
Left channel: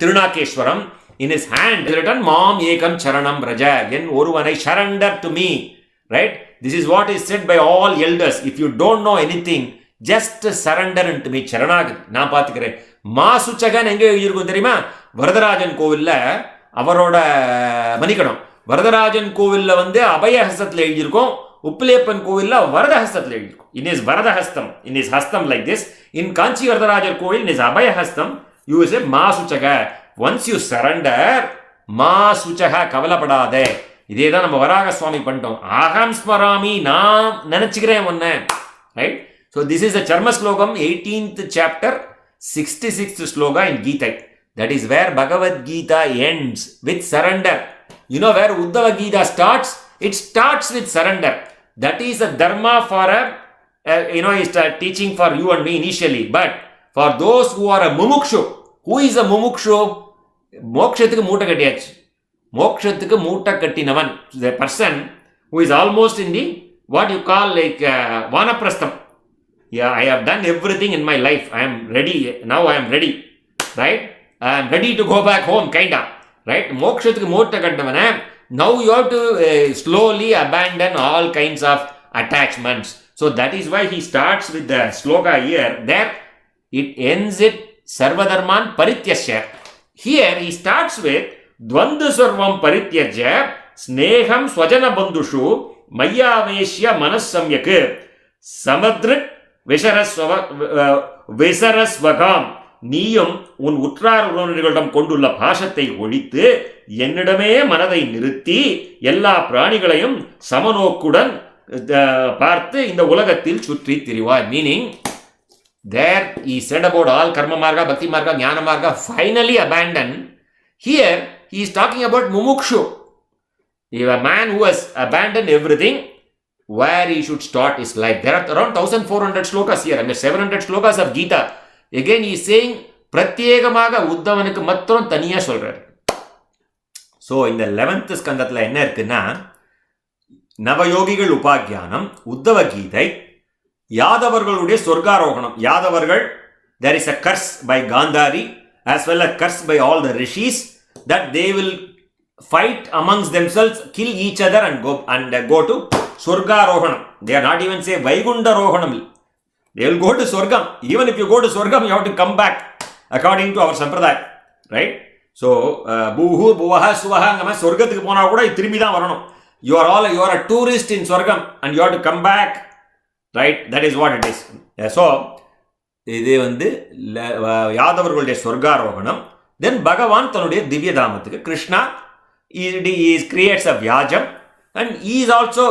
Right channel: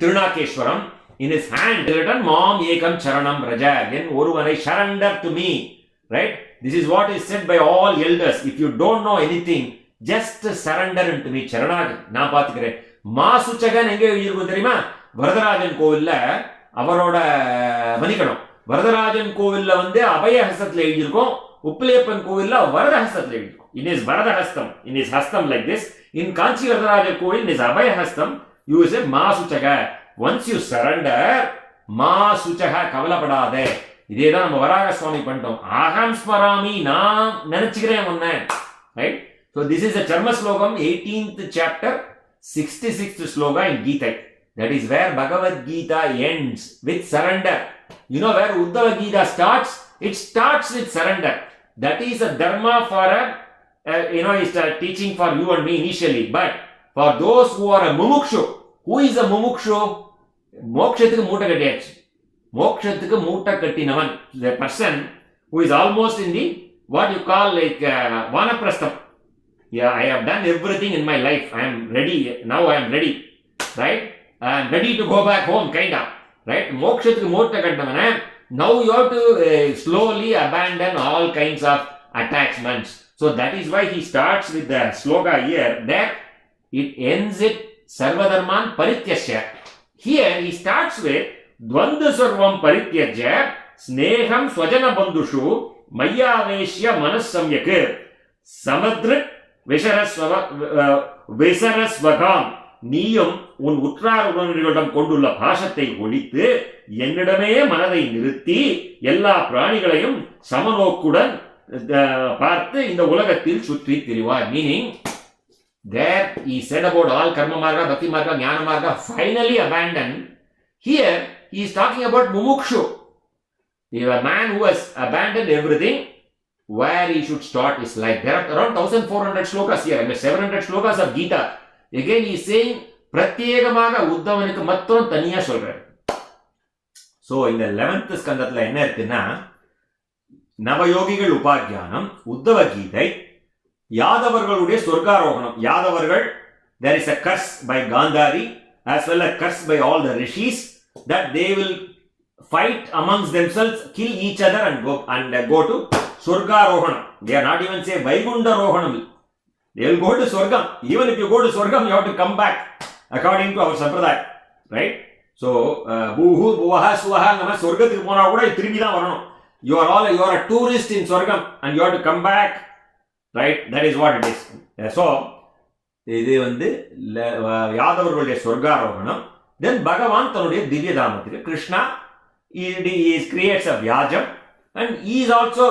Tirunakeshwaram, in his hand is written Mam Ekam Charanam Braja. Then oruvanai surrender to me. Right? This is what is said by all elders. If you don't know anything, just surrender into me. Charanagati. நான் பார்த்துக்கிறேன். மாசுச்சகன் எங்கே எழுதியிருக்கும் தெரியுமா? வரதராஜன் கோவில்ல அவரோட மணிக்கணும். வரதராஜன் கோவில்ல அபயஹஸ்தத்தில் எழுதியிருக்கும். உப்பிலியப்பன் கோவில்ல வரதஹஸ்தத்தில் எழுதியிருக்கும். In his Varadahastam, in his hastam like this. In Kanchi Varadaraja Kovil, in his Abhayahastam, you say Masuchaga. Once you surrender, Masuchaga Kavalapadade. இதே தான் நம்ம வராக சுவாமி பண்ணிட்டோம். ஆகம் ஸ்மராமி, நான் நினைச்சுக்கிறேன் ஒன்ன. Right? So this is a சர்ம ஸ்லோகம், 18th chapter, 66th sloka in Gita. That is where Bhagavad Gita ends with surrender. You know where Uddhava Gita starts? It starts with surrender. That is a dharma for it's a teaching for you and me initially. But for those who are a mumukshu, who is a mumukshu? மோட்சத்துக்கு மூட்டை கட்டியாச்சு. மோட்சத்துக்கு மூட்டை கட்டினவன், the person who is almost in the what you call like vanaprastham. Yeah, I have done everything in my life. I am ready. Now I am ready. Right? I am ready to go back home, kinda. Right? மோட்சத்துக்கு மூட்டை கட்டினவன, now you have to slowly abandon all kinds of attachments. So that is why he starts with the sloka here. There it ends it sarvadharman parityasya. Here he starts with Dvandva sarvam parityajya sneham swajana bandhushu mayaveshya manassamyak samadrit visarasvagam. நீயும் உன் உற்றார் உறவினர்களிடம் கொண்டுள்ள பாசத்தை ஒழித்து என்னிடமே மனதை நிறுத்தி எல்லா பிராணிகளையும் சமநோக்குடன் பார்த்து இந்த உலகத்தில் சுற்றி திரிவார். Meaning, there he said about all karma marga, bhakti marga, jnana marga, finally abandoned. Here he is talking about mumukshu. He is a man who has abandoned everything. Where he should start his life. There are around 1400 slokas here and 700 slokas of Gita. Again he is saying பிரத்யேகமாக உத்தவனுக்கு மட்டும் தனியா சொல்றாரு. So இந்த 11th ஸ்கந்தத்தில் என்ன இருக்குன்னா, நவயோகிகள் உபாக்கியானம், உத்தவ கீதை, யாதவர்களுடைய சொர்க்காரோகணம். யாதவர்கள், there is a curse by Gandhari as well as curse by all the rishis that they will fight amongst themselves, kill each other and go to Swargarohanam. They are not even say Vaigunda Rohanam. They will go to Swargam. Even if you go to Swargam, you have to come back according to our Sampradaya. Right? So, Buhu, Buvaha, Suvaha, நம்ம சொர்க்கத்துக்கு போனா கூட திரும்பி தான் வரணும். You are a tourist in Swargam and you have to come back. Right? That is what it is. So, இது யாதவர்களுடைய சொர்க்காரோகணம். Then Bhagavan தன்னுடைய திவ்ய தாமத்துக்கு, Krishna, he creates a Vyajam. And he is also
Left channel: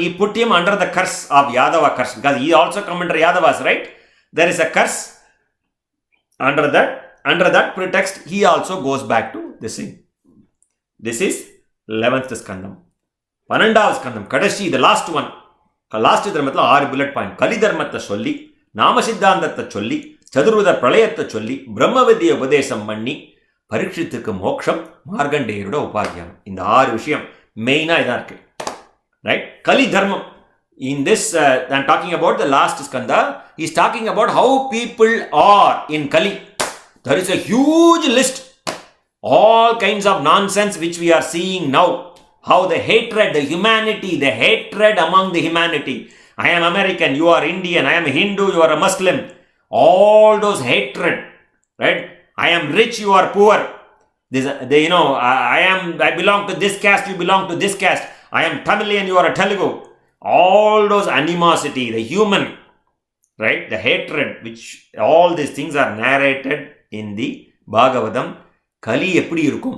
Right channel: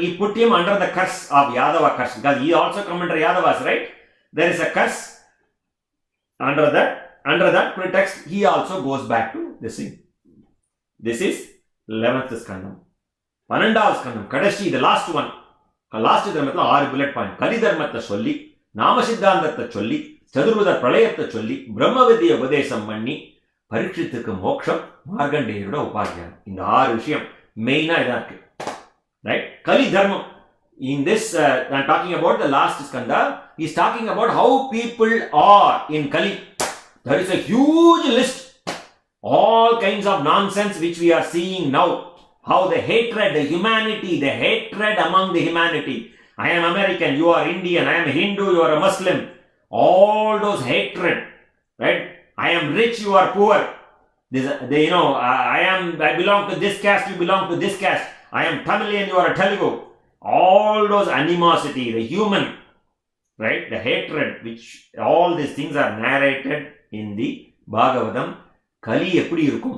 he put him under the curse of Yadava curse, because he also come under Yadavas, right? There is a curse. Under that pretext, he also goes back to this thing. This is 11th skandam. 12th skandam, Kadashi, the last one. Last dharmathla 6 bullet point. Kali dharmathla solli, Nama Siddhantatha solli, Chadurveda Pralayatha solli, Brahma Vidya Upadesam பண்ணி, பரீட்சித்துக்கு மோட்சம், மார்கண்டேயரோட உபாக்கியம். இந்த 6 விஷயம் மெயினா இதா இருக்கு. Right? Kali Dharma. In this, I'm talking about the last skanda. He's talking about how people are in Kali. There is a huge list. All kinds of nonsense which we are seeing now. How the hatred, the humanity, the hatred among the humanity. I am American, you are Indian, I am Hindu, you are a Muslim. All those hatred. Right? I am rich, you are poor. I belong to this caste, you belong to this caste. I am Tamilian, you are a Telugu. all those animosity, the human, right, the hatred, which all these things are narrated in the Bhagavatam. Kali eppadi irukum?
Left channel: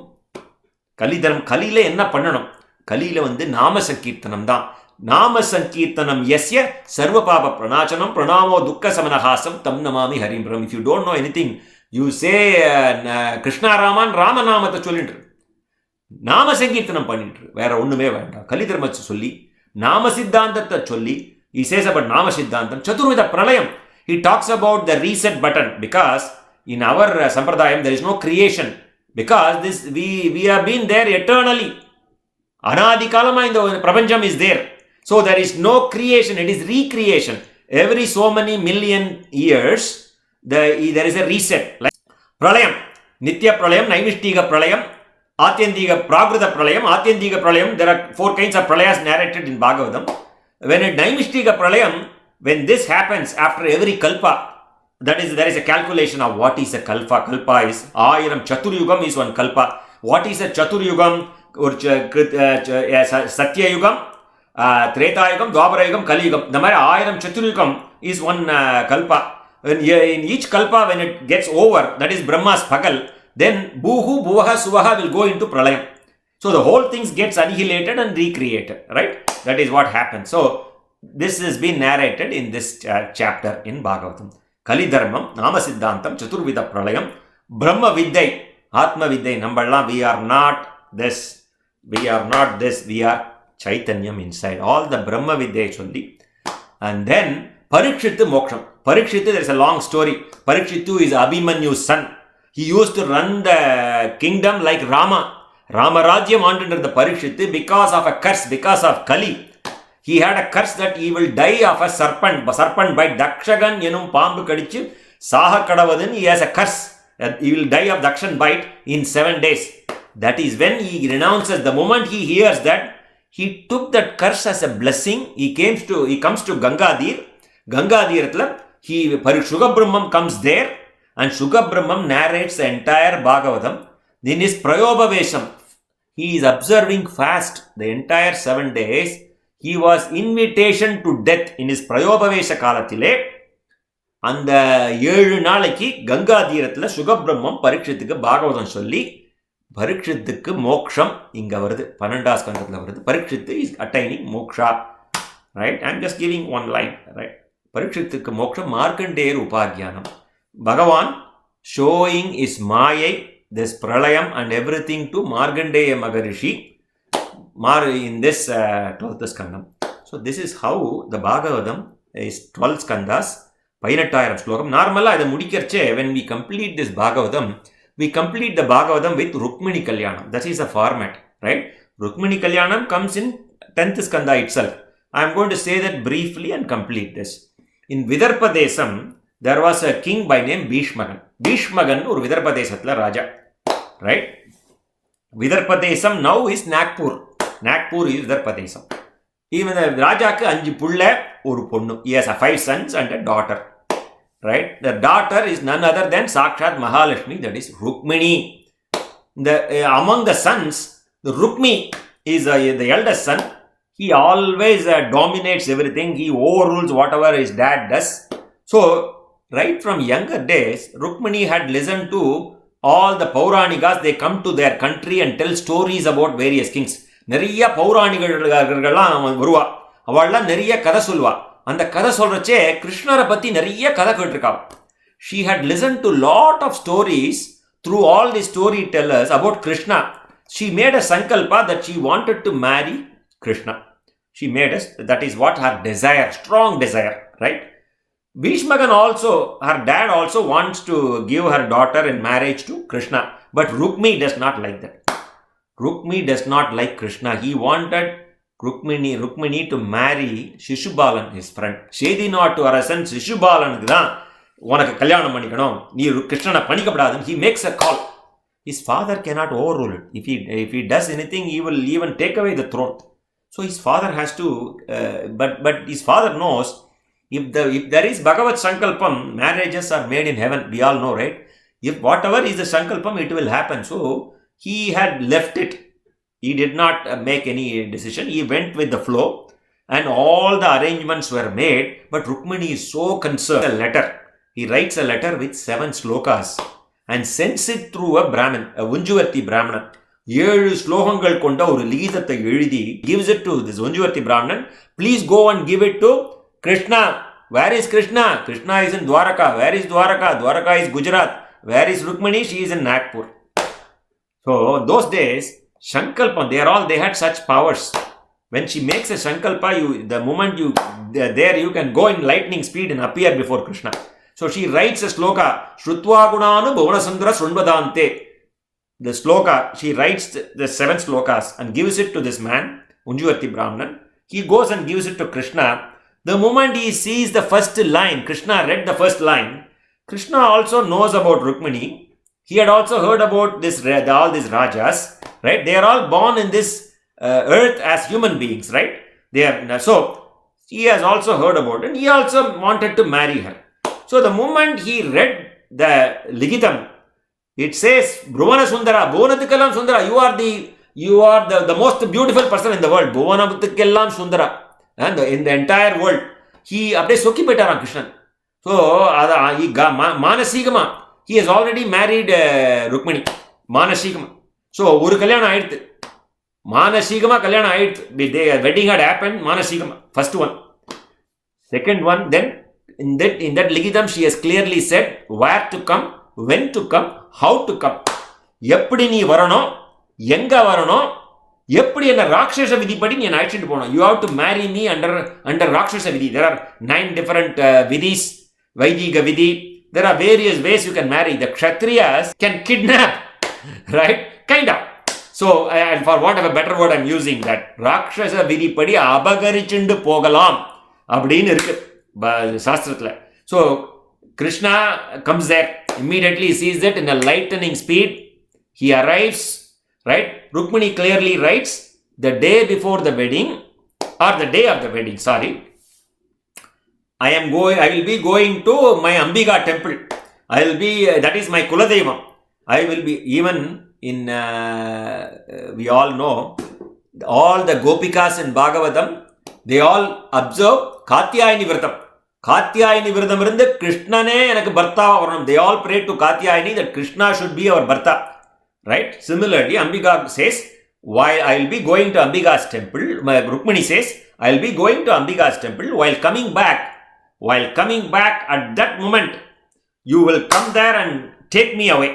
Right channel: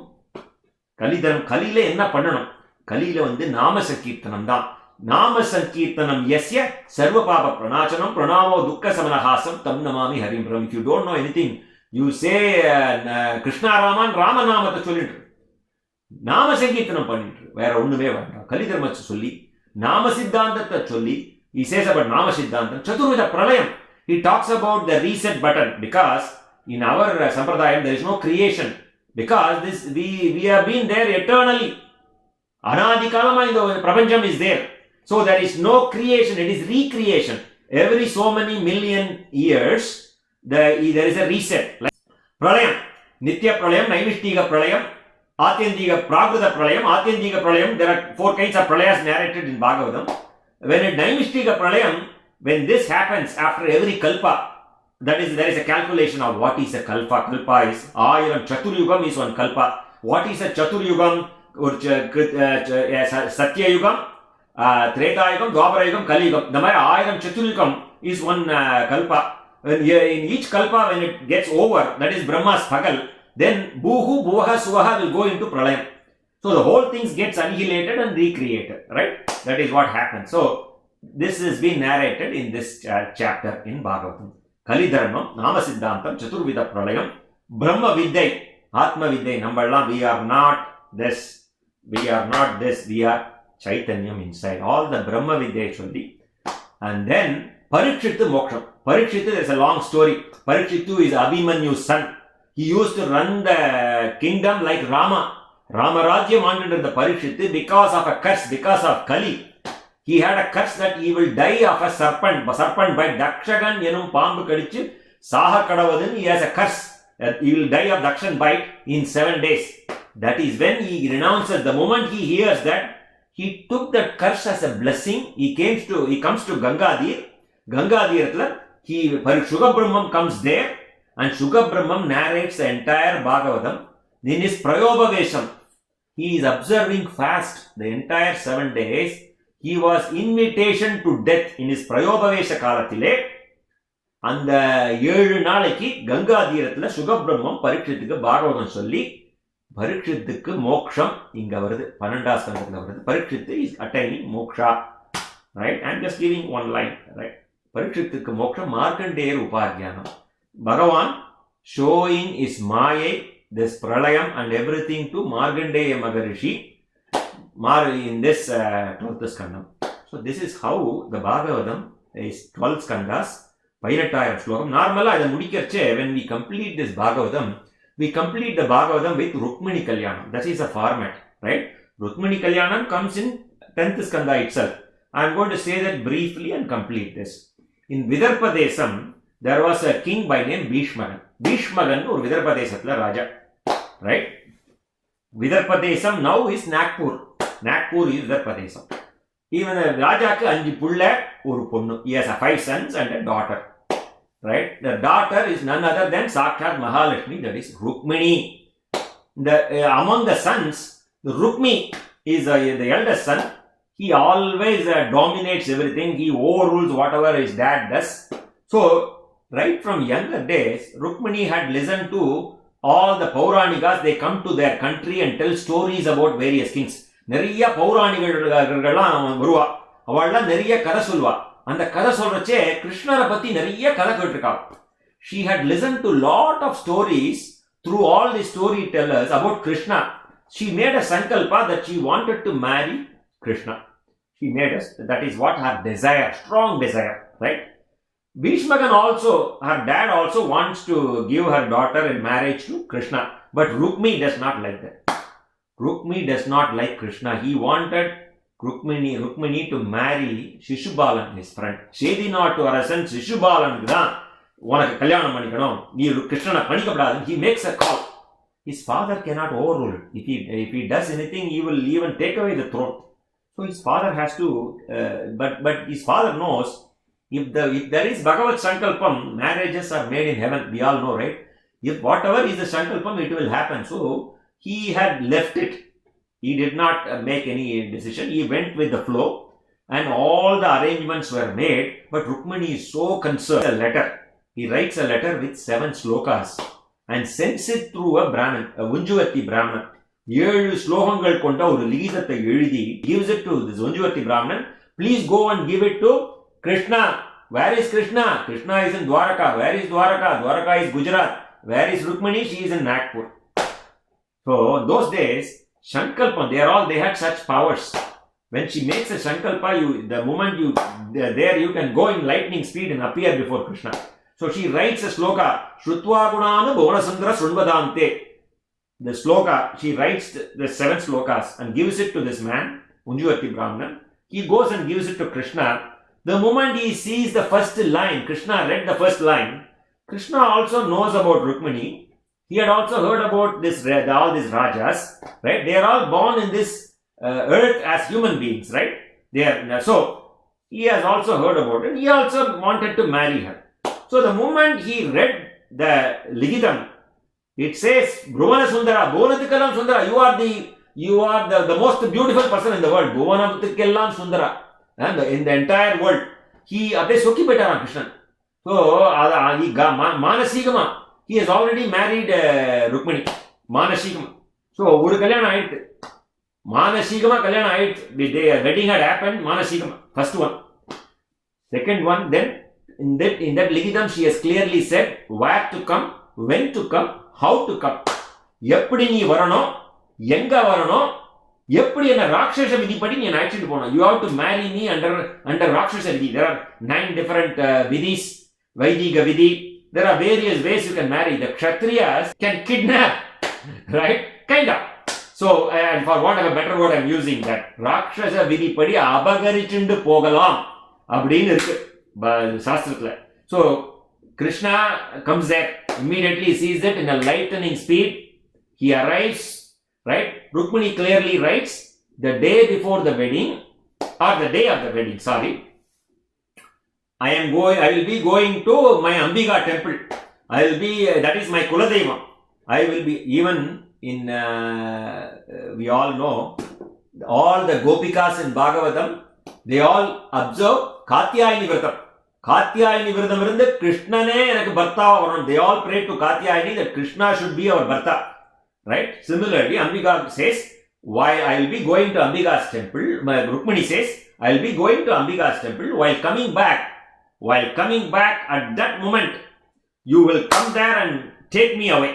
Kaliyiல என்ன பண்ணணும்? கலியில நாம சங்கீர்த்தனம் தான். நாம சங்கீர்த்தனம் யஸ்ய சர்வ பாப பிரணாசனம் பிரணாமோ துக்க சமனஹாசம் தம் நமாமி ஹரிம் பிரம். If you don't know anything, you say Krishna ராமான் ராமநாமத்தை சொல்லிட்டு நாம சங்கீர்த்தனம் பண்ணிட்டு வேற ஒண்ணுமே வேண்டாம். கலி தர்மத்தை சொல்லி நாம சித்தாந்தத்தை சொல்லி he says about நாம சித்தாந்தம். சதுர்வித பிரளயம், he talks about the reset button, because in our sampradayam there is no creation, because this we have been there eternally. Anadi kalama in the prapancham is there. So there is no creation, it is recreation. Every so many million years there is a reset. Like pralayam, nitya pralayam, naimishtika pralayam, atyantika prakrita pralayam, atyantika pralayam. There are 4 kinds of pralayas narrated in Bhagavatam. When a naimishtika pralayam, when this happens after every kalpa, that is, there is a calculation of what is a kalpa. Kalpa is 1000 chaturyugam is one kalpa. What is a chaturyugam? Satyayugam, Tretayugam, Dwaparayugam, Kaliyugam. The மாதிரி 1000 chaturyugam is one kalpa. In each kalpa, when it gets over, that is Brahma's pagal, then Bhuhu, Bhuvaha, Suvaha will go into pralayam. So the whole thing gets annihilated and recreated, right? That is what happens. So this has been narrated in this chapter in Bhagavatam. Kali Dharmam, Nama Siddhantam, Chaturvida Pralayam, Brahma Vidyai, Atma Vidyai. Namballam, we are not this, we are Chaitanyam inside. All the Brahma Vidyai solli. And then Parikshittu Moksham. Parikshittu, there is a long story. Parikshittu is Abhimanyu's son. He used to run the kingdom like Rama. Ramarajyam under the Parikshittu because of a curse, because of Kali. He had a curse that he will die of a serpent bite. Dakshagan enum paambu kadichu saha kadavadun. He has a curse that he will die of Dakshan bite in 7 days. That is when he renounces. The moment he hears that, he took that curse as a blessing. He comes to Gangadir. Gangadirtla Shugabrahmam comes there, and Shugabrahmam narrates the entire Bhagavatam. In his Prayobhavesham, he is observing fast the entire 7 days. He was invitation to death in his Prayobhavesha Kalathile. அந்த 7 நாளைக்கு கங்கா தீரத்தில் சுகபிரம்மம் பரீட்சித்துக்கு பாகவதம் சொல்லி பரீட்சித்துக்கு மோக்ஷம் இங்கே வருது. 12ஆம் ஸ்கந்தத்தில் வருது. பரீட்சித்து is attaining moksha, right? I am just giving one line, right? பரீட்சித்துக்கு மோக்ஷம் மார்க்கண்டேயர் உபாத்தியானம். பகவான் ஷோயிங் இஸ் மாயை, this pralayam and everything to Markandeya Maharishi in this 12th skandam. So this is how the Bhagavatam is 12 skandas, 18000 slokam. Normally அதை முடிக்கிறச்சே, when we complete this Bhagavatam, we complete the Bhagavatam with Rukmini Kalyanam. That is the format, right? Rukmini Kalyanam comes in 10th skanda itself. I am going to say that briefly and complete this. In Vidarbha Desam, there was a king by name Bhishmagan. Bhishmagan ஒரு Vidarbha தேசத்துல ராஜா, right? Vidarbha Desam now is Nagpur. Nagpur is Vidarbha Desam. Even the ராஜாக்கு 5 புள்ள ஒரு பொண்ணு. He has 5 sons and a daughter, right? The daughter is none other than Sakshat Mahalakshmi, that is Rukmini. Among the sons, the Rukmi is the eldest son. He always dominates everything. He overrules whatever his dad does. So right from younger days, Rukmini had listened to all the Pauranikas. They come to their country and tell stories about various kings. நிறைய பௌராணிகர்கள்லாம் வருவா, அவள்லாம் நிறைய கதை சொல்வா. அந்த கதை சொல்றச்சே கிருஷ்ணரை பத்தி நிறைய கதை கேட்டிருக்கா. She had listened to lot of stories through all the storytellers about Krishna. She made a sankalpa that she wanted to marry Krishna. She made us, that is what her desire, strong desire, right? Bhishmagan also, her dad also wants to give her daughter in marriage to Krishna. But Rukmi does not like that. Rukmi does not like Krishna. He wanted Rukmini to marry Shishubalan, his friend. Shedi நாட்டு அரசன் சிசுபாலனுக்கு தான் உனக்கு கல்யாணம் பண்ணிக்கணும், நீ கிருஷ்ணனை பண்ணிக்கப்படாதுன்னு he makes a call. His father cannot overrule it. If he does anything, he will even take away the throne. So his father has to, but his father knows if there is Bhagavat Sankalpam, marriages are made in heaven. We all know, right? If whatever is the Sankalpam, it will happen. So he had left it. He did not make any decision. He went with the flow. and all the arrangements were made, but Rukmini is so concerned. A letter. He writes a letter with 7 slokas and sends it through a Brahmin, a Unjuvati Brahmana. 7 ஸ்லோகங்கள் கொண்ட ஒரு லிகிதத்தை எழுதி gives it to this Unjuvati Brahman. Please go and give it to Krishna. Where is Krishna? Krishna is in Dwaraka. Where is Dwaraka? Dwaraka is Gujarat. Where is Rukmini? She is in Nagpur. So those days, Shankalpa, they had such powers. When she makes a Shankalpa, the moment you can go in lightning speed and appear before Krishna. So she writes a sloka, Shrutva Gunanu Bhuvanasundara Srunvadante. The sloka, she writes the 7 slokas and gives it to this man, Unjuvati Brahman. He goes and gives it to Krishna. The moment he sees the first line, Krishna read the first line. Krishna also knows about Rukmini. He had also heard about all these rajas, right? They are all born in this earth as human beings, right? So he has also heard about it. He also wanted to marry her. So the moment he read the Ligitam, it says, Bhuvana Sundara, Bhuvanathikallam Sundara, you are the most beautiful person in the world. Bhuvanathikallam Sundara. And in the entire world. He அப்படியே சொக்கி போயிட்டாராம் Krishnan. So மானசீகமா he has already married Rukmini. மானசீகமா. So ஒரு கல்யாணம் ஆயிடுது. மானசீகமா கல்யாணம் ஆயிடுது. The wedding had happened. மானசீகமா. First one. Second one, then in that Ligitam she has clearly said where to come, when to come, how to come. எப்படி நீ வரணும், எங்க வரணும், எப்படி என்ன ராட்சச விதிப்படி நீ அழைச்சிட்டு போகணும். You have to marry me under ராட்சச விதி. There are 9 different vidis, Vaidiga vidhi. There are various ways you can marry. The Kshatriyas can kidnap, right? Kind of. So, and for whatever better word I'm using, that ராட்சச விதிப்படி அபகரிச்சுண்டு போகலாம் அப்படின்னு இருக்கு சாஸ்திரத்துல. So, Krishna comes there. Immediately he sees it in a lightning speed. He arrives. Right? Rukmini clearly writes the day before the wedding or the day of the wedding. Sorry, I will be going to my Ambika temple. I will be that is my Kuladevam. I will be even in. We all know all the Gopikas in Bhagavatam. They all observe Katyayani Vratam. Katyayani Vratam irundhu Krishnane enakku Bhartava varanum. They all pray to Katyayani that Krishna should be our Bharta. Right? Similarly, Ambika says, while I will be going to Ambika's temple, Rukmini says, I will be going to Ambika's temple. While coming back at that moment, you will come there and take me away.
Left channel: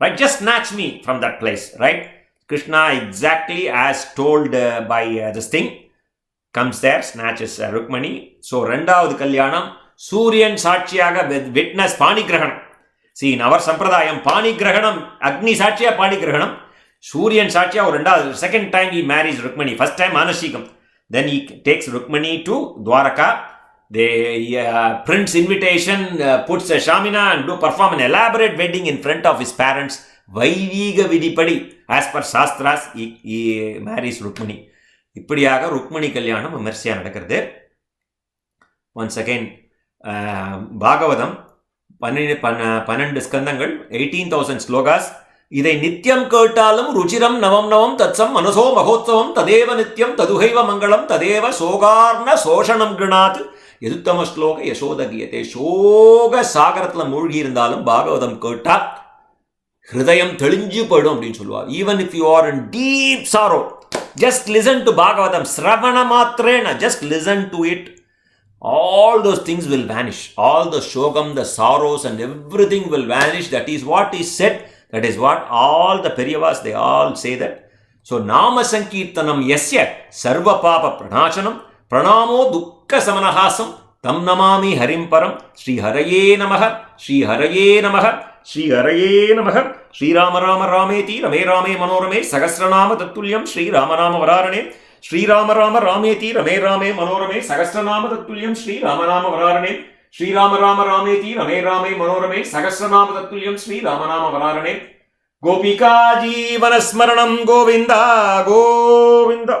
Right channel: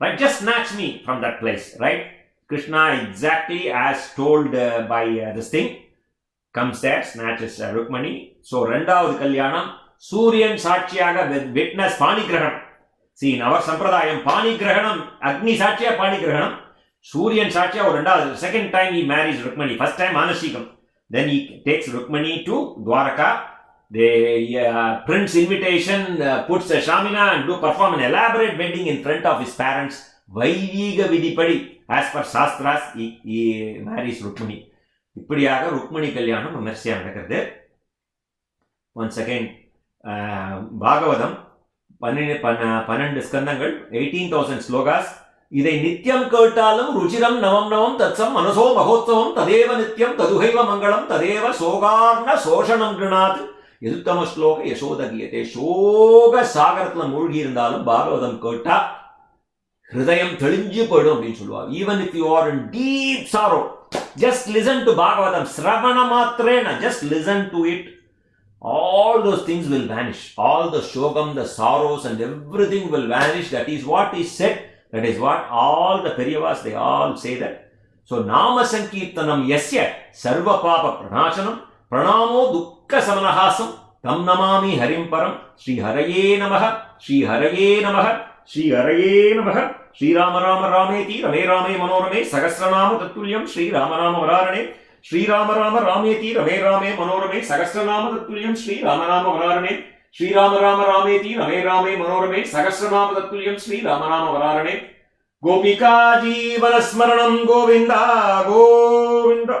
Right? Just snatch me from that place. Right? Krishna exactly as told by this thing, comes there, snatches Rukmini. So, Rendavadu Kalyanam, Suryan Sakshiyaga witness Panigrahanam. See, in our Sampradayam, Panigrahanam, Agni Sakshiya Panigrahanam, Suryan Sakshiya, or second time he marries Rukmini. First time Manashikam. Then he takes Rukmini to Dwaraka. The prince invitation puts a Shamina and perform an elaborate wedding in front of his parents. Vaidiga Vidipadi. As per Shastras, he marries Rukmini. இப்படியாக ருக்மணி கல்யாணம் விமர்சையாக நடக்கிறது. Once again Bhagavatam 12 ஸ்கந்தங்கள், 18,000 slokas. இதை நித்தியம் கேட்டாலும் ருச்சிரம் நவம் நவம் தத்சம் மனசோ மகோத்சவம் ததேவ நித்தியம் ததுகைவ மங்களம் ததேவ சோகார்ண சோஷணம் கிருணாத் எதுத்தம ஸ்லோக யசோதகியதே. சோக சாகரத்தில் மூழ்கி இருந்தாலும் பாகவதம் கேட்டா ஹிருதயம் தெளிஞ்சு போயிடும் அப்படின்னு சொல்லுவார். Even if you are in deep sorrow, just listen to Bhagavatam, Sravana Matrena, just listen to it. All those things will vanish. All the shogam, the sorrows and everything will vanish. That is what is said. That is what all the Periyavas, they all say that. So, Nama Sankirtanam Yasya Sarva Papa Pranachanam Pranamo Dukkha Samanahasam Tam Namami Harim Param Sri Haraye Namaha Sri Haraye Namaha Sri Haraye Namaha Sri Rama Rama Rameti Rame Rame Manorame Sahasranama Tattulyam Sri Rama Rama Vararane Sri Rama Rama Rameti Rame Rame Manorame Sahasranama Tattulyam Sri Rama Rama Vararane Sri Rama Rama Rameti Rame Rame Manorame Sahasranama Tattulyam Sri Rama Rama Vararane Gopika Jeevana Smaranam Govinda Govinda.